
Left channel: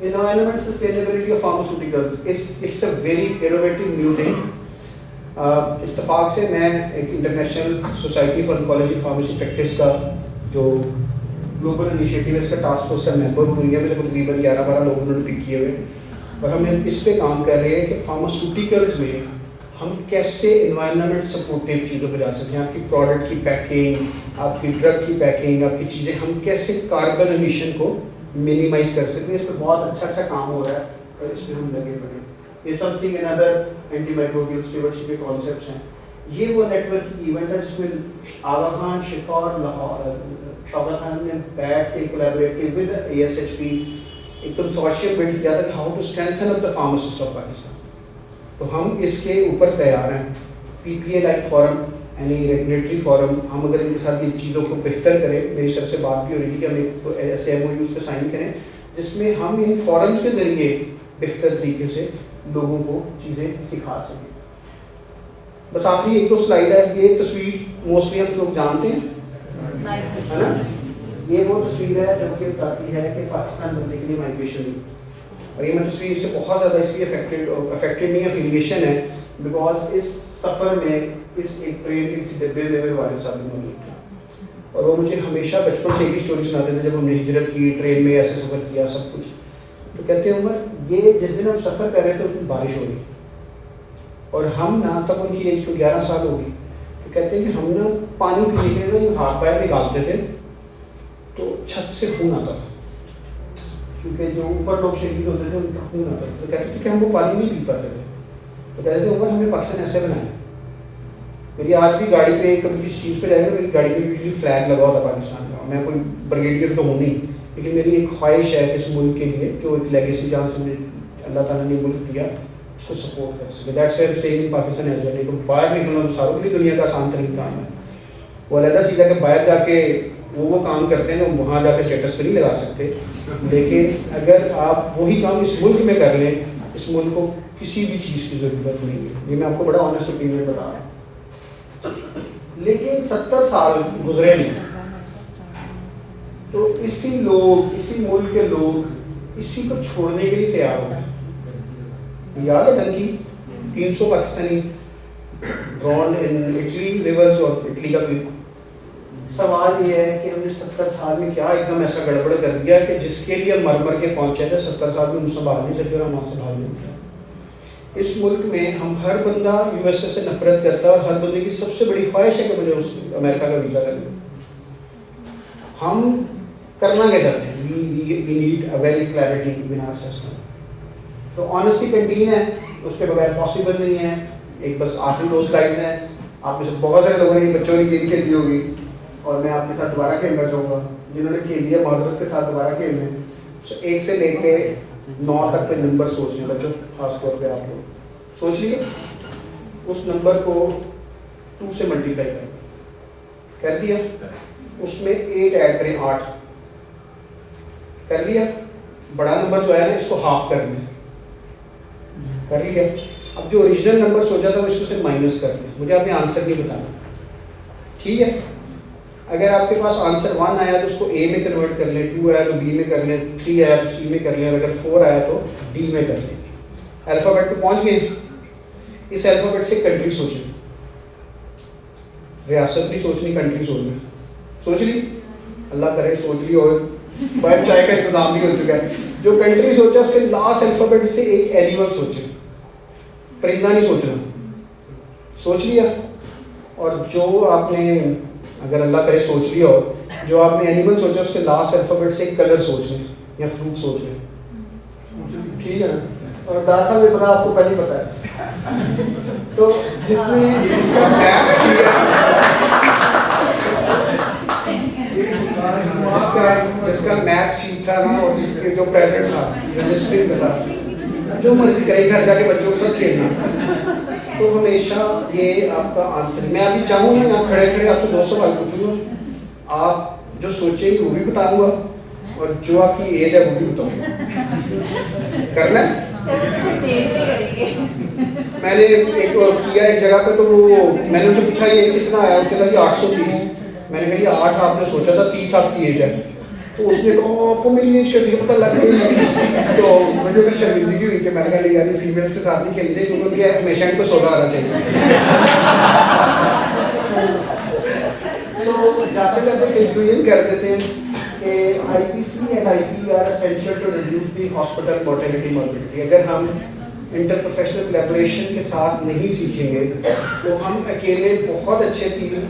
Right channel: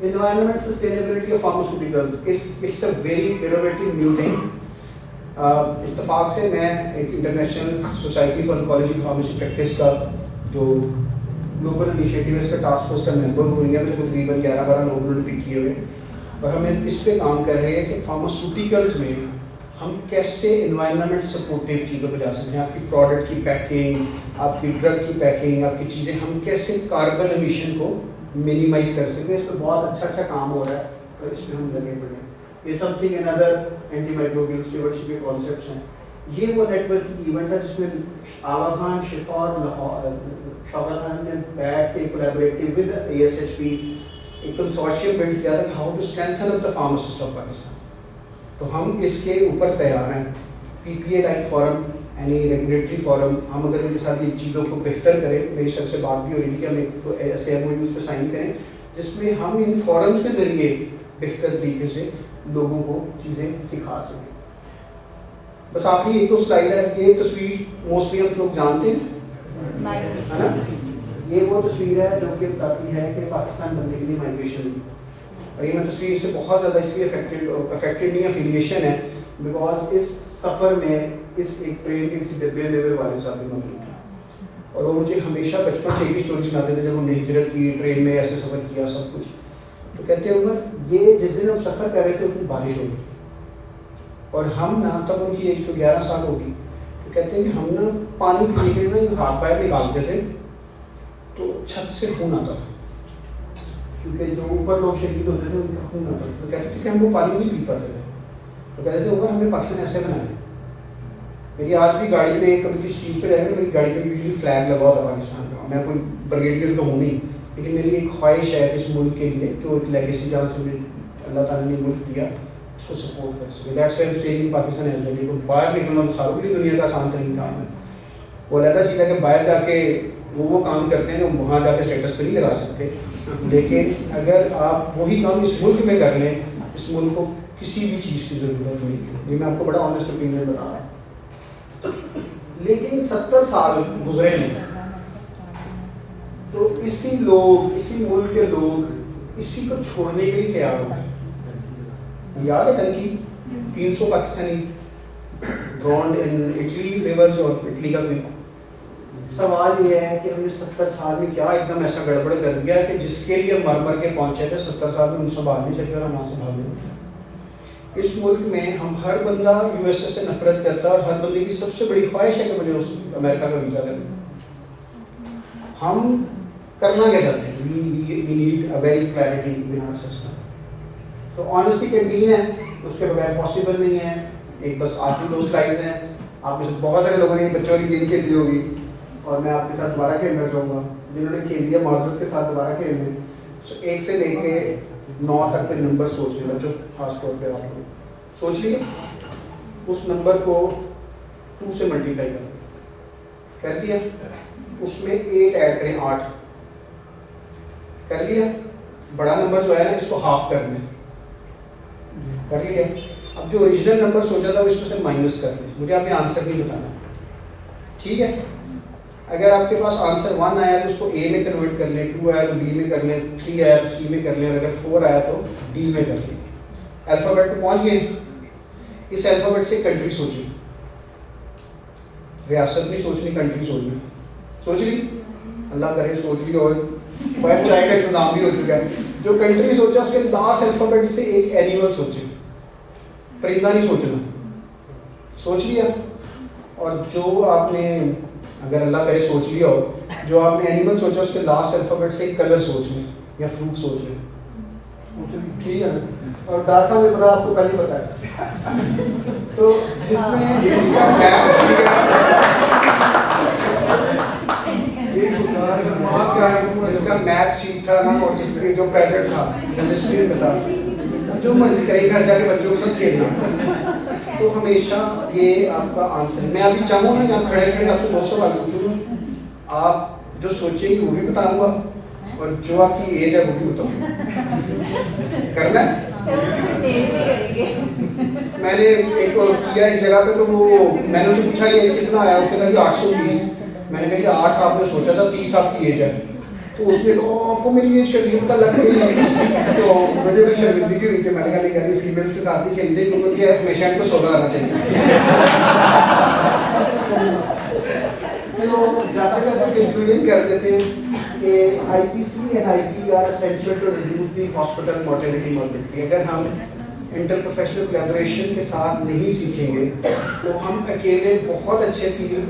Environment sustainability of pharmaceuticals it's a very innovative new thing. اتفاق سے میں ایک international society for oncology pharmacy practice کا جو گلوبل انیشیٹو ہے اس کا ٹاسک فورس کا ممبر ہوں. انڈیا میں تقریباً 11-12 لوگ انہوں نے پک کیے ہوئے اور ہم اس پہ کام کر رہے ہیں کہ فارماسیوٹیکلز میں ہم کیسے انوائرمنٹ سپورٹیو چیزوں پہ جا سکتے ہیں. آپ کی پروڈکٹ کی پیکنگ، آپ کی ڈرگ کی پیکنگ، آپ کی چیزیں، ہم کیسے کاربن ایمیشن کو منیمائز کر سکتے ہیں. اس پہ بہت اچھا کام ہو رہا ہے اور اس میں ہم لگے پڑے ہیں. یہ سم تھنگ اندر اینٹی مائکروبیلس کے بڑے کانسیپٹس ہیں. یہ وہ نیٹ ورکنگ ایونٹ ہے جس میں آغا خان، شفا اور شوکت خان نے بیٹھ کے کولیبریٹو ود ASHP ایک کنسورشیم بلڈ کیا تھا کہ how to strengthen up the pharmacist of Pakistan. تو ہم اس کے اوپر تیار ہیں. PPA لائک فورم یعنی ریگولیٹری فورم، ہم اگر ان کے ساتھ ان چیزوں کو بہتر کریں، میری سب سے بات بھی ہو رہی تھی کہ ہم ایک ایسے MOUs پہ سائن کریں جس میں ہم ان فورمز کے ذریعے بہتر طریقے سے لوگوں کو چیزیں سکھا سکیں. بس آخری ایک دو سلائڈ ہے. یہ تصویر موسٹلی ہم لوگ جانتے ہیں ہے نا. یہ وہ تصویر ہے جو کہ بتاتی ہے کہ پاکستان بننے کے لیے مائگریشن. اور یہ میں تصویر سے بہت زیادہ اس لیے افیکٹڈ نہیں افیلیشن ہے بیکاز اس سفر میں اس ایک ٹرین کے کسی ڈبے میں میرے والد صاحب بھی موجود تھے اور وہ مجھے ہمیشہ بچپن سے ایک اسٹوری سناتے تھے جب ہم نے ہجرت کی، ٹرین میں ایسے سفر کیا سب کچھ. تو کہتے ہیں عمر یہ جس دن ہم سفر کر رہے تھے اس دن بارش ہو گئی اور ہم نا تب ان کی ایج تو 11 سال ہوگی. تو کہتے ہیں کہ ہم نا پانی پینے کے لیے ہاتھ پیر نکالتے تھے تو چھت سے خون آتا تھا کیونکہ جو اوپر لوگ شہید ہوتے تھے ان کا خون آتا تھا. تو کہتے تھے کہ ہم وہ پانی نہیں پی پاتے تھے. تو کہتے تھے عمر ہمیں پاکستان ایسے بنایا. میری آج بھی گاڑی پہ کبھی جس چیز پہ رہے گا میری گاڑی پہ یوزلی فلیگ لگا ہوتا پاکستان کا. میں کوئی بریگیڈیئر تو ہوں نہیں لیکن میری ایک خواہش ہے اس ملک کے لیے کہ وہ ایک لیگیسی جہاں سے اللہ تعالیٰ نے ملک دیا اس کو سپورٹ کر سکے. That's why staying in Pakistan as a taken. باہر نکلنا تو ساروں کی دنیا کا آسان ترین کام ہے. وہ علیحدہ چیز ہے کہ باہر جا کے وہ کام کرتے ہیں نا وہاں جا کے اسٹیٹس پہ نہیں لگا سکتے. لیکن اگر آپ وہی کام اس ملک میں کر لیں اس ملک کو کسی بھی چیز کی ضرورت نہیں ہے. یہ میں آپ کو بڑا آنیسٹ اوپینین بتا رہا ہوں. لیکن 70 سال گزرے نہیں تو اسی ملک کے لوگ اسی کو چھوڑنے کے لیے تیار ہو گئے. یاد ہے donkey 300 Pakistani drone in Italy rivers اور اٹلی کا کوئی. سوال یہ ہے کہ ہم نے 70 سال میں کیا ایک دم ایسا گڑبڑ کر دیا کہ جس کے لیے مر کے پہنچے تھے 70 سال میں ان سنبھال نہیں سکتے اور نہ سنبھال لیں. اس ملک میں ہم ہر بندہ USA سے نفرت کرتا ہے اور ہر بندے کی سب سے بڑی خواہش ہے کہ مجھے اس امریکہ کا ویزا لگے. ہم کرنا کیا چاہتے ہیں؟ We need a very clarity in our system. تو آنیسٹی کینٹین ہے اس کے بغیر پاسبل نہیں ہے. ایک بس آخری 2 سلائڈز ہیں. آپ میں سے بہت سارے لوگوں نے بچوں نے گیم کھیلی ہوگی اور میں آپ کے ساتھ دوبارہ کھیلنا چاہوں گا. جنہوں نے کھیل لیا معذرت کے ساتھ دوبارہ کھیلنے. 1 سے لے کے 9 تک کے نمبر سوچنے بچوں خاص طور پہ آپ لوگ سوچ لیے اس نمبر کو 2 سے ملٹیپلائی کر دیا. اس میں 8 ایڈ کریں 8 کر لیا. بڑا نمبر جو ہے نا اس کو ہاف کر لیں کر لیا. اب جو اوریجنل نمبر سوچا تھا اس میں سے مائنس کر لیں. مجھے آپ نے آنسر نہیں بتانا ٹھیک ہے. اگر آپ کے پاس آنسر 1 آیا تو اس کو A میں کنورٹ کر لیں, 2 آیا تو B میں کر لیں, 3 آیا تو C میں کر لیں, اگر 4 آیا تو D میں کر لیں. الفابیٹ پہ پہنچ گئے. اس الفابیٹ سے کنٹری سوچیں. ریاست نہیں سوچنی کنٹری سوچنی. سوچ لی اللہ کرے سوچ لی اور باہر چائے کا انتظام بھی ہو چکا ہے. جو کنٹری سوچا اس کے لاسٹ الفابیٹ سے ایک اینیمل سوچے. پرندہ نہیں سوچنا. سوچ لیا. اور جو آپ نے اگر اللہ کرے سوچ لیا ہو جو آپ نے اینیمل سوچا اس کے لاسٹ الفابیٹ سے ایک کلر سوچ لیں یا فروٹ سوچ لیں. ٹھیک ہے. اور ڈاکٹر صاحب یہ پتا آپ کو پہلے ہی پتا ہے. تو جس میں اس کا میتھس ٹھیک تھا نا اور جس کے جو پیسٹ تھا کیمسٹری میں تھا جو مرضی کا ایک گھنٹہ کے بچوں کے ساتھ کھیلنا تو ہمیشہ یہ آپ کا آنسر. میں ابھی چاہوں گا یہاں کھڑے کھڑے آپ سے 2 سوال پوچھوں گا. آپ جو سوچیں گے وہ بھی بتاؤں گا اور جو آپ کی ایج ہے وہ بھی بتاؤں گا. کرنا ہے. میں نے ایک کیا ایک جگہ پہ تو وہ میں نے تو پوچھا یہ کتنا آیا اس کے لگا 820 میں نے کہا 8 آپ نے سوچا تھا 30 آپ کی ایج ہے. تو اس نے کہا آپ کو میری ایج کا نہیں پتا لگ گئی. تو مجھے پھر شرمندگی ہوئی کہ میں نے کہا نہیں یار فیمیل سے ساتھ ہی کھیل رہے ہیں کیونکہ ہمیشہ ان کو 16 آنا چاہیے. تو جاتے جاتے کنکلوژن کر دیتے ہیں کہ IPC and IP are essential to reduce the hospital mortality morbidity. اگر ہم انٹر پروفیشنل کولیبوریشن کے ساتھ نہیں سیکھیں گے تو ہم اکیلے بہت اچھے ٹیم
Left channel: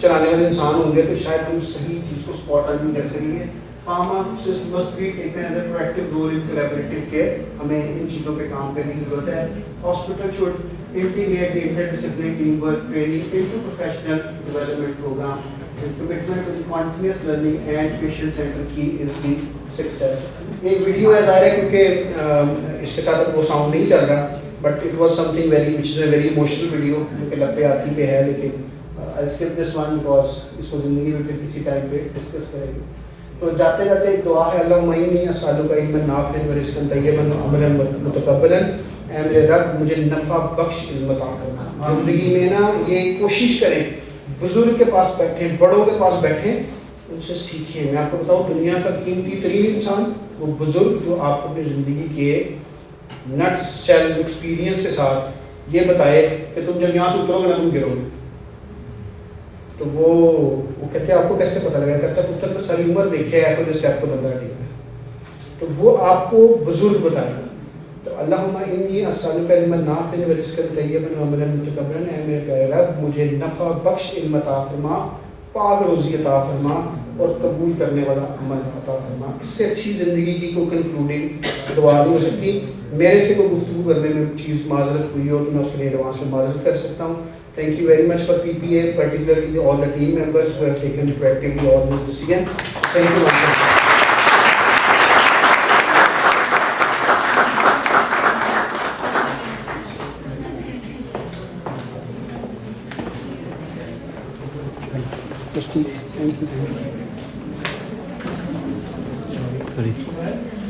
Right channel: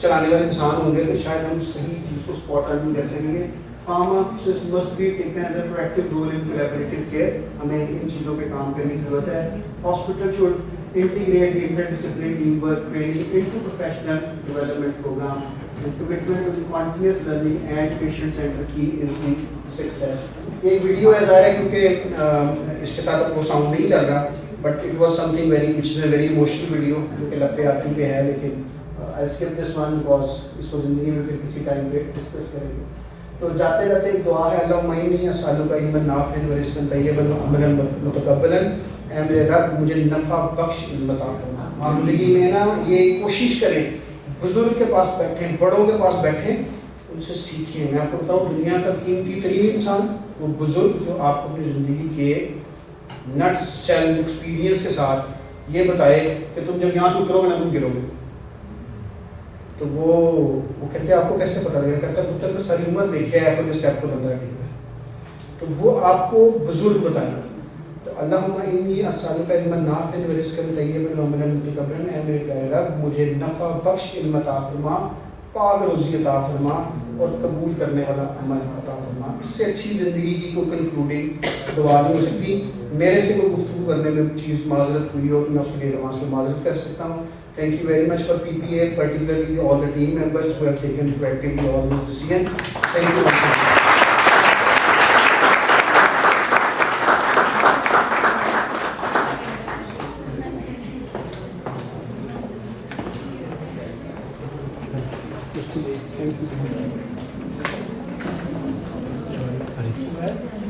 چلانے والے انسان ہوں گے تو شاید ہم صحیح چیز کو اسپاٹ آؤٹ نہیں کر سکیں گے. Pharmacists must be taken as a proactive role in collaborative care. ہمیں ان چیزوں پہ کام کرنے کی ضرورت ہے. Hospital should integrate the interdisciplinary teamwork training into professional development program. Commitment to continuous learning and patient center key is the success. ایک video ہے ظاہر ہے کیونکہ اس کے ساتھ وہ ساؤنڈ نہیں چل رہا but it was some thing very which is a very emotional video جو کہ لب پہ آتی پہ ہے لیکن آئی اسکپ دس ون بیکاز اس کو زندگی میں پھر کسی ٹائم پہ ڈسکس کریں گے. تو جاتے جاتے ایک دعا ہے اللہ مہینی اسالو کا علم نافع و رزقا طیبا عملا متقبلا. اے میرے رب مجھے نفع بخش علم عطا کرنا. زندگی میں نا یہ کوشش کریں بزرگ کے پاس بیٹھیں بڑوں کے پاس بیٹھیں ان سے سیکھیں. میں آپ کو بتاؤں دنیا کا قیمتی ترین انسان وہ بزرگ جو آپ کو اپنی زندگی کے نٹس شیل ایکسپیرینس کے ساتھ یہ بتائے کہ تم جب یہاں سے اترو گے نا تم گرو گے. تو وہ کہتے ہیں آپ کو کیسے پتہ لگا کرتا پتر میں ساری عمر دیکھے ایسے جو اسٹیپ کو نظر آ تو وہ آپ کو بزرگ بتائے. تو اللہم انی اسالک علما نافعا و رزقا طیبا وعملا متقبلا. اے میرے پیارے رب مجھے نفع بخش علم عطا فرما پاک روزی عطا فرما اور قبول کرنے والا عمل عطا فرما. اس سے اچھی زندگی کی کوئی کنکلوڈنگ دعا نہیں ہو سکتی. میرے سے کوئی گفتگو کرنے میں چیز معذرت ہوئی ہو تو میں اس کے لیے ایڈوانس میں معذرت کر سکتا ہوں. Thank you very much for PPA, particularly all the team members who have taken proactively all this decision. Thank you very much. Thank you.